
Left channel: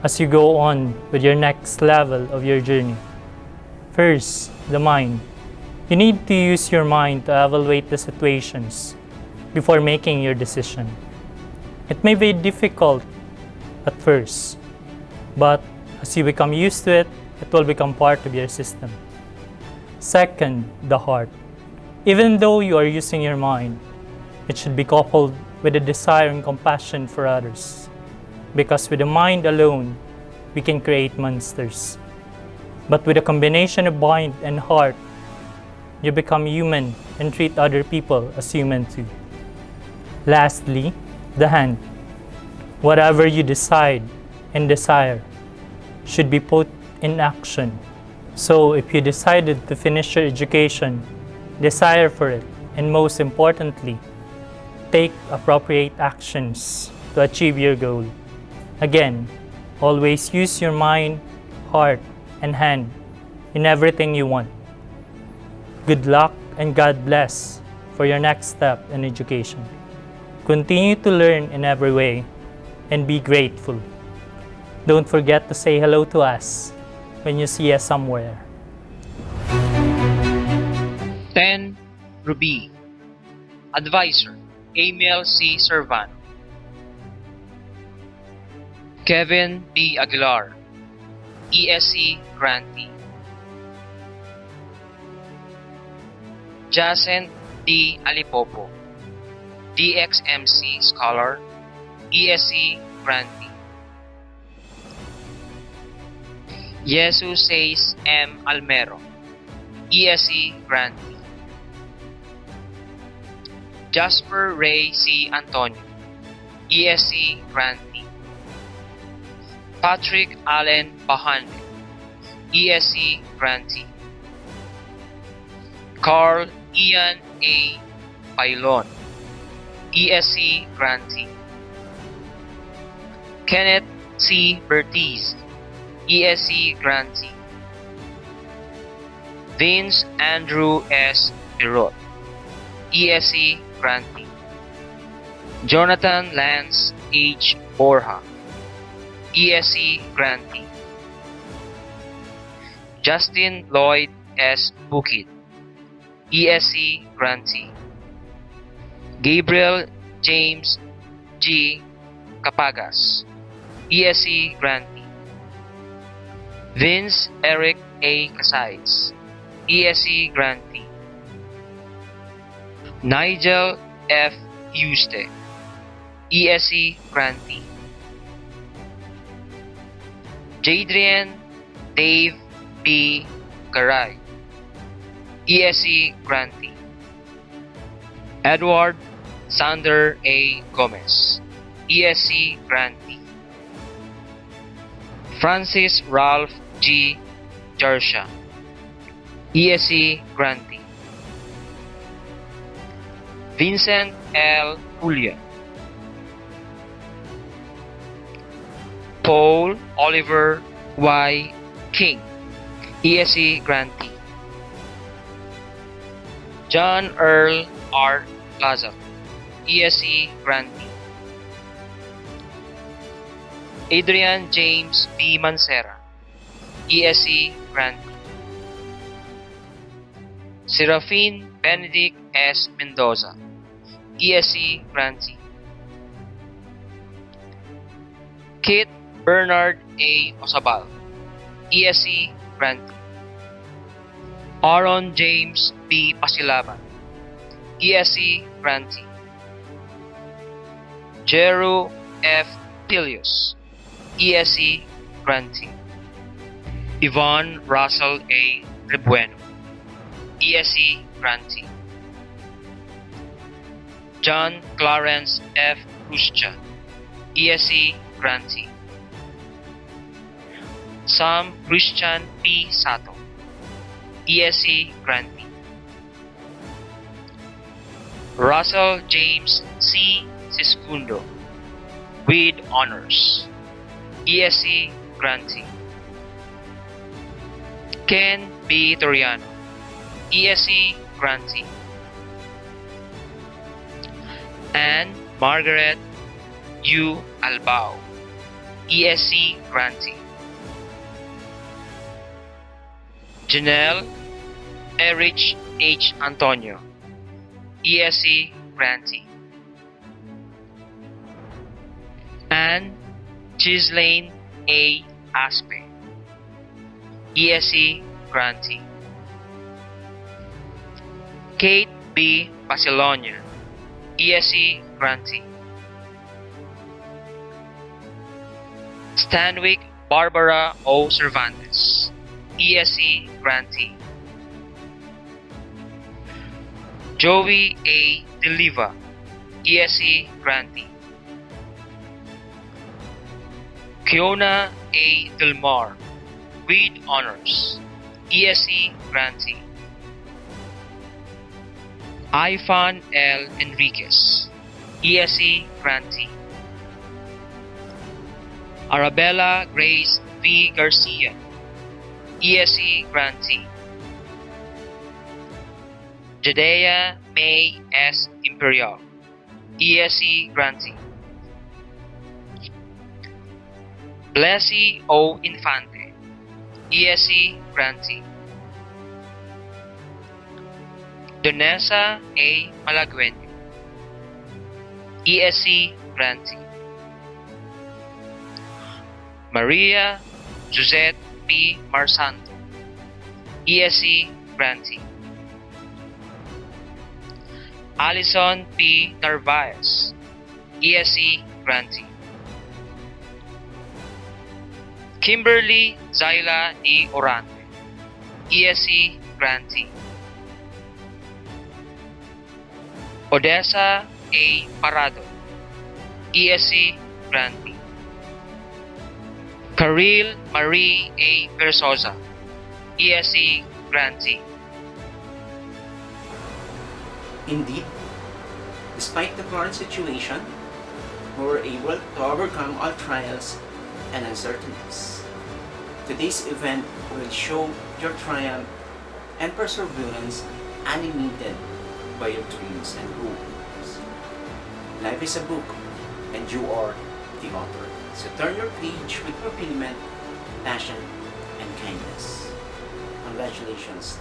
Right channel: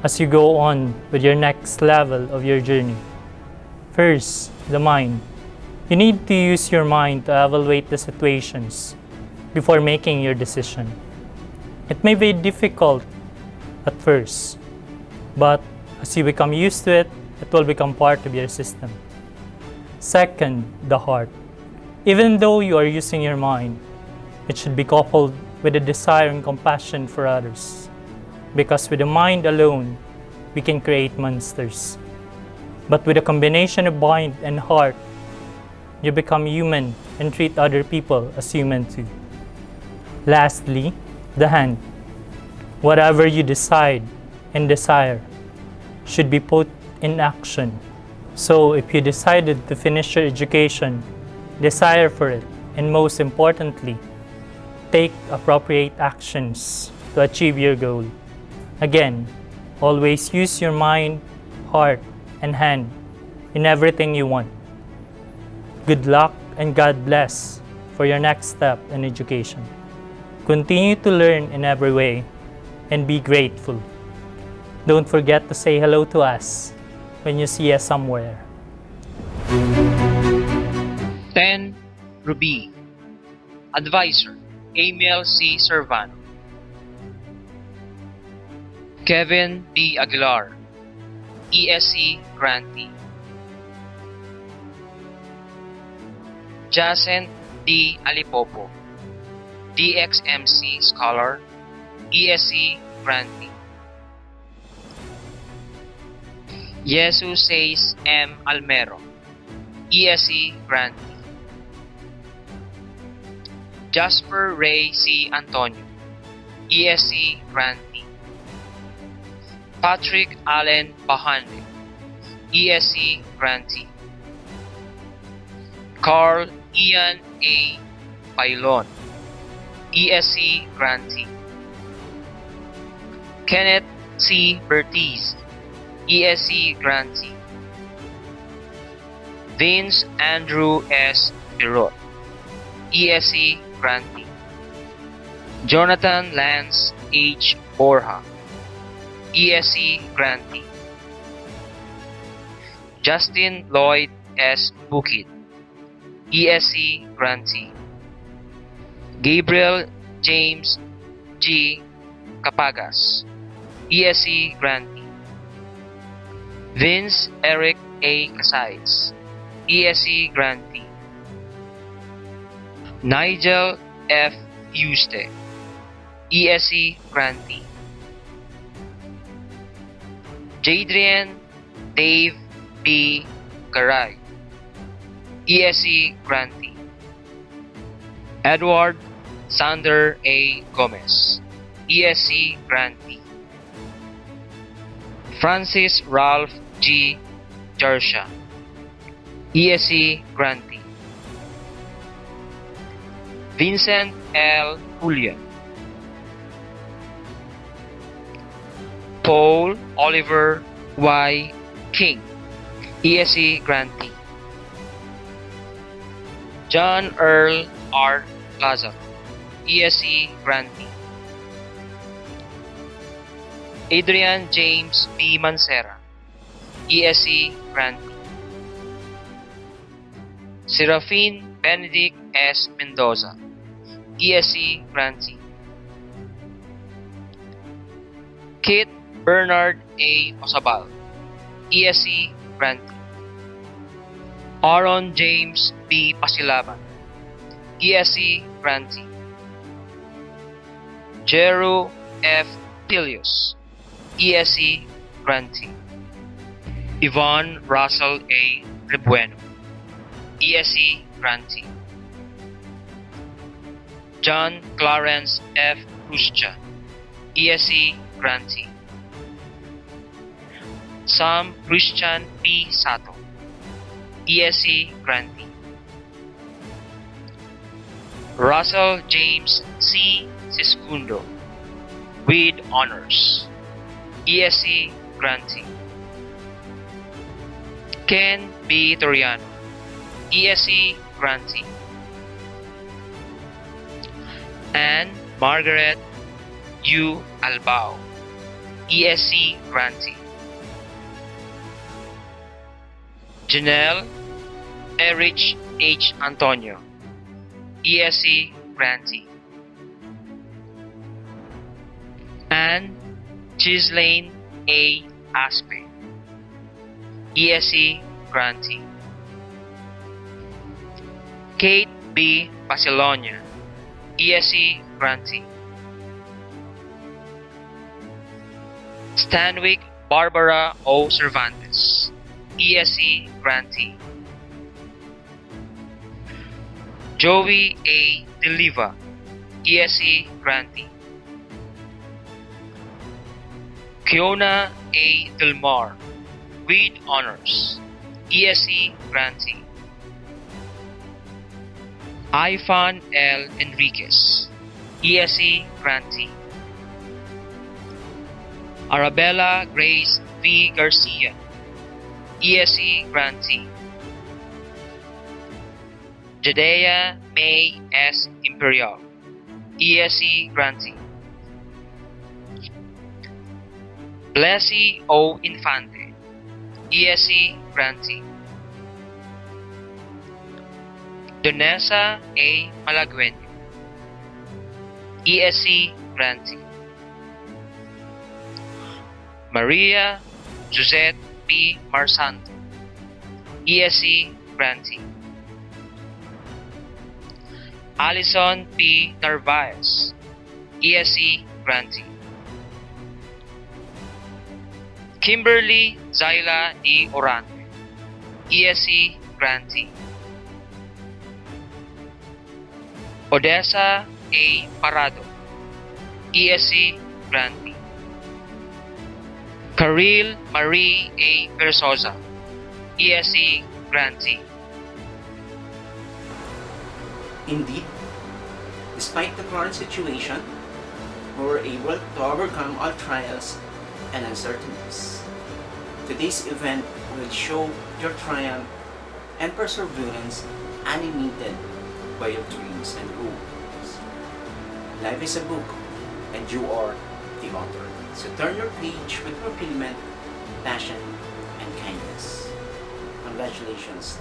as you go on with your next level of your journey. First, the mind. You need to use your mind to evaluate the situations before making your decision. It may be difficult at first, but as you become used to it, it will become part of your system. Second, the heart. Even though you are using your mind, it should be coupled with a desire and compassion for others. Because with the mind alone, we can create monsters. But with a combination of mind and heart, you become human and treat other people as human too. Lastly, the hand. Whatever you decide and desire should be put in action. So if you decided to finish your education, desire for it, and most importantly, take appropriate actions to achieve your goal. Again, always use your mind, heart, and hand in everything you want. Good luck and God bless for your next step in education. Continue to learn in every way and be grateful. Don't forget to say hello to us when you see us somewhere. 10. Ruby. Advisor, Emil C. Servano. Kevin D. Aguilar, ESC grantee. Jacent D. Alipopo, DXMC scholar, ESC grantee. Jesus Says M. Almero, ESC grantee. Jasper Ray C. Antonio, ESC grantee. Patrick Allen Bahande, ESC grantee. Carl Ian A. Pailon, ESC grantee. Kenneth C. Bertiz, ESC grantee. Vince Andrew S. Pirot, ESC grantee. Jonathan Lance H. Borja, ESC grantee. Justin Lloyd S. Bukid, ESC grantee. Gabriel James G. Capagas, ESC grantee. Vince Eric A. Casais, ESC grantee. Nigel F. Yuste, ESC grantee. Jadrian Dave B. Garay, ESC grantee. Edward Sander A. Gomez, ESC grantee. Francis Ralph G. Jarsha, ESC grantee. Vincent L. Julian. Paul Oliver Y. King, ESC grantee. John Earl R. Lazar, ESC grantee. Adrian James B. Mancera, ESC grantee. Serafine Benedict S. Mendoza, ESC grantee. Kit Bernard A. Osabal, ESC grantee. Aaron James B. Pasilaban, ESC grantee. Jeru F. Pilius, ESC grantee. Yvonne Russell A. Rebueno, ESC grantee. John Clarence F. Ruscha, ESC grantee. Sam Christian P. Sato, ESC grantee. Russell James C. Siscundo with honors, ESC grantee. Ken B. Toriano, ESC grantee. Anne Margaret U. Albao, ESC grantee. Janelle Erich H. Antonio, ESC grantee. Anne Ghislaine A. Aspe, ESC grantee. Kate B. Basilonia, ESC grantee. Stanwick Barbara O. Cervantes, ESC grantee. Joey A. Deliva, ESC grantee. Kiona A. Delmar with honors, ESC grantee. Ifan L. Enriquez, ESC grantee. Arabella Grace V. Garcia, ESC grantee. Jadea May S. Imperial, ESC grantee. Blessy O. Infante, ESC grantee. Donessa A. Malagueño, ESC grantee. Maria Josette P. Marsanto, ESC grantee. Alison P. Narvaez, ESC grantee. Kimberly Zyla D. Orante, ESC grantee. Odessa A. Parado, ESC grantee. Karil Marie A. Versosa, ESC grantee. Indeed, despite the current situation, we were able to overcome all trials and uncertainties. Today's event will show your triumph and perseverance animated by your dreams and goals. Life is a book, and you are the author. So turn your page with fulfillment, passion, and kindness. Congratulations.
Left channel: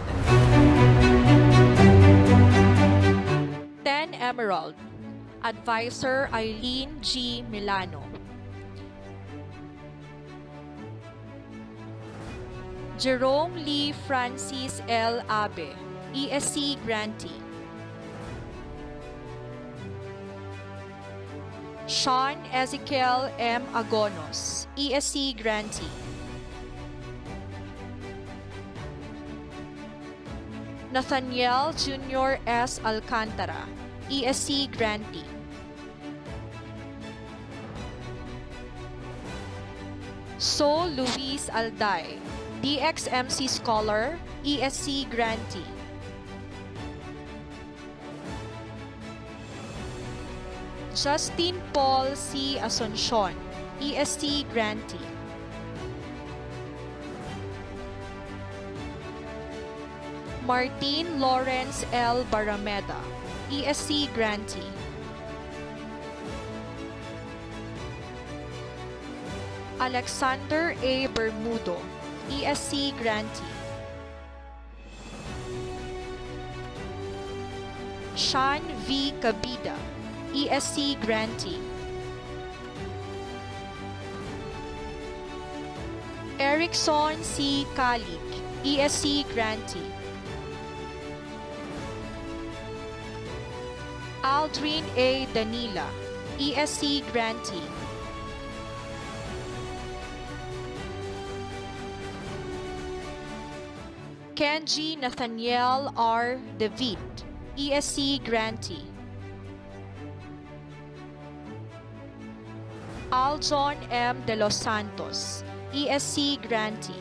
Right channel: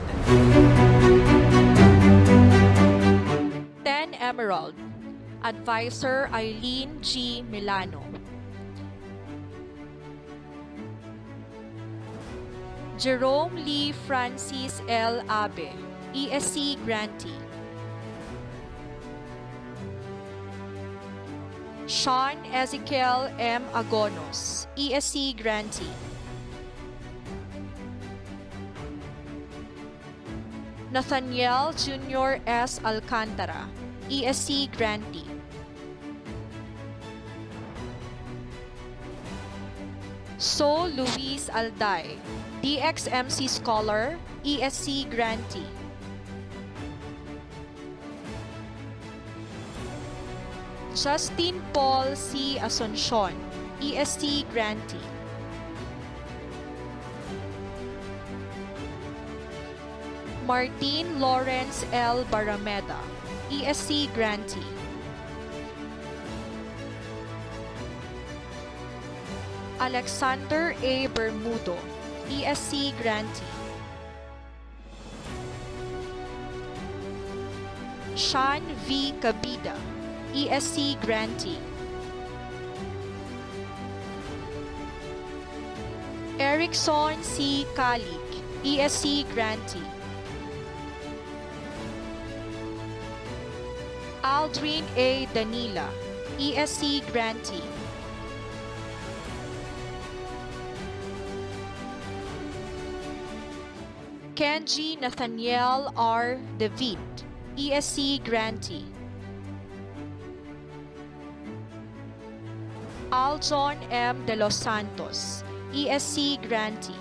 10 Emerald, Advisor Eileen G. Milano. Jerome Lee Francis L. Abe, ESC grantee. Sean Ezekiel M. Agonos, ESC grantee. Nathaniel Jr. S. Alcantara, ESC grantee. So Luis Alday, DXMC Scholar, ESC grantee. Justin Paul C. Asuncion, ESC grantee. Martin Lawrence L. Barameda, ESC grantee. Alexander A. Bermudo, ESC grantee. Sean V. Cabida, ESC grantee. Erickson C. Kalik, ESC grantee. Aldrin A. Danila, ESC grantee. Kenji Nathaniel R. David, ESC grantee. Aljon M. De Los Santos, ESC grantee.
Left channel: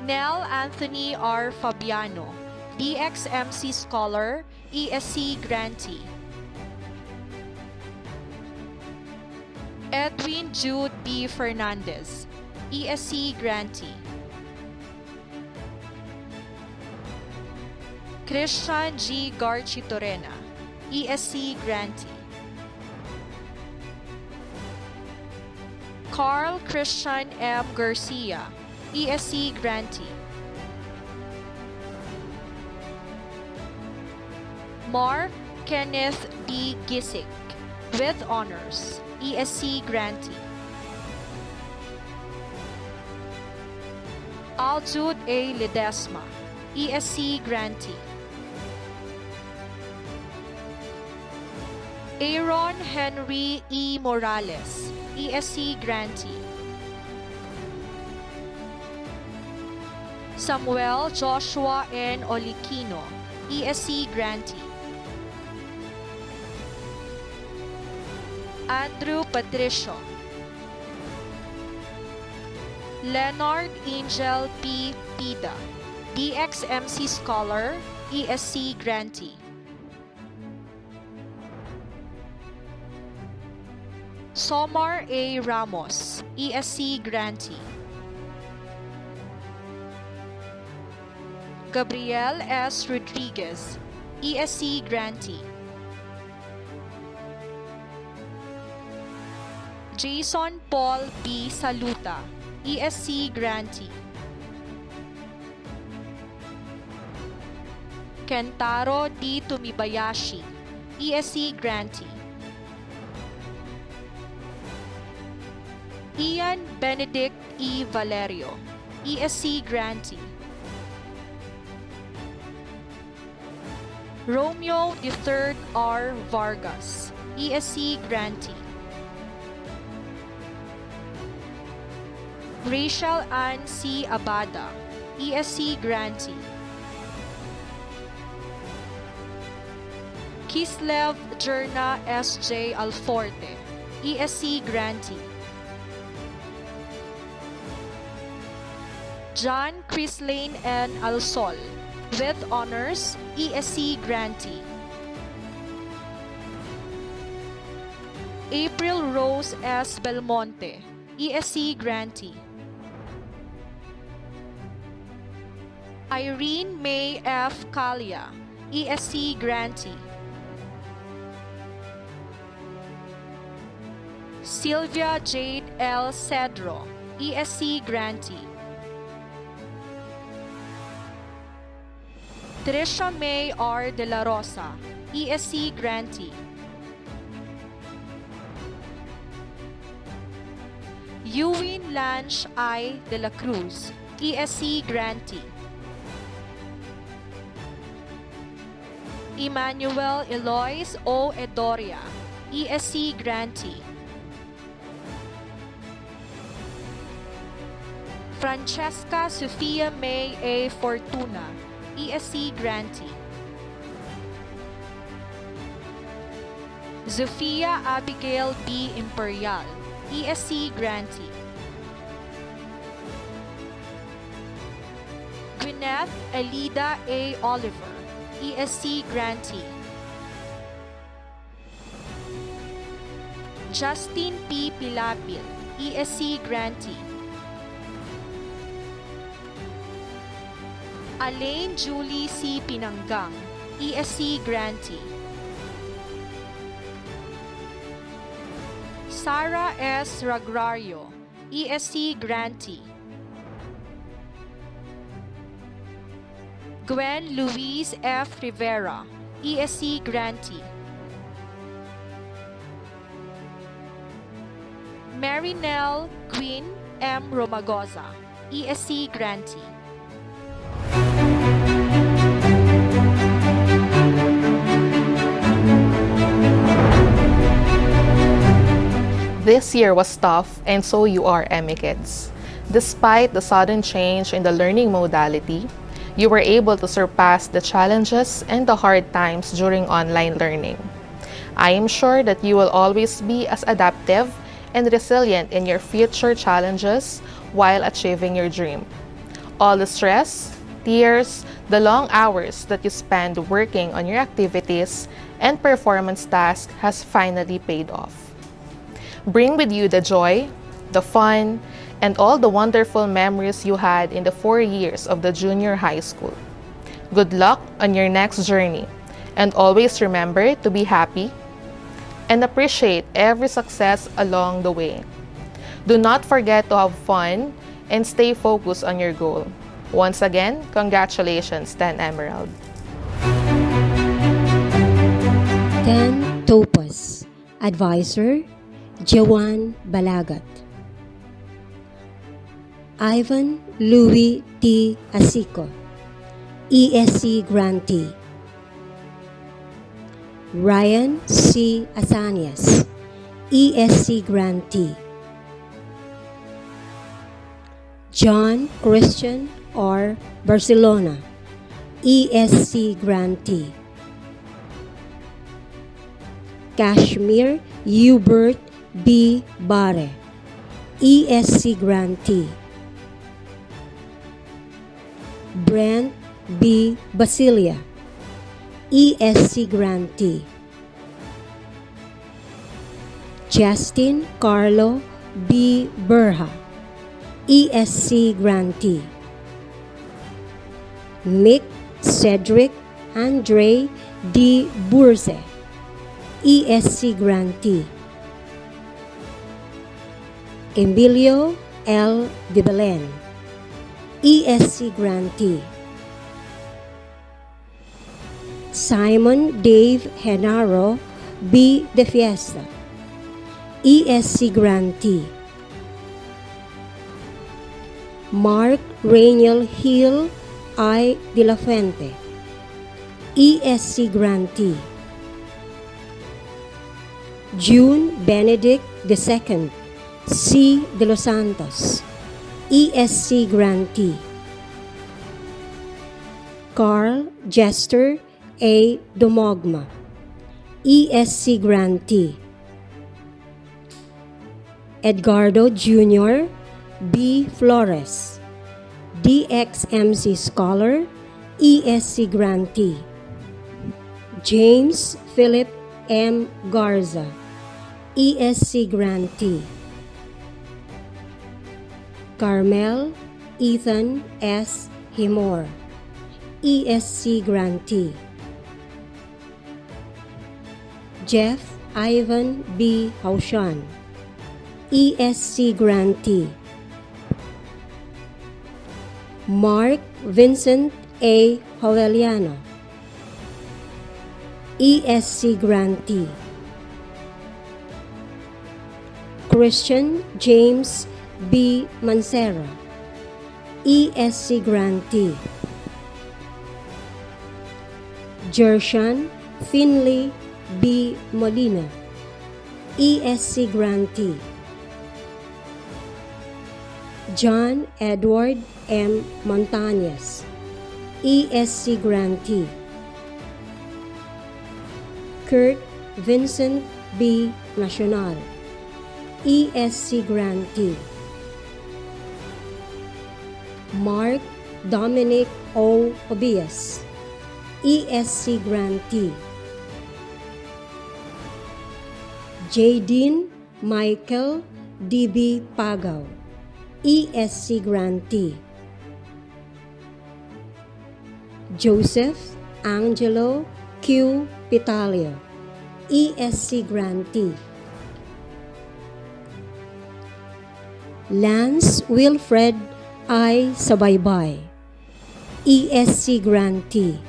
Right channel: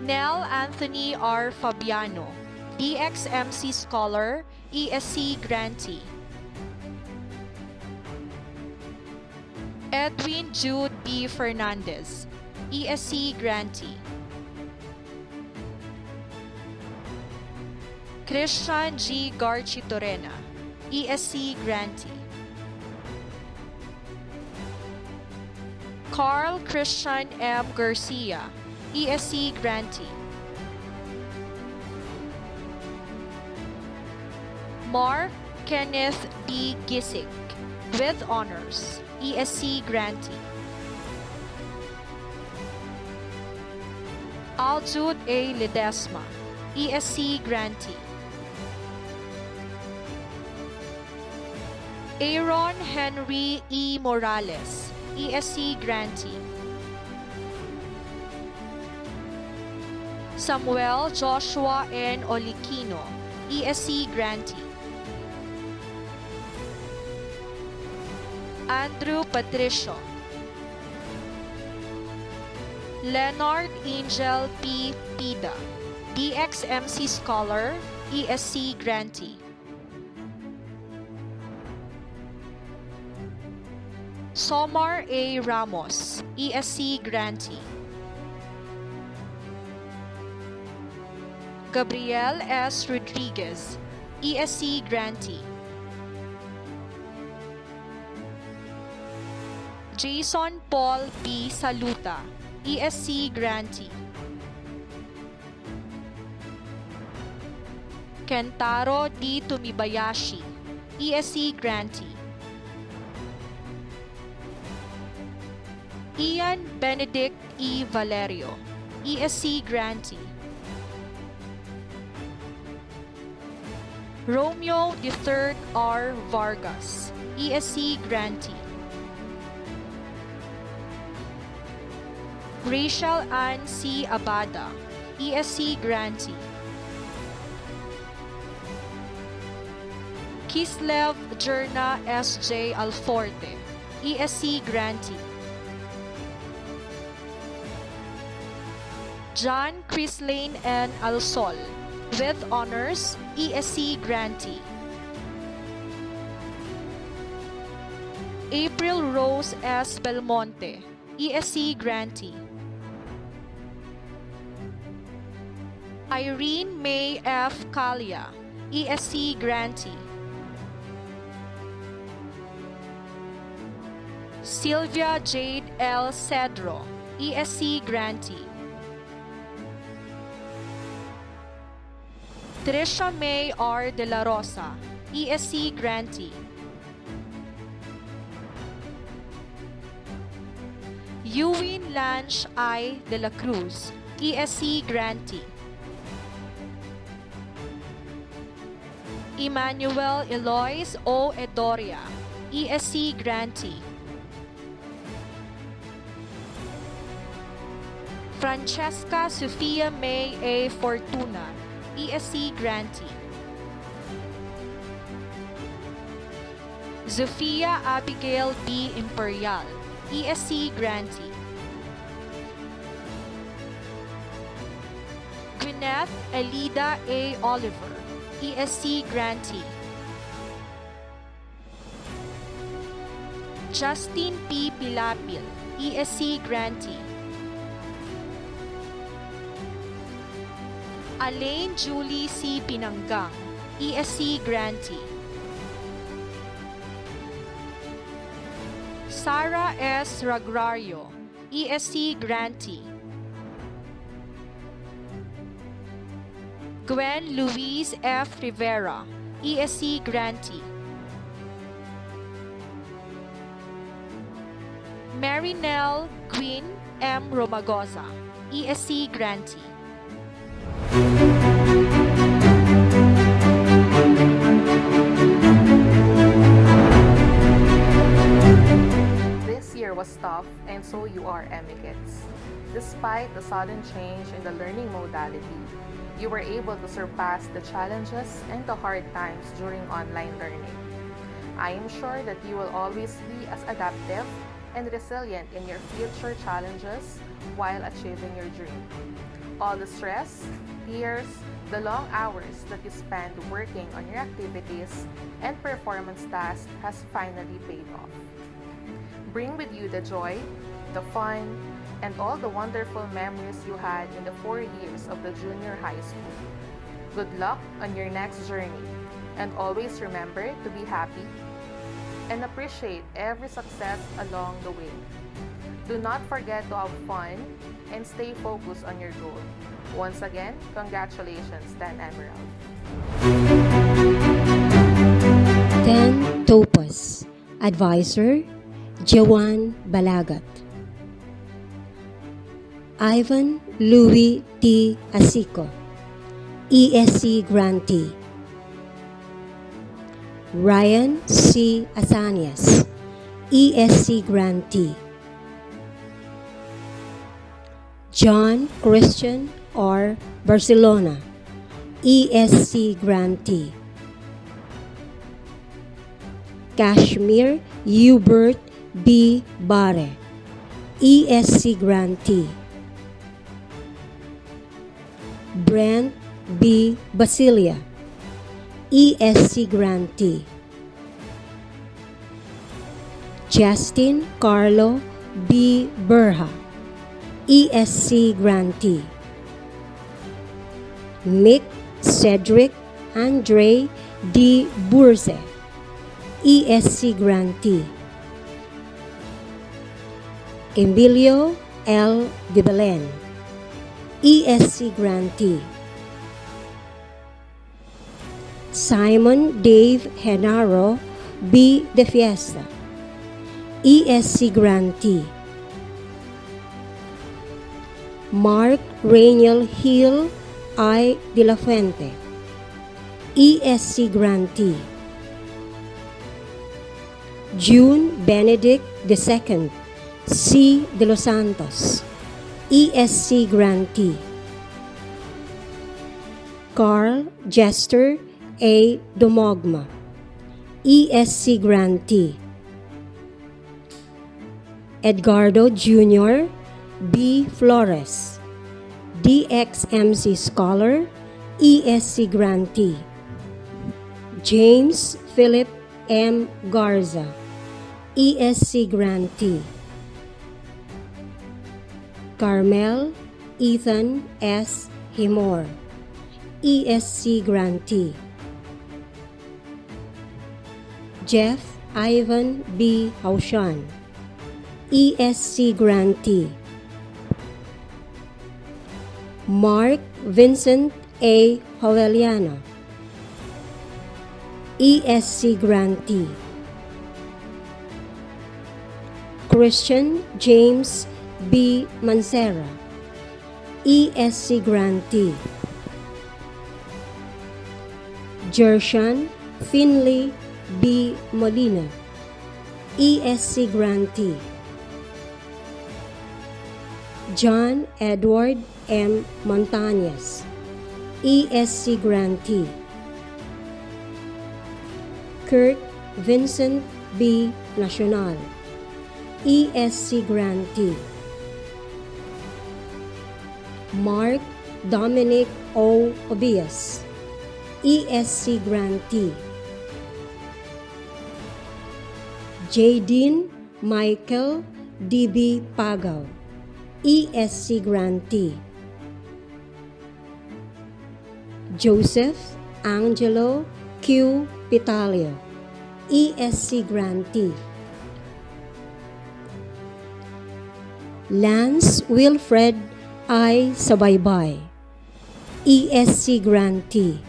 Nell Anthony R. Fabiano, DXMC Scholar, ESC Grantee. Edwin Jude B. Fernandez, ESC Grantee. Christian G. Garchitorena, ESC Grantee. Carl Christian M. Garcia, ESC Grantee. Mark Kenneth B. Gisick, with honors, ESC Grantee. Aljude A. Ledesma, ESC Grantee. Aaron Henry E. Morales, ESC Grantee. Samuel Joshua N. Olikino, ESC Grantee. Andrew Patricio. Leonard Angel P. Pida, DXMC Scholar, ESC Grantee. Somar A. Ramos, ESC Grantee. Gabriel S. Rodriguez, ESC Grantee. Jason Paul B. Saluta, ESC Grantee. Kentaro D. Tumibayashi, ESC Grantee. Ian Benedict E. Valerio, ESC Grantee. Romeo III R. Vargas, ESC Grantee. Rachel Ann C. Abada, ESC Grantee. Kislev Jerna S.J. Alforte, ESC Grantee. John Chrislane N. Alsol, with honors, ESC Grantee. April Rose S. Belmonte, ESC Grantee. Irene May F. Kalia, ESC Grantee. Sylvia Jade L. Cedro, ESC Grantee. Trisha May R. De La Rosa, ESC Grantee. Ewin Lange I. De La Cruz, ESC Grantee. Emmanuel Eloise O. Edoria, ESC Grantee. Francesca Sofia May A. Fortuna, ESC Grantee. Zofia Abigail B. Imperial, ESC Grantee. Gwyneth Elida A. Oliver, ESC Grantee. Justin P. Pilapil, ESC Grantee. Alain Julie C. Pinanggang, ESC Grantee. Sarah S. Ragrario, ESC Grantee. Gwen Louise F. Rivera, ESC Grantee. Marinelle Gwyn M. Romagoza, ESC Grantee. This year was tough, and so you are, MA Kids. Despite the sudden change in the learning modality, you were able to surpass the challenges and the hard times during online learning. I am sure that you will always be as adaptive and resilient in your future challenges while achieving your dream. All the stress, years, the long hours that you spend working on your activities and performance tasks has finally paid off. Bring with you the joy, the fun, and all the wonderful memories you had in the 4 years of the junior high school. Good luck on your next journey, and always remember to be happy and appreciate every success along the way. Do not forget to have fun and stay focused on your goal. Once again, congratulations, 10 Emerald. 10 Topaz. Advisor, Jawan Balagat. Ivan Louis T. Asico, ESC Grantee. Ryan C. Asanias, ESC Grantee. John Christian R. Barcelona, ESC Grantee. Kashmir Hubert B. Bare, ESC Grantee. Brent B. Basilia, ESC Grantee. Justin Carlo B. Berha, ESC Grantee. Mick Cedric Andre D. Burse, ESC Grantee. Emilio L. De Belen, ESC Grantee. Simon Dave Henaro B. De Fiesta, ESC Grantee. Mark Rainiel Hill I. De La Fuente, ESC Grantee. June Benedict II C. De Los Santos, ESC Grantee. Carl Jester A. Domogma, ESC Grantee. Edgardo Jr. B. Flores, DXMC Scholar, ESC Grantee. James Philip M. Garza, ESC Grantee. Carmel Ethan S. Himor, ESC Grantee. Jeff Ivan B. Haushan, ESC Grantee. Mark Vincent A. Hoveliano, ESC Grantee. Christian James B. Mancera, ESC Grantee. Jershan Finley B. Molina, ESC Grantee. John Edward M. Montañez, ESC Grantee. Kurt Vincent B. Nacional, ESC Grantee. Mark Dominic O. Obias, ESC Grantee. Jadine Michael D.B. Pagaw, ESC Grantee. Joseph Angelo Q. Pitalio, ESC Grantee. Lance Wilfred I. Sabaybay, ESC Grantee.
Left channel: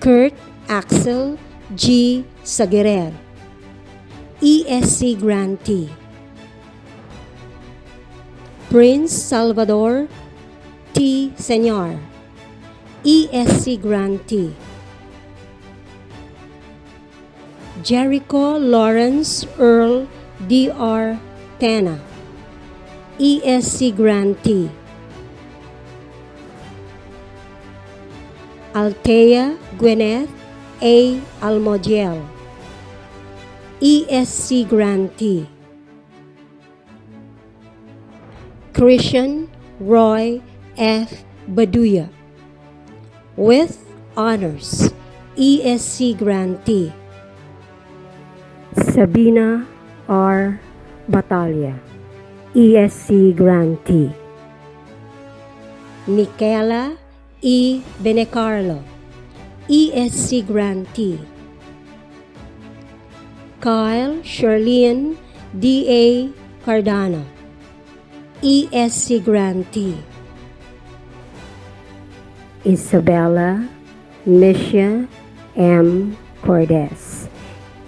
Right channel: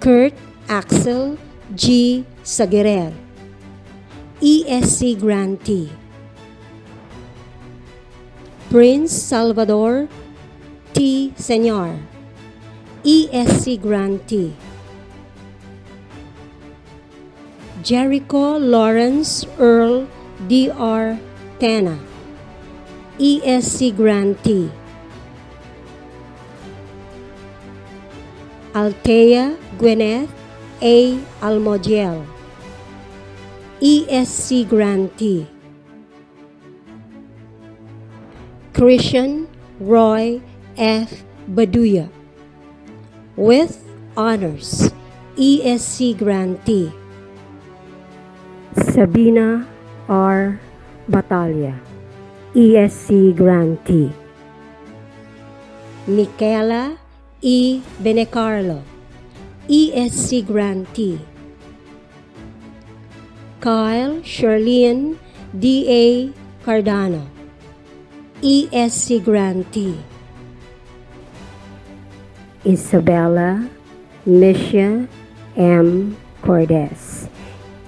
Kurt Axel G. Sagerer, ESC Grantee. Prince Salvador T. Señor, ESC Grantee. Jericho Lawrence Earl D.R. Tena, ESC Grantee. Althea Gwyneth A. Almodiel, ESC Grantee. Christian Roy F. Baduya. With honors, ESC grantee Sabina R. Batalla, ESC grantee. Michaela E. Benecarlo, ESC grantee. Kyle Charlene D.A. Cardano, ESC grantee. Isabella Misha M. Cordes,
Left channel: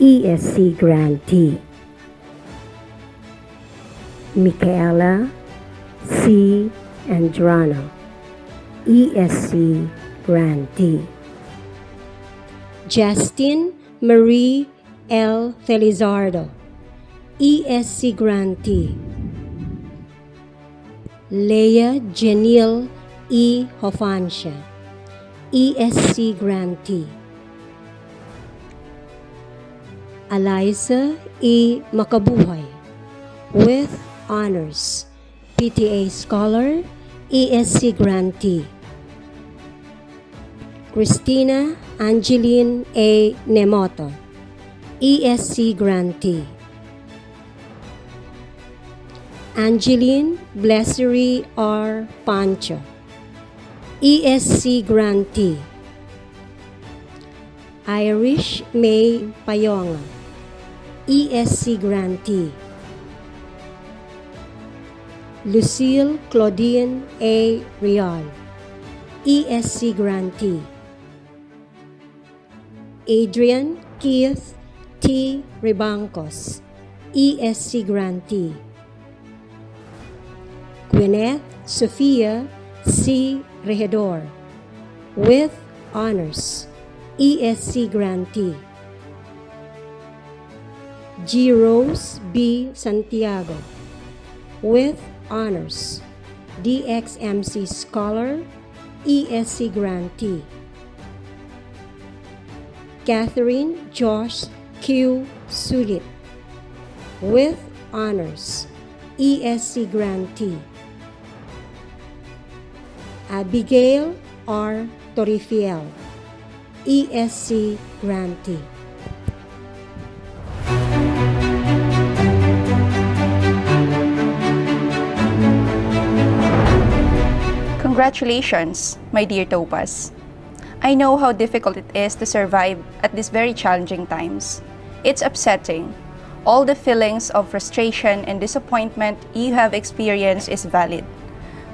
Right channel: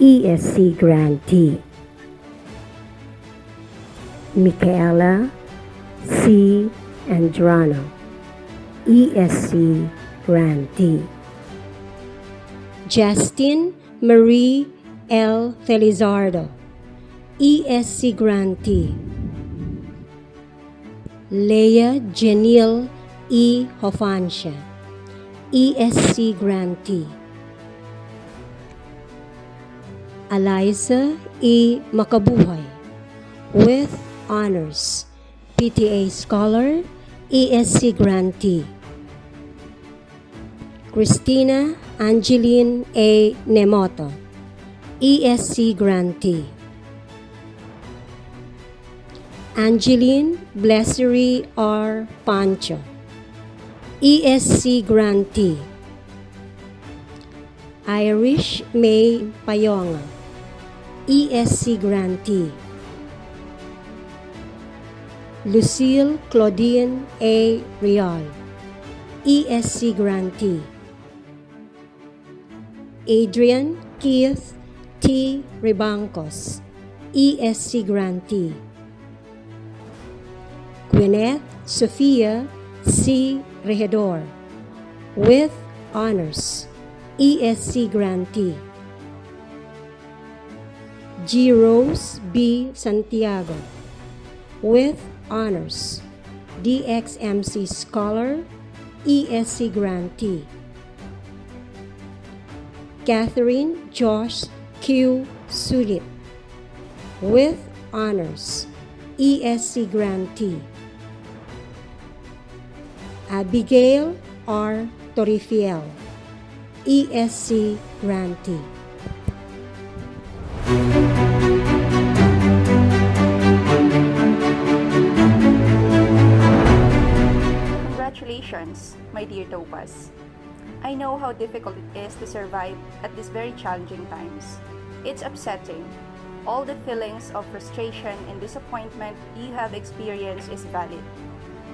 ESC grantee. Michaela C. Andrano, ESC grantee. Justin Marie L. Felizardo, ESC grantee. Leah Janil E. Hofancia, ESC grantee. Eliza E. Makabuhay, with honors, PTA scholar, ESC grantee. Christina Angeline A. Nemoto, ESC grantee. Angeline Blessery R. Pancho, ESC grantee. Irish May Payonga, ESC grantee. Lucille Claudine A. Rial, ESC grantee. Adrian Keith T. Ribancos, ESC grantee. Gwyneth Sophia C. Regidor, with honors, ESC grantee. G. Rose B. Santiago, with honors, DXMC scholar, ESC grantee. Catherine Josh Q. Sulit, with honors, ESC grantee. Abigail R. Torifiel, ESC grantee. Congratulations, my dear Topaz. I know how difficult it is to survive at these very challenging times. It's upsetting. All the feelings of frustration and disappointment you have experienced is valid.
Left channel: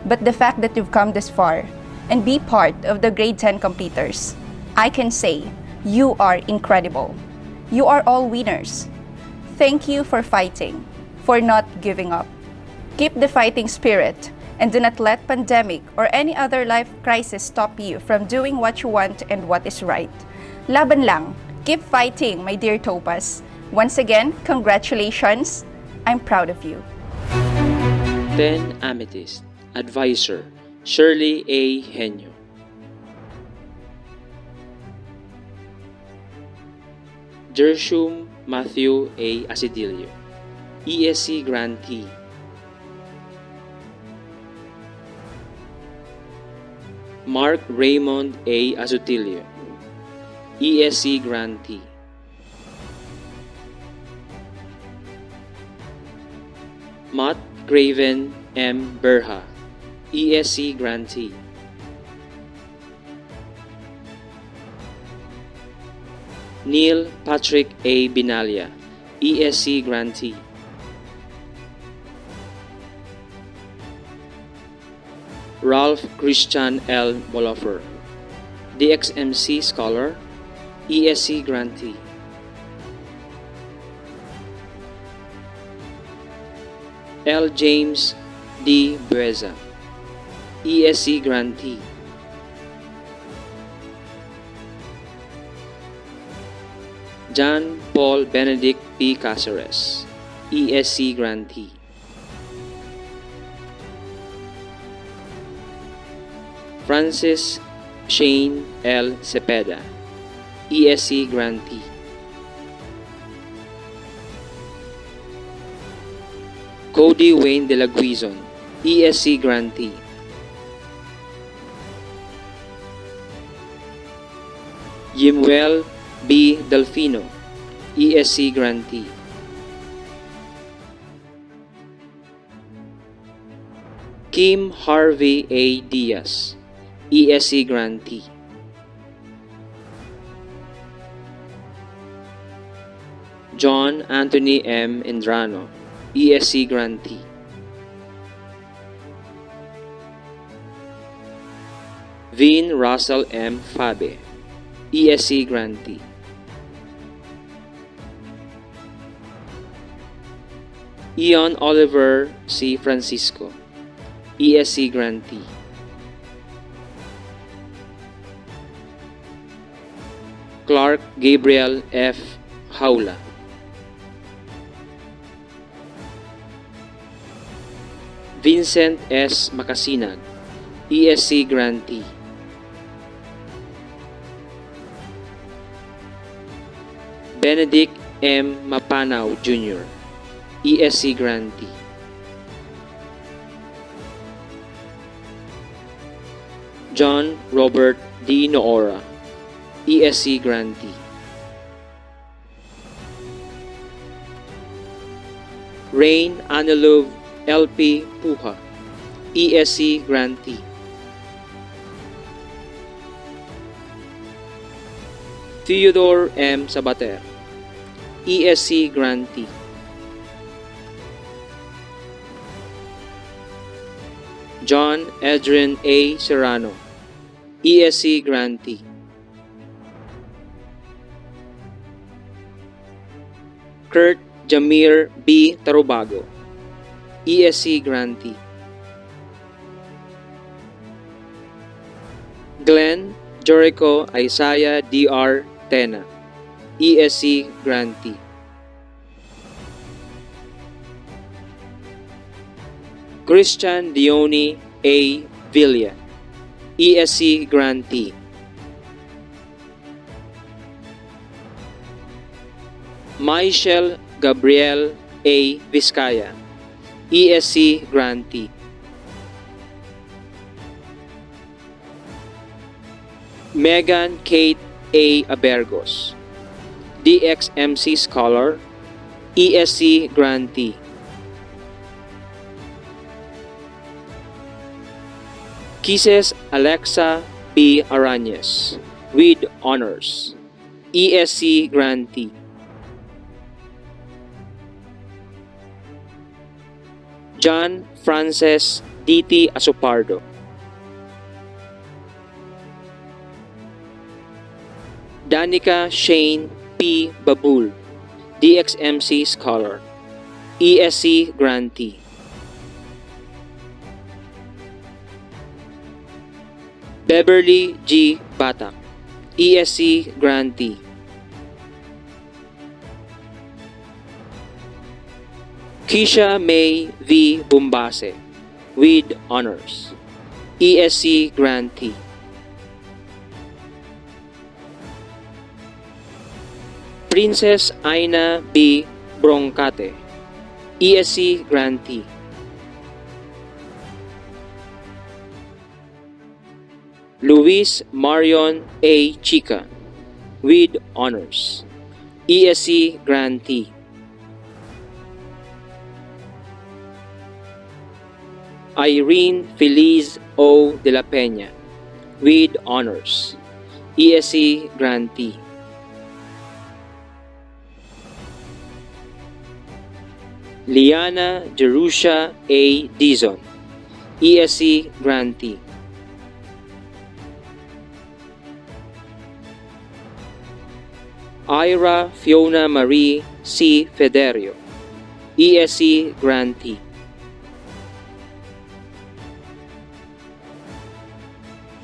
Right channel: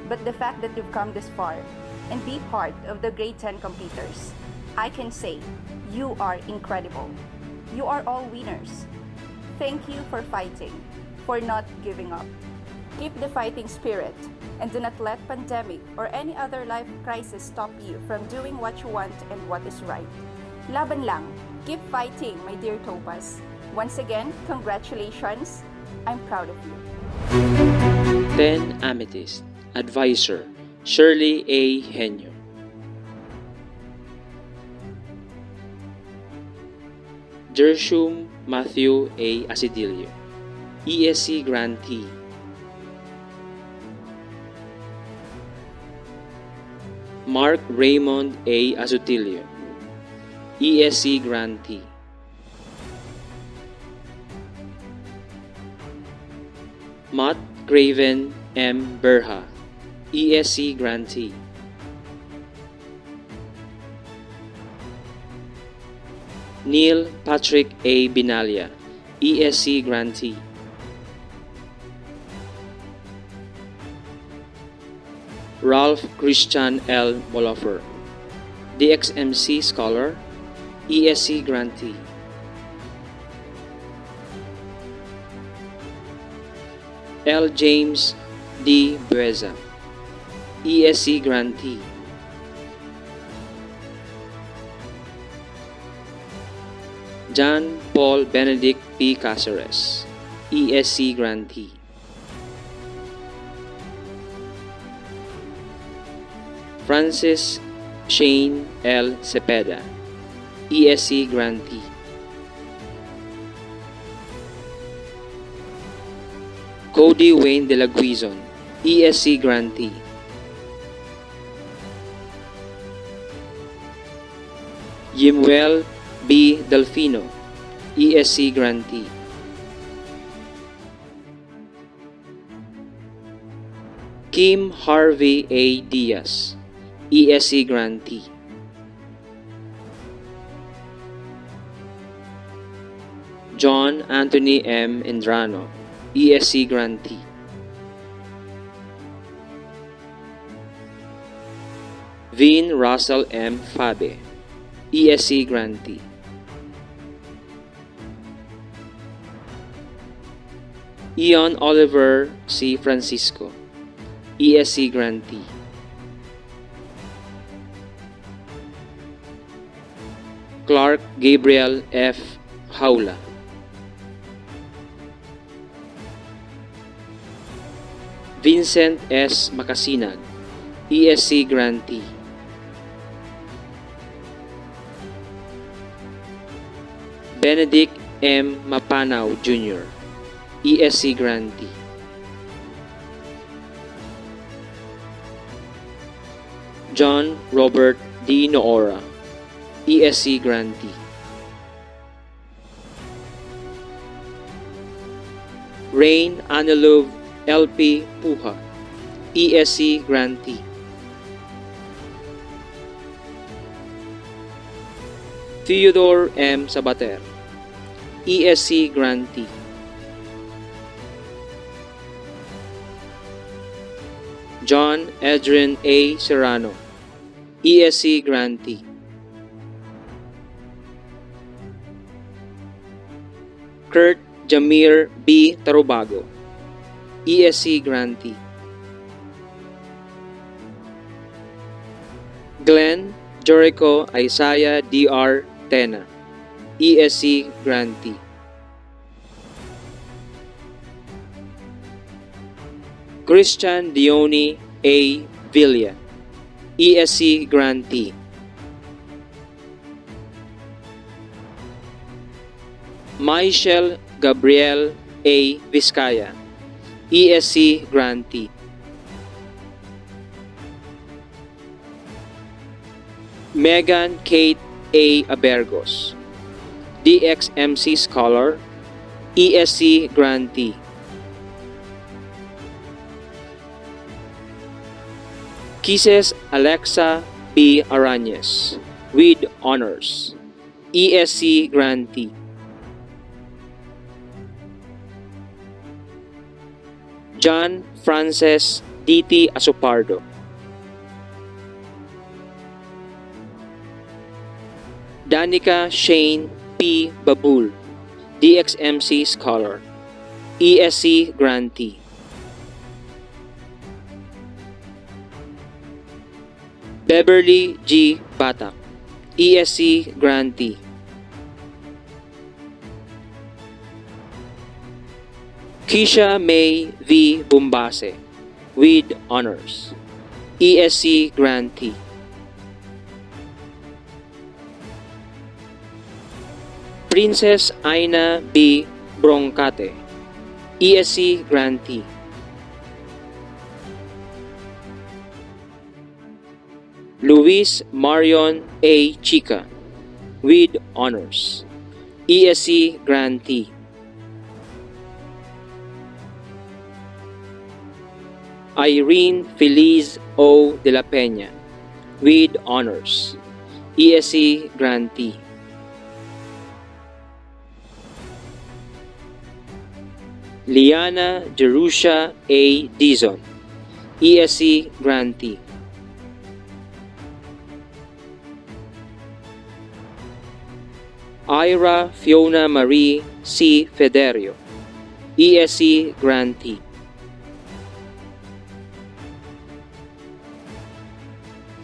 But the fact that you've come this far and be part of the grade 10 completers, I can say you are incredible. You are all winners. Thank you for fighting, for not giving up. Keep the fighting spirit and do not let pandemic or any other life crisis stop you from doing what you want and what is right. Laban lang. Keep fighting, my dear Topaz. Once again, congratulations. I'm proud of you. 10 Amethyst. Advisor, Shirley A. Henyo. Jershum Matthew A. Asidilio, ESC grantee. Mark Raymond A. Azutilio, ESC grantee. Matt Craven M. Berha, ESC grantee. Neil Patrick A. Binalia, ESC grantee. Ralph Christian L. Molofer, DXMC scholar, ESC grantee. L. James D. Bueza, ESC grantee. John Paul Benedict P. Caceres, ESC grantee. Francis Shane L. Cepeda, ESC grantee. Cody Wayne De La Guizon, ESC grantee. Yimuel B. Delfino, ESC grantee. Kim Harvey A. Diaz, ESC grantee. John Anthony M. Indrano, ESC grantee. Vin Russell M. Fabe, ESC grantee. Ian Oliver C. Francisco, ESC grantee. Clark Gabriel F. Haula. Vincent S. Makasinag, ESC grantee. Benedict M. Mapanaw Jr., ESC grantee. John Robert D. Noora, ESC grantee. Rain Anilov LP Puha, ESC grantee. Theodore M. Sabater, ESC grantee. John Adrian A. Serrano, ESC grantee. Kurt Jamir B. Tarubago, ESC grantee. Glenn Jericho Isaiah Dr. Tena, ESC grantee. Christian Dione A. Villa, ESC grantee. Michelle Gabriel A. Vizcaya, ESC grantee. Megan Kate A. Abergos, DXMC Scholar, ESC grantee. Kisses Alexa B. Arañez, with honors, ESC grantee. John Frances D.T. Asopardo. Danica Shane P. Babul, DXMC Scholar, ESC grantee. Beverly G. Batak, ESC grantee. Keisha May V. Bumbase, with honors, ESC grantee. Princess Aina B. Broncate, ESC grantee. Luis Marion A. Chica, with honors, ESC grantee. Irene Feliz O. de la Peña, with honors, ESC grantee. Liana Jerusha A. Dizon, ESC grantee. Ira Fiona Marie C. Federio, ESC grantee.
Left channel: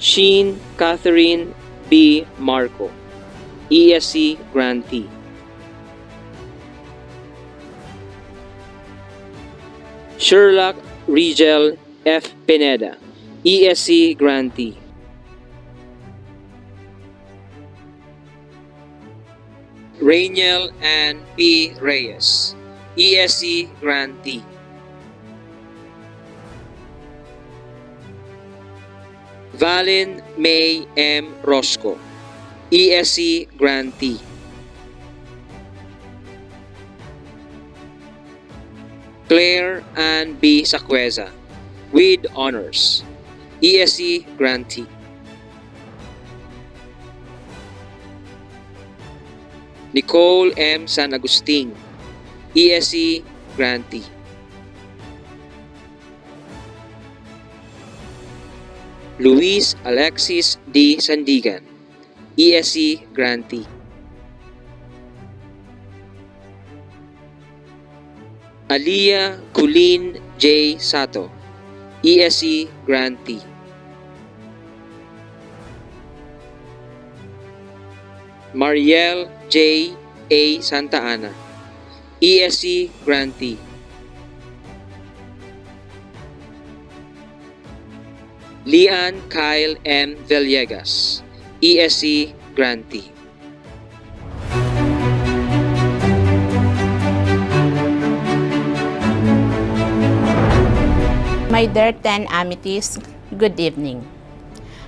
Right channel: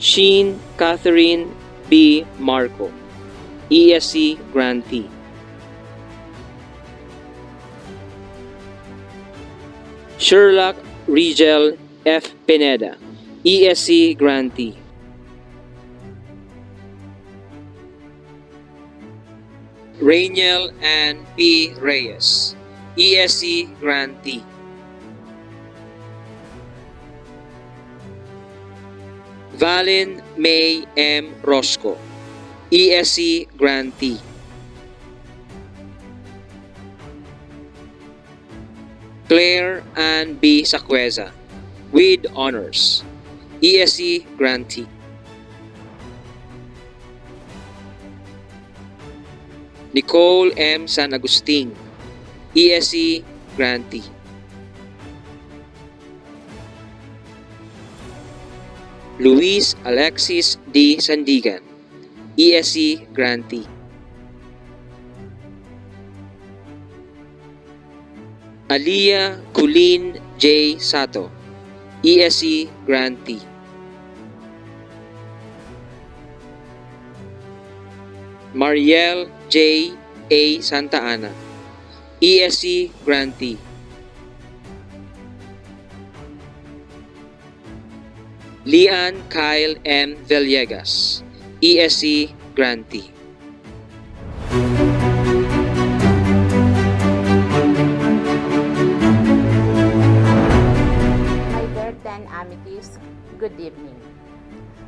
Sheen Catherine B. Marco, ESC grantee. Sherlock Rigel F. Pineda, ESC grantee. Rainiel Ann P. Reyes, ESC grantee. Valin May M. Rosco, ESC Grantee. Claire Ann B. Sacueza, with honors, ESC Grantee. Nicole M. San Agustin, ESC Grantee. Luis Alexis D. Sandigan, ESC Grantee. Aliyah Colleen J. Sato, ESC Grantee. Mariel J. A. Santa Ana, ESC Grantee. Lian Kyle M. Villegas, ESC Grantee. My dear 10 Amities, good evening.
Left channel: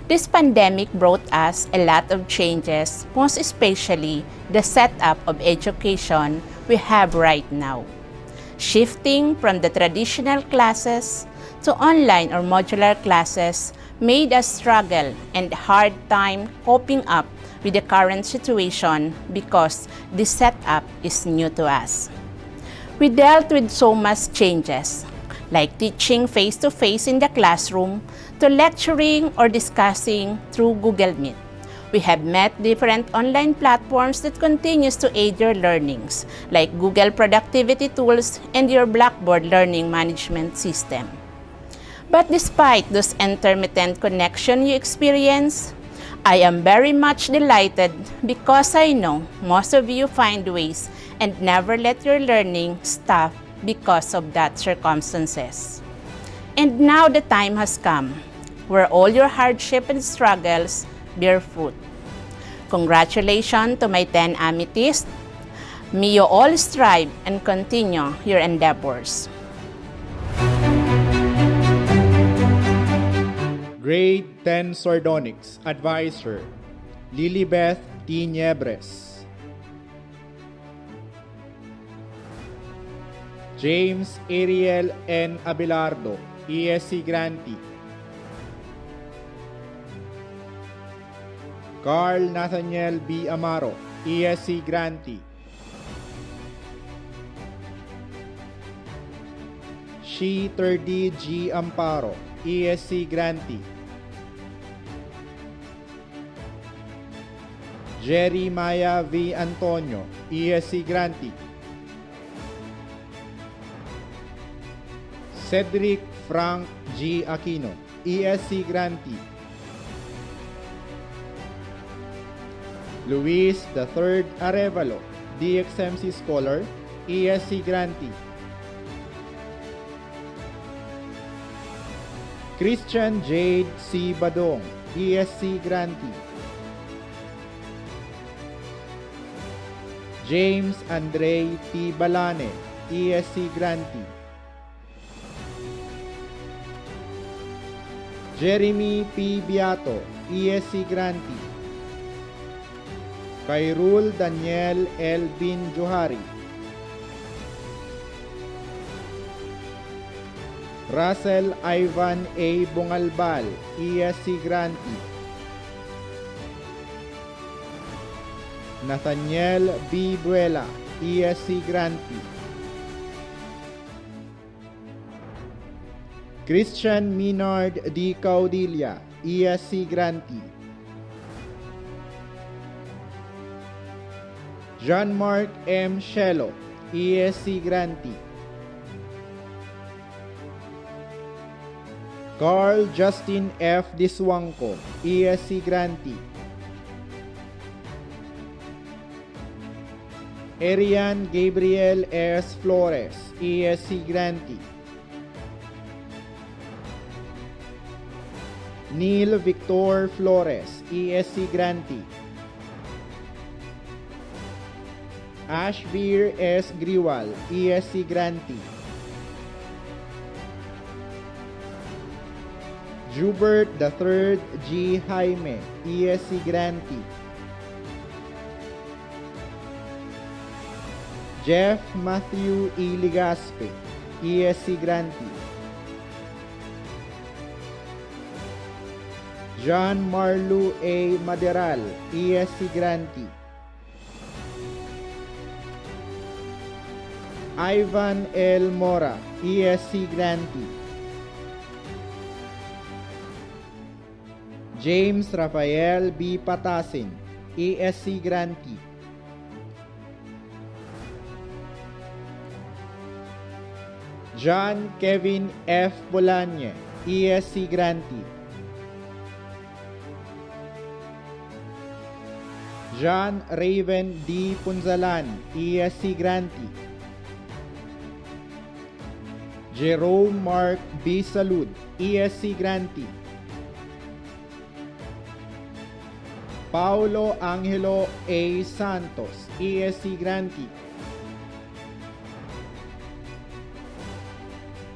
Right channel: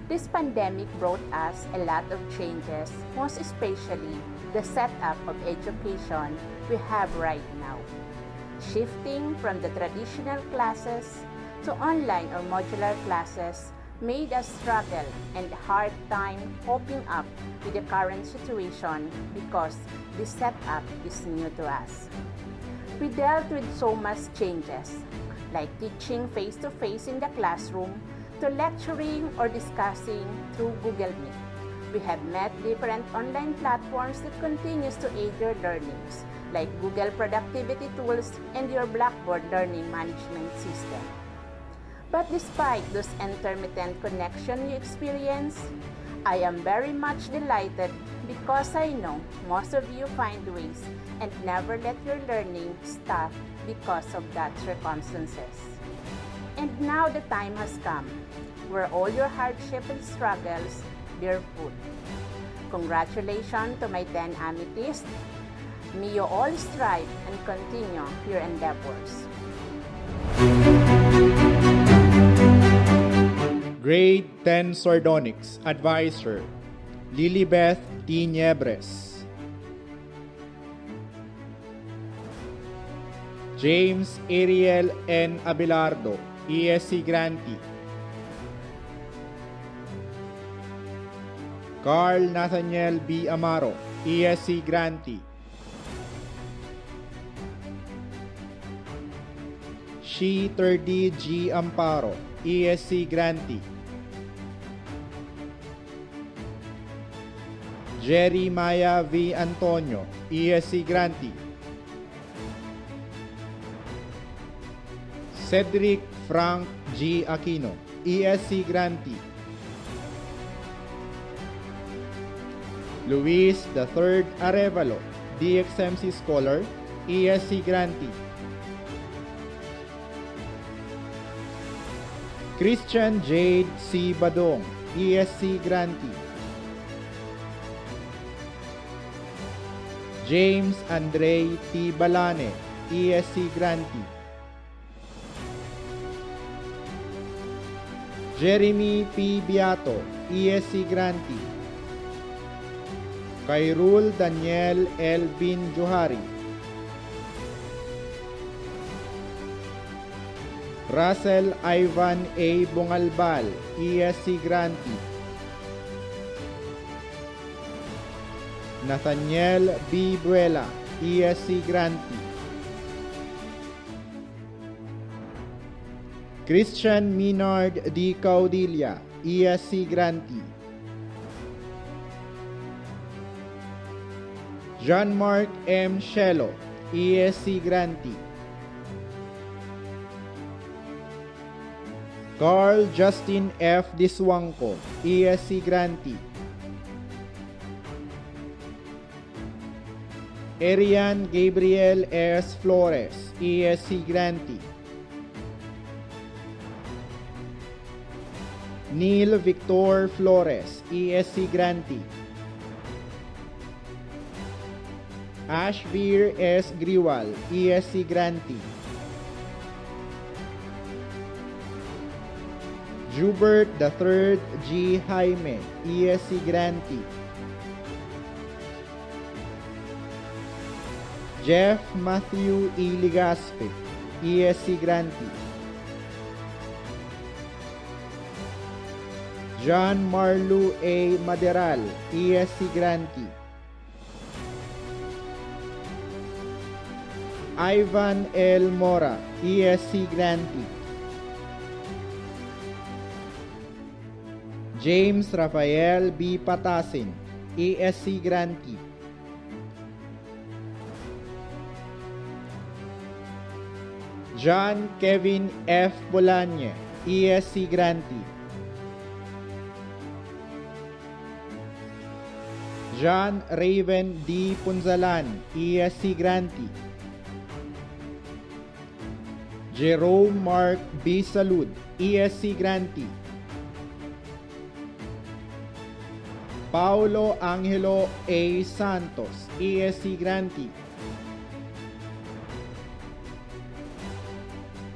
This pandemic brought us a lot of changes, most especially the setup of education we have right now. Shifting from the traditional classes to online or modular classes made us struggle and hard time coping up with the current situation because the setup is new to us. We dealt with so much changes, like teaching face-to-face in the classroom to lecturing or discussing through Google Meet. We have met different online platforms that continues to aid your learnings, like Google Productivity Tools and your Blackboard Learning Management System. But despite those intermittent connection you experience, I am very much delighted because I know most of you find ways and never let your learning stop because of that circumstances. And now the time has come where all your hardship and struggles bear fruit. Congratulations to my 10 Amethysts. May you all strive and continue your endeavors. Grade 10 Sordonics Advisor, Lilibeth T. Niebres. James Ariel N. Abelardo, ESC Grantee. Carl Nathaniel B. Amaro, ESC Grantee. Shi Terdi G. Amparo, ESC Grantee. Jerry Maya V. Antonio, ESC Grantee. Cedric Frank G. Aquino, ESC Grantee. Luis III Arevalo, DXMC Scholar, ESC Grantee. Christian Jade C. Badong, ESC Grantee. James Andre T. Balane, ESC Grantee. Jeremy P. Biato, ESC Grantee. Kairul Daniel L. Bin Johari. Russell Ivan A. Bungalbal, ESC Grantee. Nathaniel B. Buela, ESC Grantee. Christian Minard D. Caudilla, ESC Grantee. Jean-Marc M. Shelo, ESC Grantee. Carl Justin F. Diswangco, ESC Grantee. Arian Gabriel S. Flores, ESC Grantee. Neil Victor Flores, ESC Grantee. Ashvir S. Griwal, ESC Grantee. Jubert III G. Jaime, ESC Grantee. Jeff Matthew E. Ligaspe, ESC Grantee. John Marlu A. Maderal, ESC Grantee. Ivan L. Mora, ESC Grantee. James Rafael B. Patasin, ESC Grantee. John Kevin F. Bolanye, ESC Grantee. John Raven D. Punzalan, ESC Grantee. Jerome Mark B. Salud, ESC Grantee. Paulo Angelo A. Santos, ESC Grantee.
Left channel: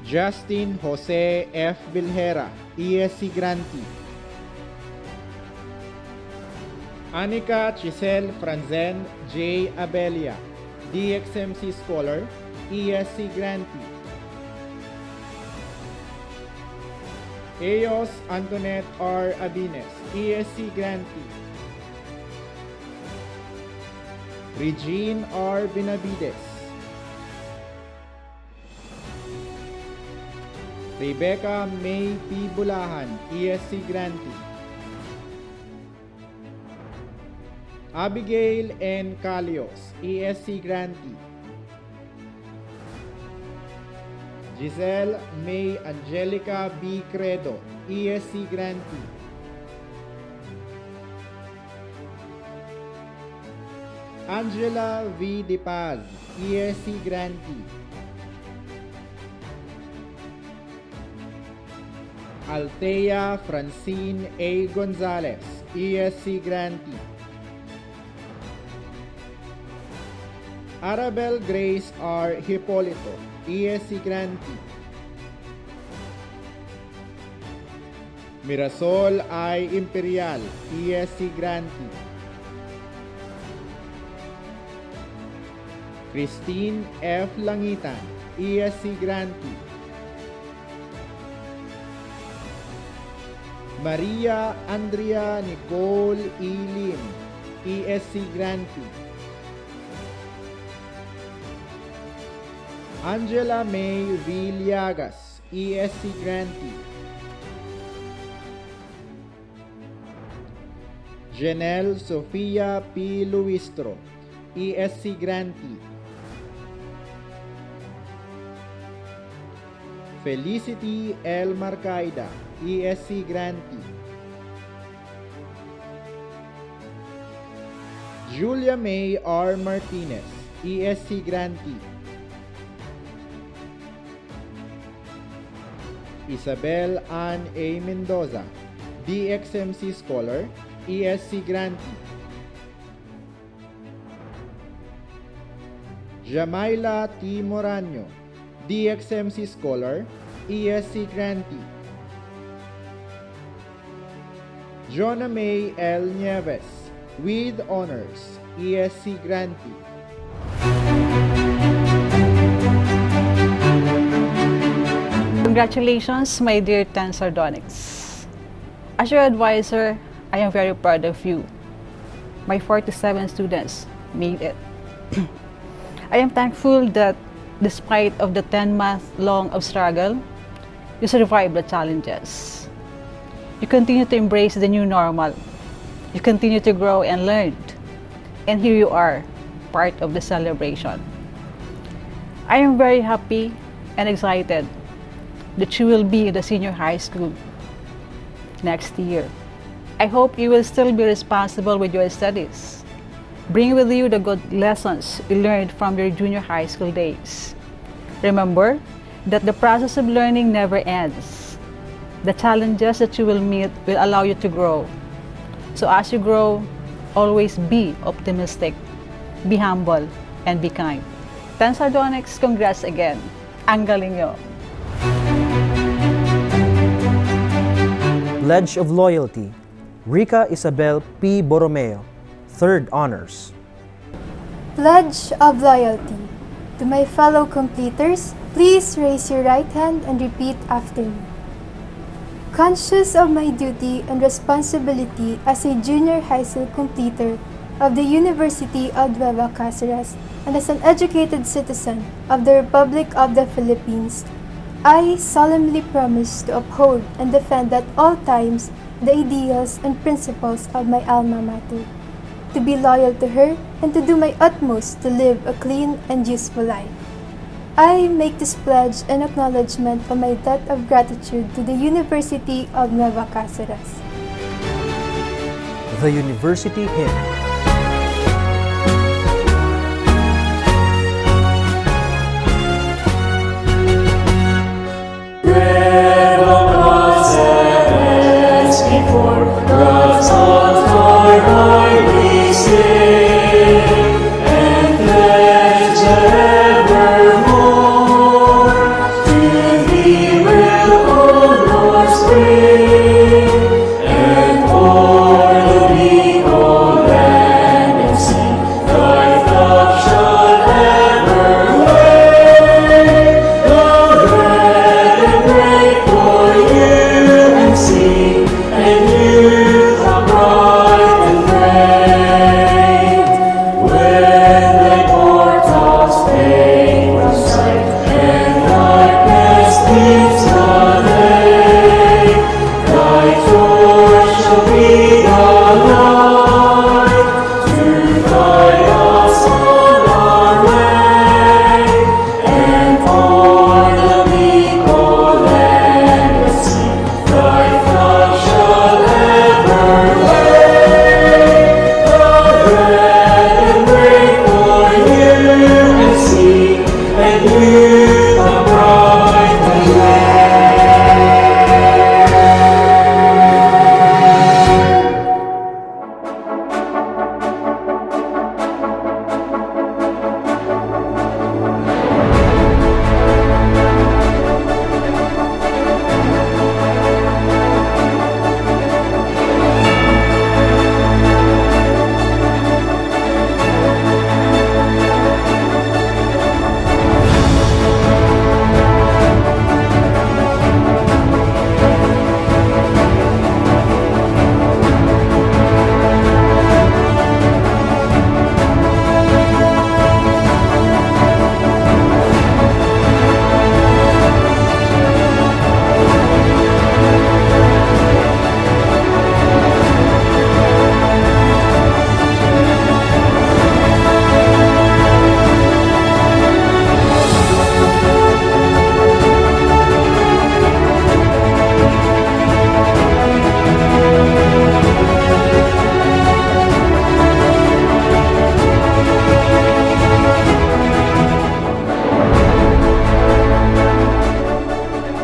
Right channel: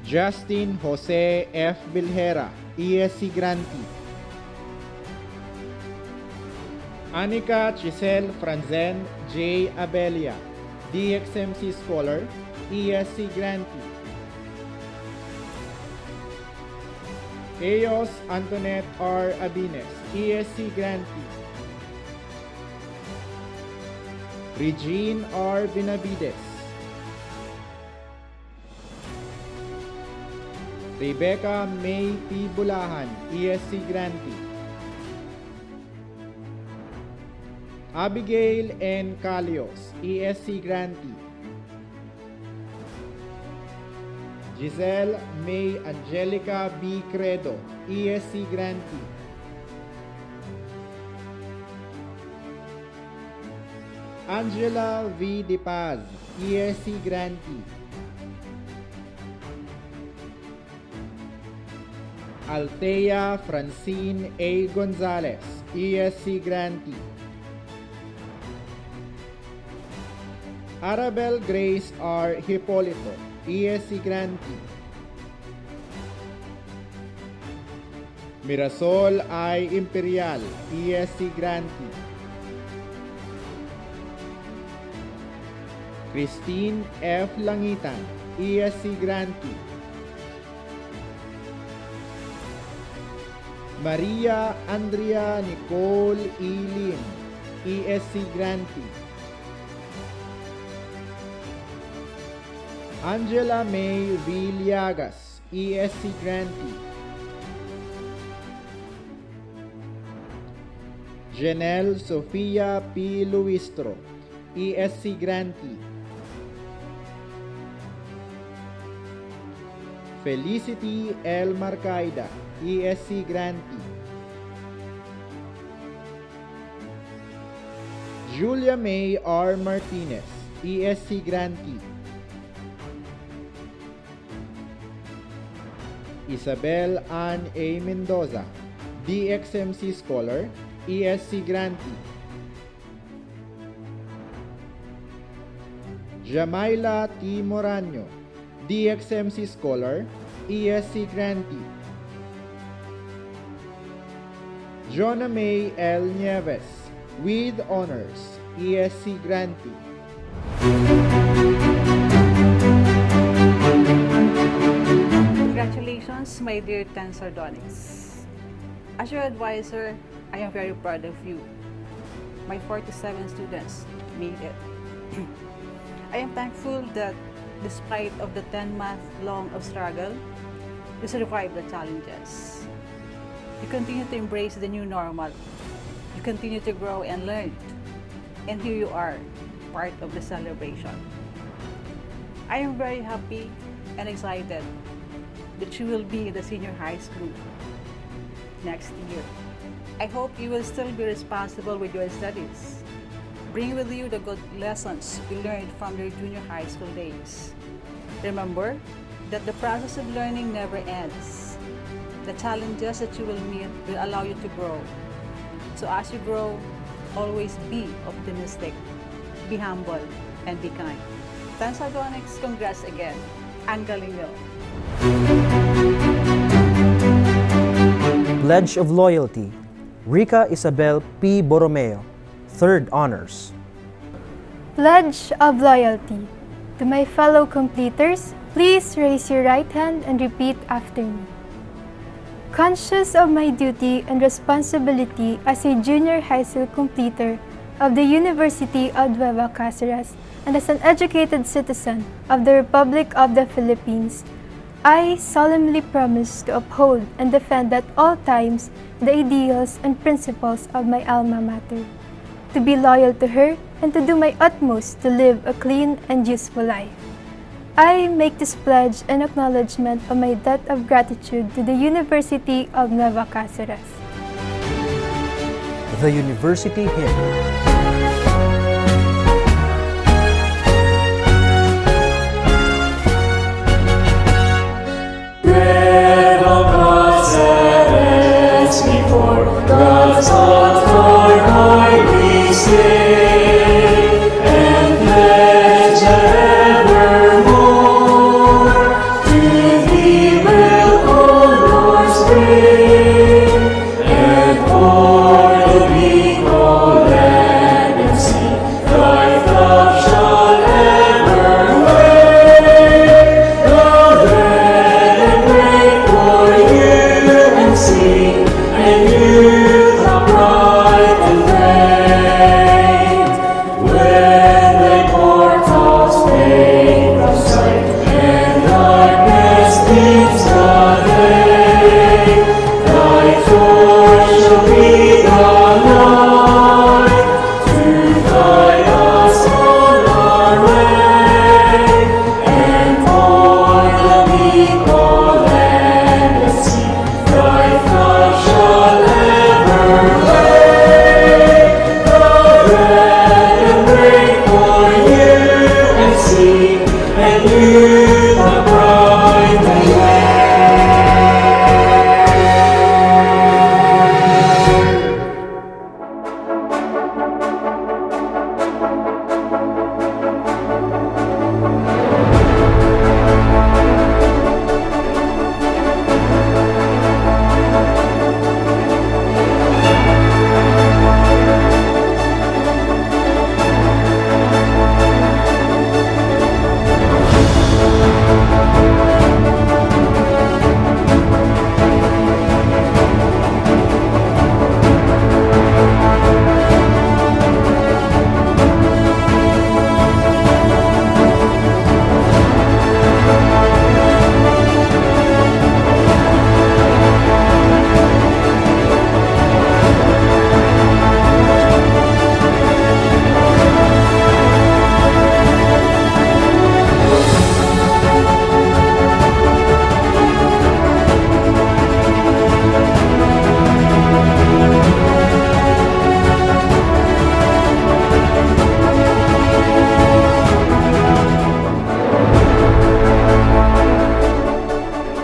Justin Jose F. Bilhera, ESC Grantee. Anika Chisel Franzen J. Abelia, DXMC Scholar, ESC Grantee. Eos Antoinette R. Abines, ESC Grantee. Regine R. Benavides. Rebecca May P. Bulahan, ESC Grantee. Abigail N. Calios, ESC Grantee. Giselle May Angelica B. Credo, ESC Grantee. Angela V. De Paz, ESC Grantee. Althea Francine A. Gonzalez, ESC Grantee. Arabel Grace R. Hipolito, ESC Grantee. Mirasol I. Imperial, ESC Grantee. Christine F. Langitan, ESC Grantee. Maria Andrea Nicole E. Lim, ESC Grantee. Angela May V. Liagas, ESC Grantee. Janelle Sofia P. Luistro, ESC Grantee. Felicity L. Marcaida, ESC Grantee. Julia May R. Martinez, ESC Grantee. Isabel Ann A. Mendoza, DXMC Scholar, ESC Grantee. Jamaila T. Moraño, DXMC Scholar, ESC Grantee. Jonah May L. Nieves, with honors, ESC Grantee. Congratulations, my dear 10 Sardonyx. As your advisor, I am very proud of you. My 47 students made it. I am thankful that despite of the 10-month long of struggle, you survived the challenges. You continue to embrace the new normal. You continue to grow and learn. And here you are, part of the celebration. I am very happy and excited that you will be in the senior high school next year. I hope you will still be responsible with your studies. Bring with you the good lessons you learned from your junior high school days. Remember that the process of learning never ends. The challenges that you will meet will allow you to grow. So as you grow, always be optimistic, be humble, and be kind. 10 Sardonyx, congrats again. Ang galing nyo. Pledge of Loyalty, Rica Isabel P. Borromeo, 3rd Honors. Pledge of Loyalty, To my fellow completers, please raise your right hand and repeat after me. Conscious of my duty and responsibility as a junior high school completer of the University of Nueva Cáceres and as an educated citizen of the Republic of the Philippines, I solemnly promise to uphold and defend at all times the ideals and principles of my alma mater, to be loyal to her and to do my utmost to live a clean and useful life. I make this pledge in acknowledgement of my debt of gratitude to the University of Nueva Cáceres. The University Hymn. Nueva Cáceres before God's